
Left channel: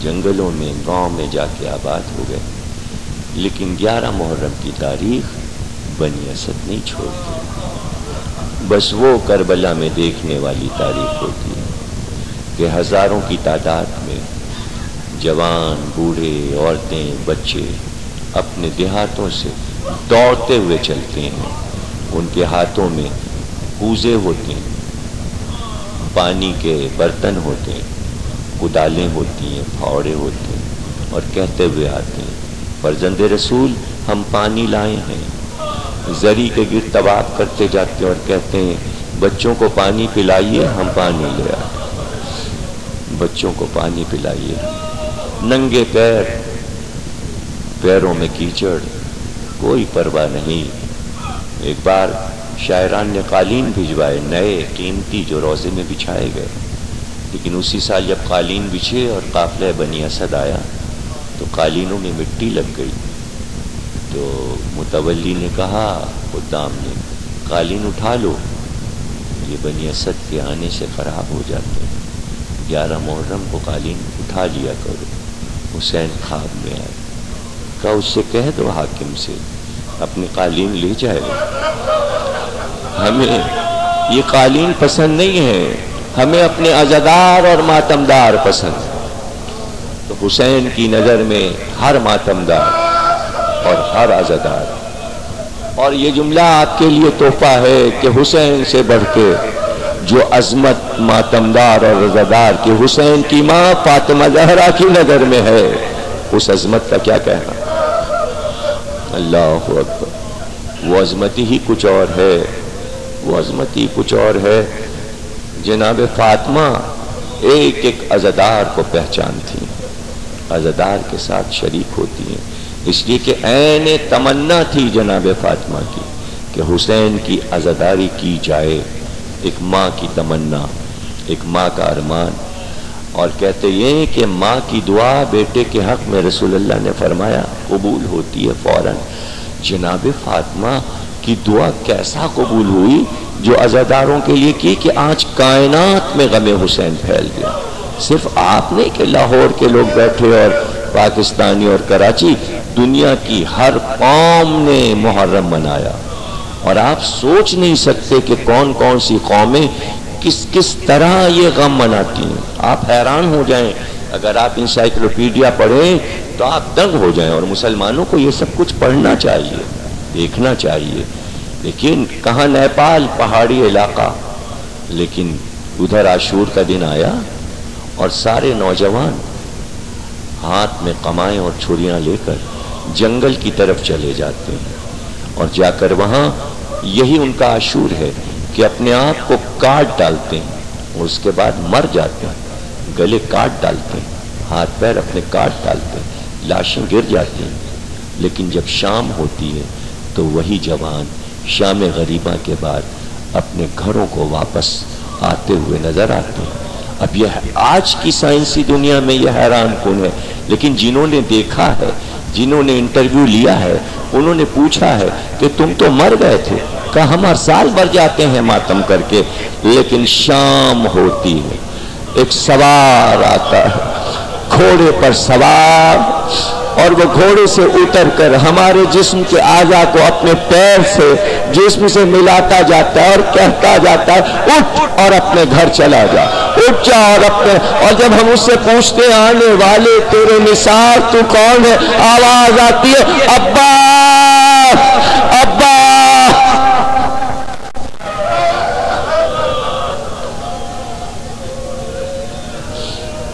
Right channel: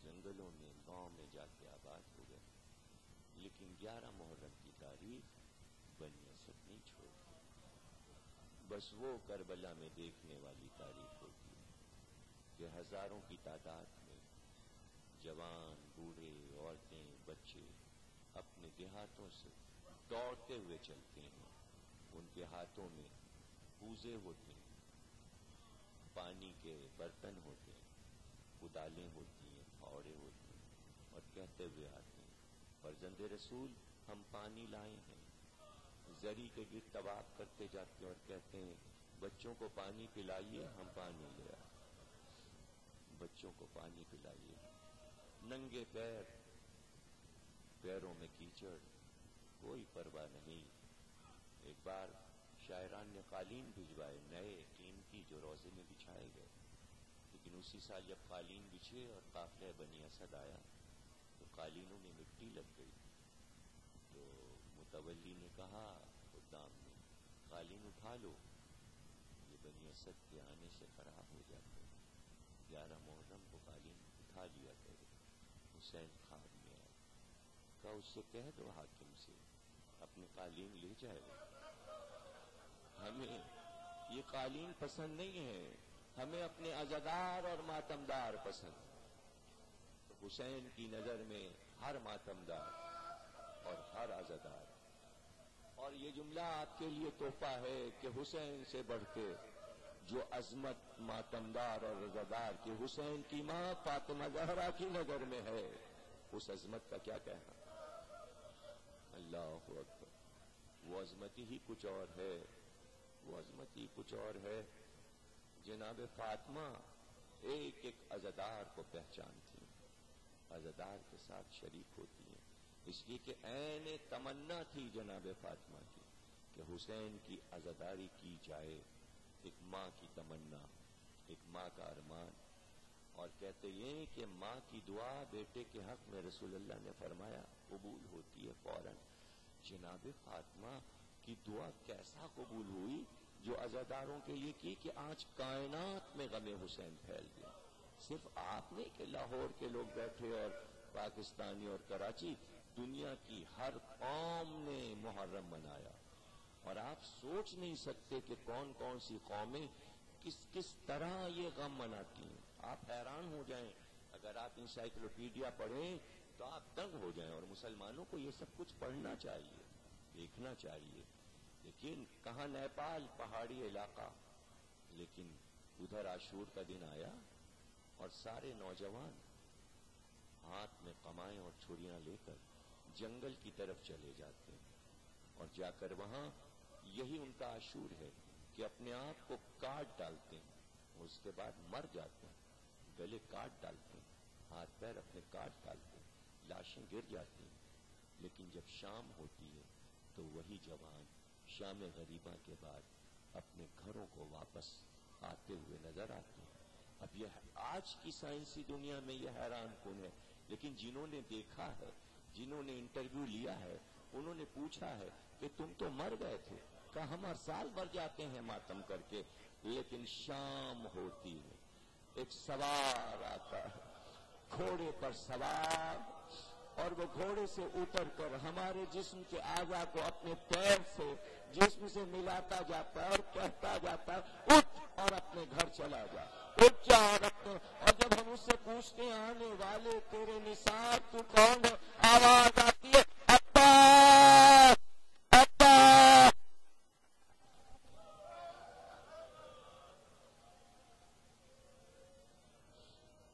جنگلوں میں، گاؤں میں جا کے آباد ہو گئے، لیکن 11 محرم کی تاریخ بنی اسد نہیں چھوڑتی۔ بس وہ کربلا میں دیکھنے والی تاریخ ہوتی ہے کہ ہزاروں کی تعداد میں جوان، بوڑھے، عورتیں، بچے اپنے دیہاتوں سے دوڑتے ہوئے چلتے ہیں، ان کے ہاتھوں میں کوزے ہوتے ہیں، پانی کے برتن ہوتے ہیں، کدالیں ہوتی ہیں، پھاوڑے ہوتے ہیں، اور کہتے ہوئے آتے ہیں فرزند رسول ہم پانی لائے ہیں۔ زری کے گرد طواف کرتے جاتے اور کہتے ہیں بچوں کو پانی پلائیے، ہم پانی لے آتے، بچوں کو پانی پلائیے۔ ننگے پیر، پیروں میں کیچڑ، کوئی پرواہ نہیں۔ ایک بار شاعران نے قالین بھجوائے، نئے قیمتی، جو روضے میں بچھائے گئے، لیکن اسی سال جب قالین بچھے اور قافلہ بنی اسد آیا تو قالینوں میں مٹی لگ گئی۔ تو متولی نے کہا، خدام نے، قالین اٹھا لو، یہ بنی اسد کے آنے سے خراب ہو جاتے ہیں، 11 محرم کو قالین اٹھا لیا کرو۔ حسین خواب میں آئے، کہا اس سے کہہ دو حاکم سے اپنی قالین لے جائے، ہمیں یہ قالین پسند نہیں ہے، ہمیں اپنے عزادار اور ماتمدار پسند۔ تو حسین کی نظر میں ہر ماتمدار اور ہر عزادار، اور یہ جملہ آپ کے لیے تحفہ ہے کہ حسین سے بڑھ کے جو عظمت ماتمدار اور عزادار کی حسین کی ماں فاطمہ زہرا کی نظر میں ہے، اس عظمت کا کیا کہنا۔ اللہ اکبر، وہ عظمت ہی کچھ اور ہے، وہ عظمت ہی کچھ اور ہے۔ جناب فاطمہ ایک ایک عزادار کو پہچانتی ہیں، عزادار کے ساتھ شریک ہوتی ہیں، اس لیے کہ عین تمنا تھی جناب فاطمہ کی کہ حسین کی عزاداری کی جائے، ایک ماں کی تمنا، ایک ماں کا ارمان۔ اور کہتے یہ کہ ماں کی دعا بیٹے کے حق میں رسول اللہ نے فرمایا قبول ہوتی ہے فوراً۔ جناب فاطمہ کی دعا کیسا قبول ہوئی جو عزاداروں کے لیے کی کہ آج کائنات میں غم حسین پھیل گیا۔ صرف آپ نہیں کہ لاہور کے لوگ بیٹھے اور پاکستانی اور کراچی، دنیا کی ہر قوم نے محرم منایا، اور آپ سوچ نہیں سکتے کہ کون کون سی قومیں کس طرح یہ غم مناتی ہیں۔ آپ حیران ہو جائیں اگر آپ انسائکلوپیڈیا پڑھیں تو آپ دنگ ہو جائیں. اور مسلمانوں کو یہ سب کچھ پڑھنا چاہیے، دیکھنا چاہیے. لیکن کہاں نیپال پہاڑی علاقہ، لیکن ادھر عاشور کا دن آیا اور سارے نوجوان ہاتھ میں قمائیں اور چھریاں لے کر جنگل کی طرف چلے جاتے ہیں، اور جا کر وہاں یہی ان کا عاشور ہے کہ اپنے آپ کو کاٹ ڈالتے ہیں اور اس کے بعد مر جاتے ہیں، گلے کاٹ ڈالتے ہیں، ہاتھ پیر اپنے کاٹ ڈالتے ہیں، لاشیں گر جاتی ہیں. لیکن جب شام ہوتی ہے تو وہی جوان شام غریبہ کے بعد اپنے گھروں کو واپس آتے ہوئے نظر آتے ہیں. اب یہ آج کی سائنسی دنیا میں یہ حیران کن ہے، لیکن جنہوں نے دیکھا ہے، جنہوں نے انٹرویو لیا ہے، انہوں نے پوچھا ہے کہ تم تو مر گئے تھے. کہا ہم ہر سال مر جاتے ہیں ماتم کر کے، لیکن شام ہوتی ہے، ایک سوار آتا ہے گھوڑے پر سوار، اور وہ گھوڑے سے اتر کر ہمارے جسم کے اعضاء کو اپنے پیر سے جسم سے ملاتا جاتا ہے اور کہتا جاتا ہے اٹھ اور اپنے گھر چلا جا، اٹھ جا اور اپنے. اور جب ہم اس سے پوچھتے ہیں آنے والے تیرے نثار تو کون ہے، آواز آتی ہے ابا ابا.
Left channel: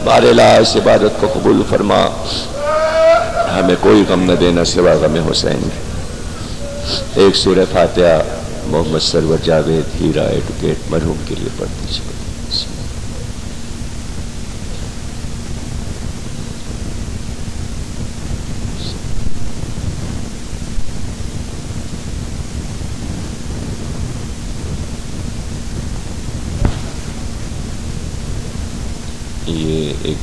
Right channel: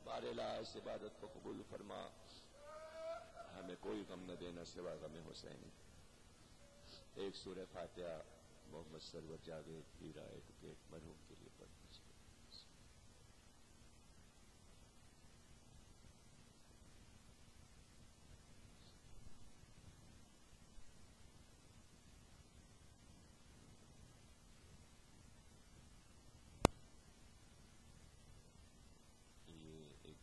بارے لا اس عبادت کو قبول فرما، ہمیں کوئی غم نہ دینا سوا غم حسین. ایک سورہ فاتحہ محمد سرور جاوید ہیرا ایڈوکیٹ مرحوم کے لیے پڑھ دیجیے. یہ ایک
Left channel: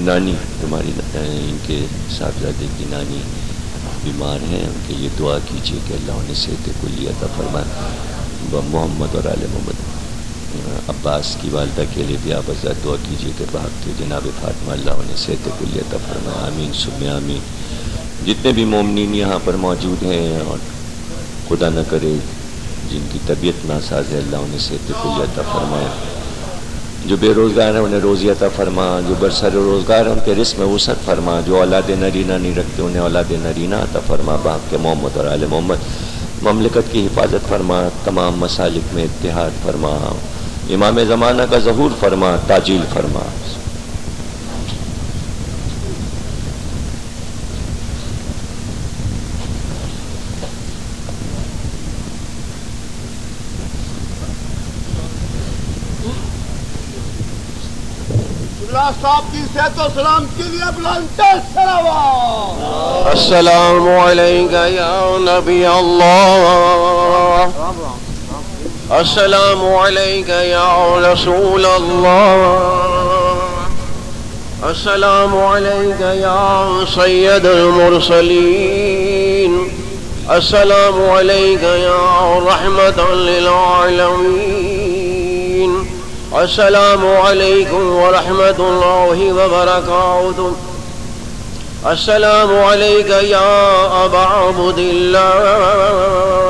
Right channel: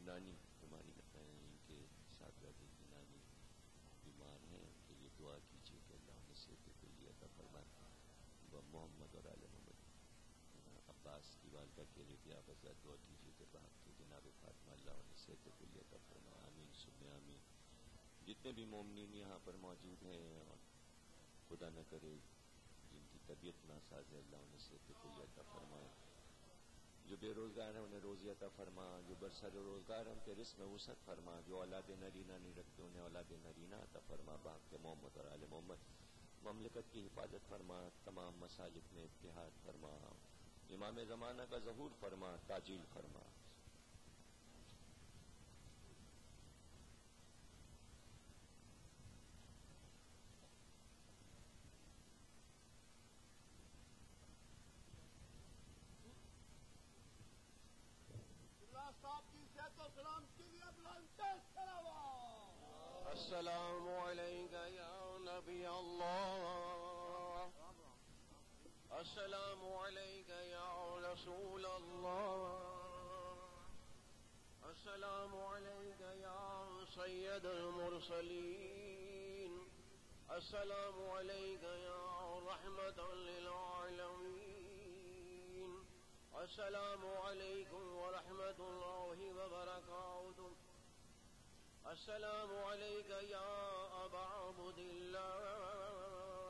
نانی ہماری ان کے صاحبزادے کی نانی بیمار ہیں، ان کے لیے دعا کیجیے کہ اللہ انہیں صحت کلی عطا فرمائے. محمد اور آل محمد عباس کی والدہ کے لیے بھی آپ حضرات دعا کیجیے کہ بھاگتے جناب فاطمہ اللہ انہیں صحت کلی عطا فرمائے. آمین ثم آمین. جتنے بھی مومنین یہاں پر موجود ہیں اور خدا نہ کرے جن کی طبیعت ناساز ہے، اللہ انہیں صحت کلی عطا فرمائے. جو بے روزگار ہیں انہیں روزی عطا فرما، جو برسر روزگار ہیں ان کے رزق میں وسعت فرما، جو اولاد نرینہ نہیں رکھتے انہیں اولاد نرینہ عطا فرما. باپ کے محمد اور آل محمد مملکت کی حفاظت فرما، تمام مسالک میں اتحاد فرما، امام زمانہ کا ظہور فرما، تاجیل فرما. صاحب کی صحت و سلام کے لیے بلند سلام. السلام علیکہ یا نبی اللہ، السلام علیکہ یا رسول اللہ، السلام علیکہ یا سید المرسلین، السلام علیکہ یا رحمت للعالمین. السلام علیکم ورحمۃ اللہ وبرکاتہ. السلام علیکہ یا ابا عبد اللہ،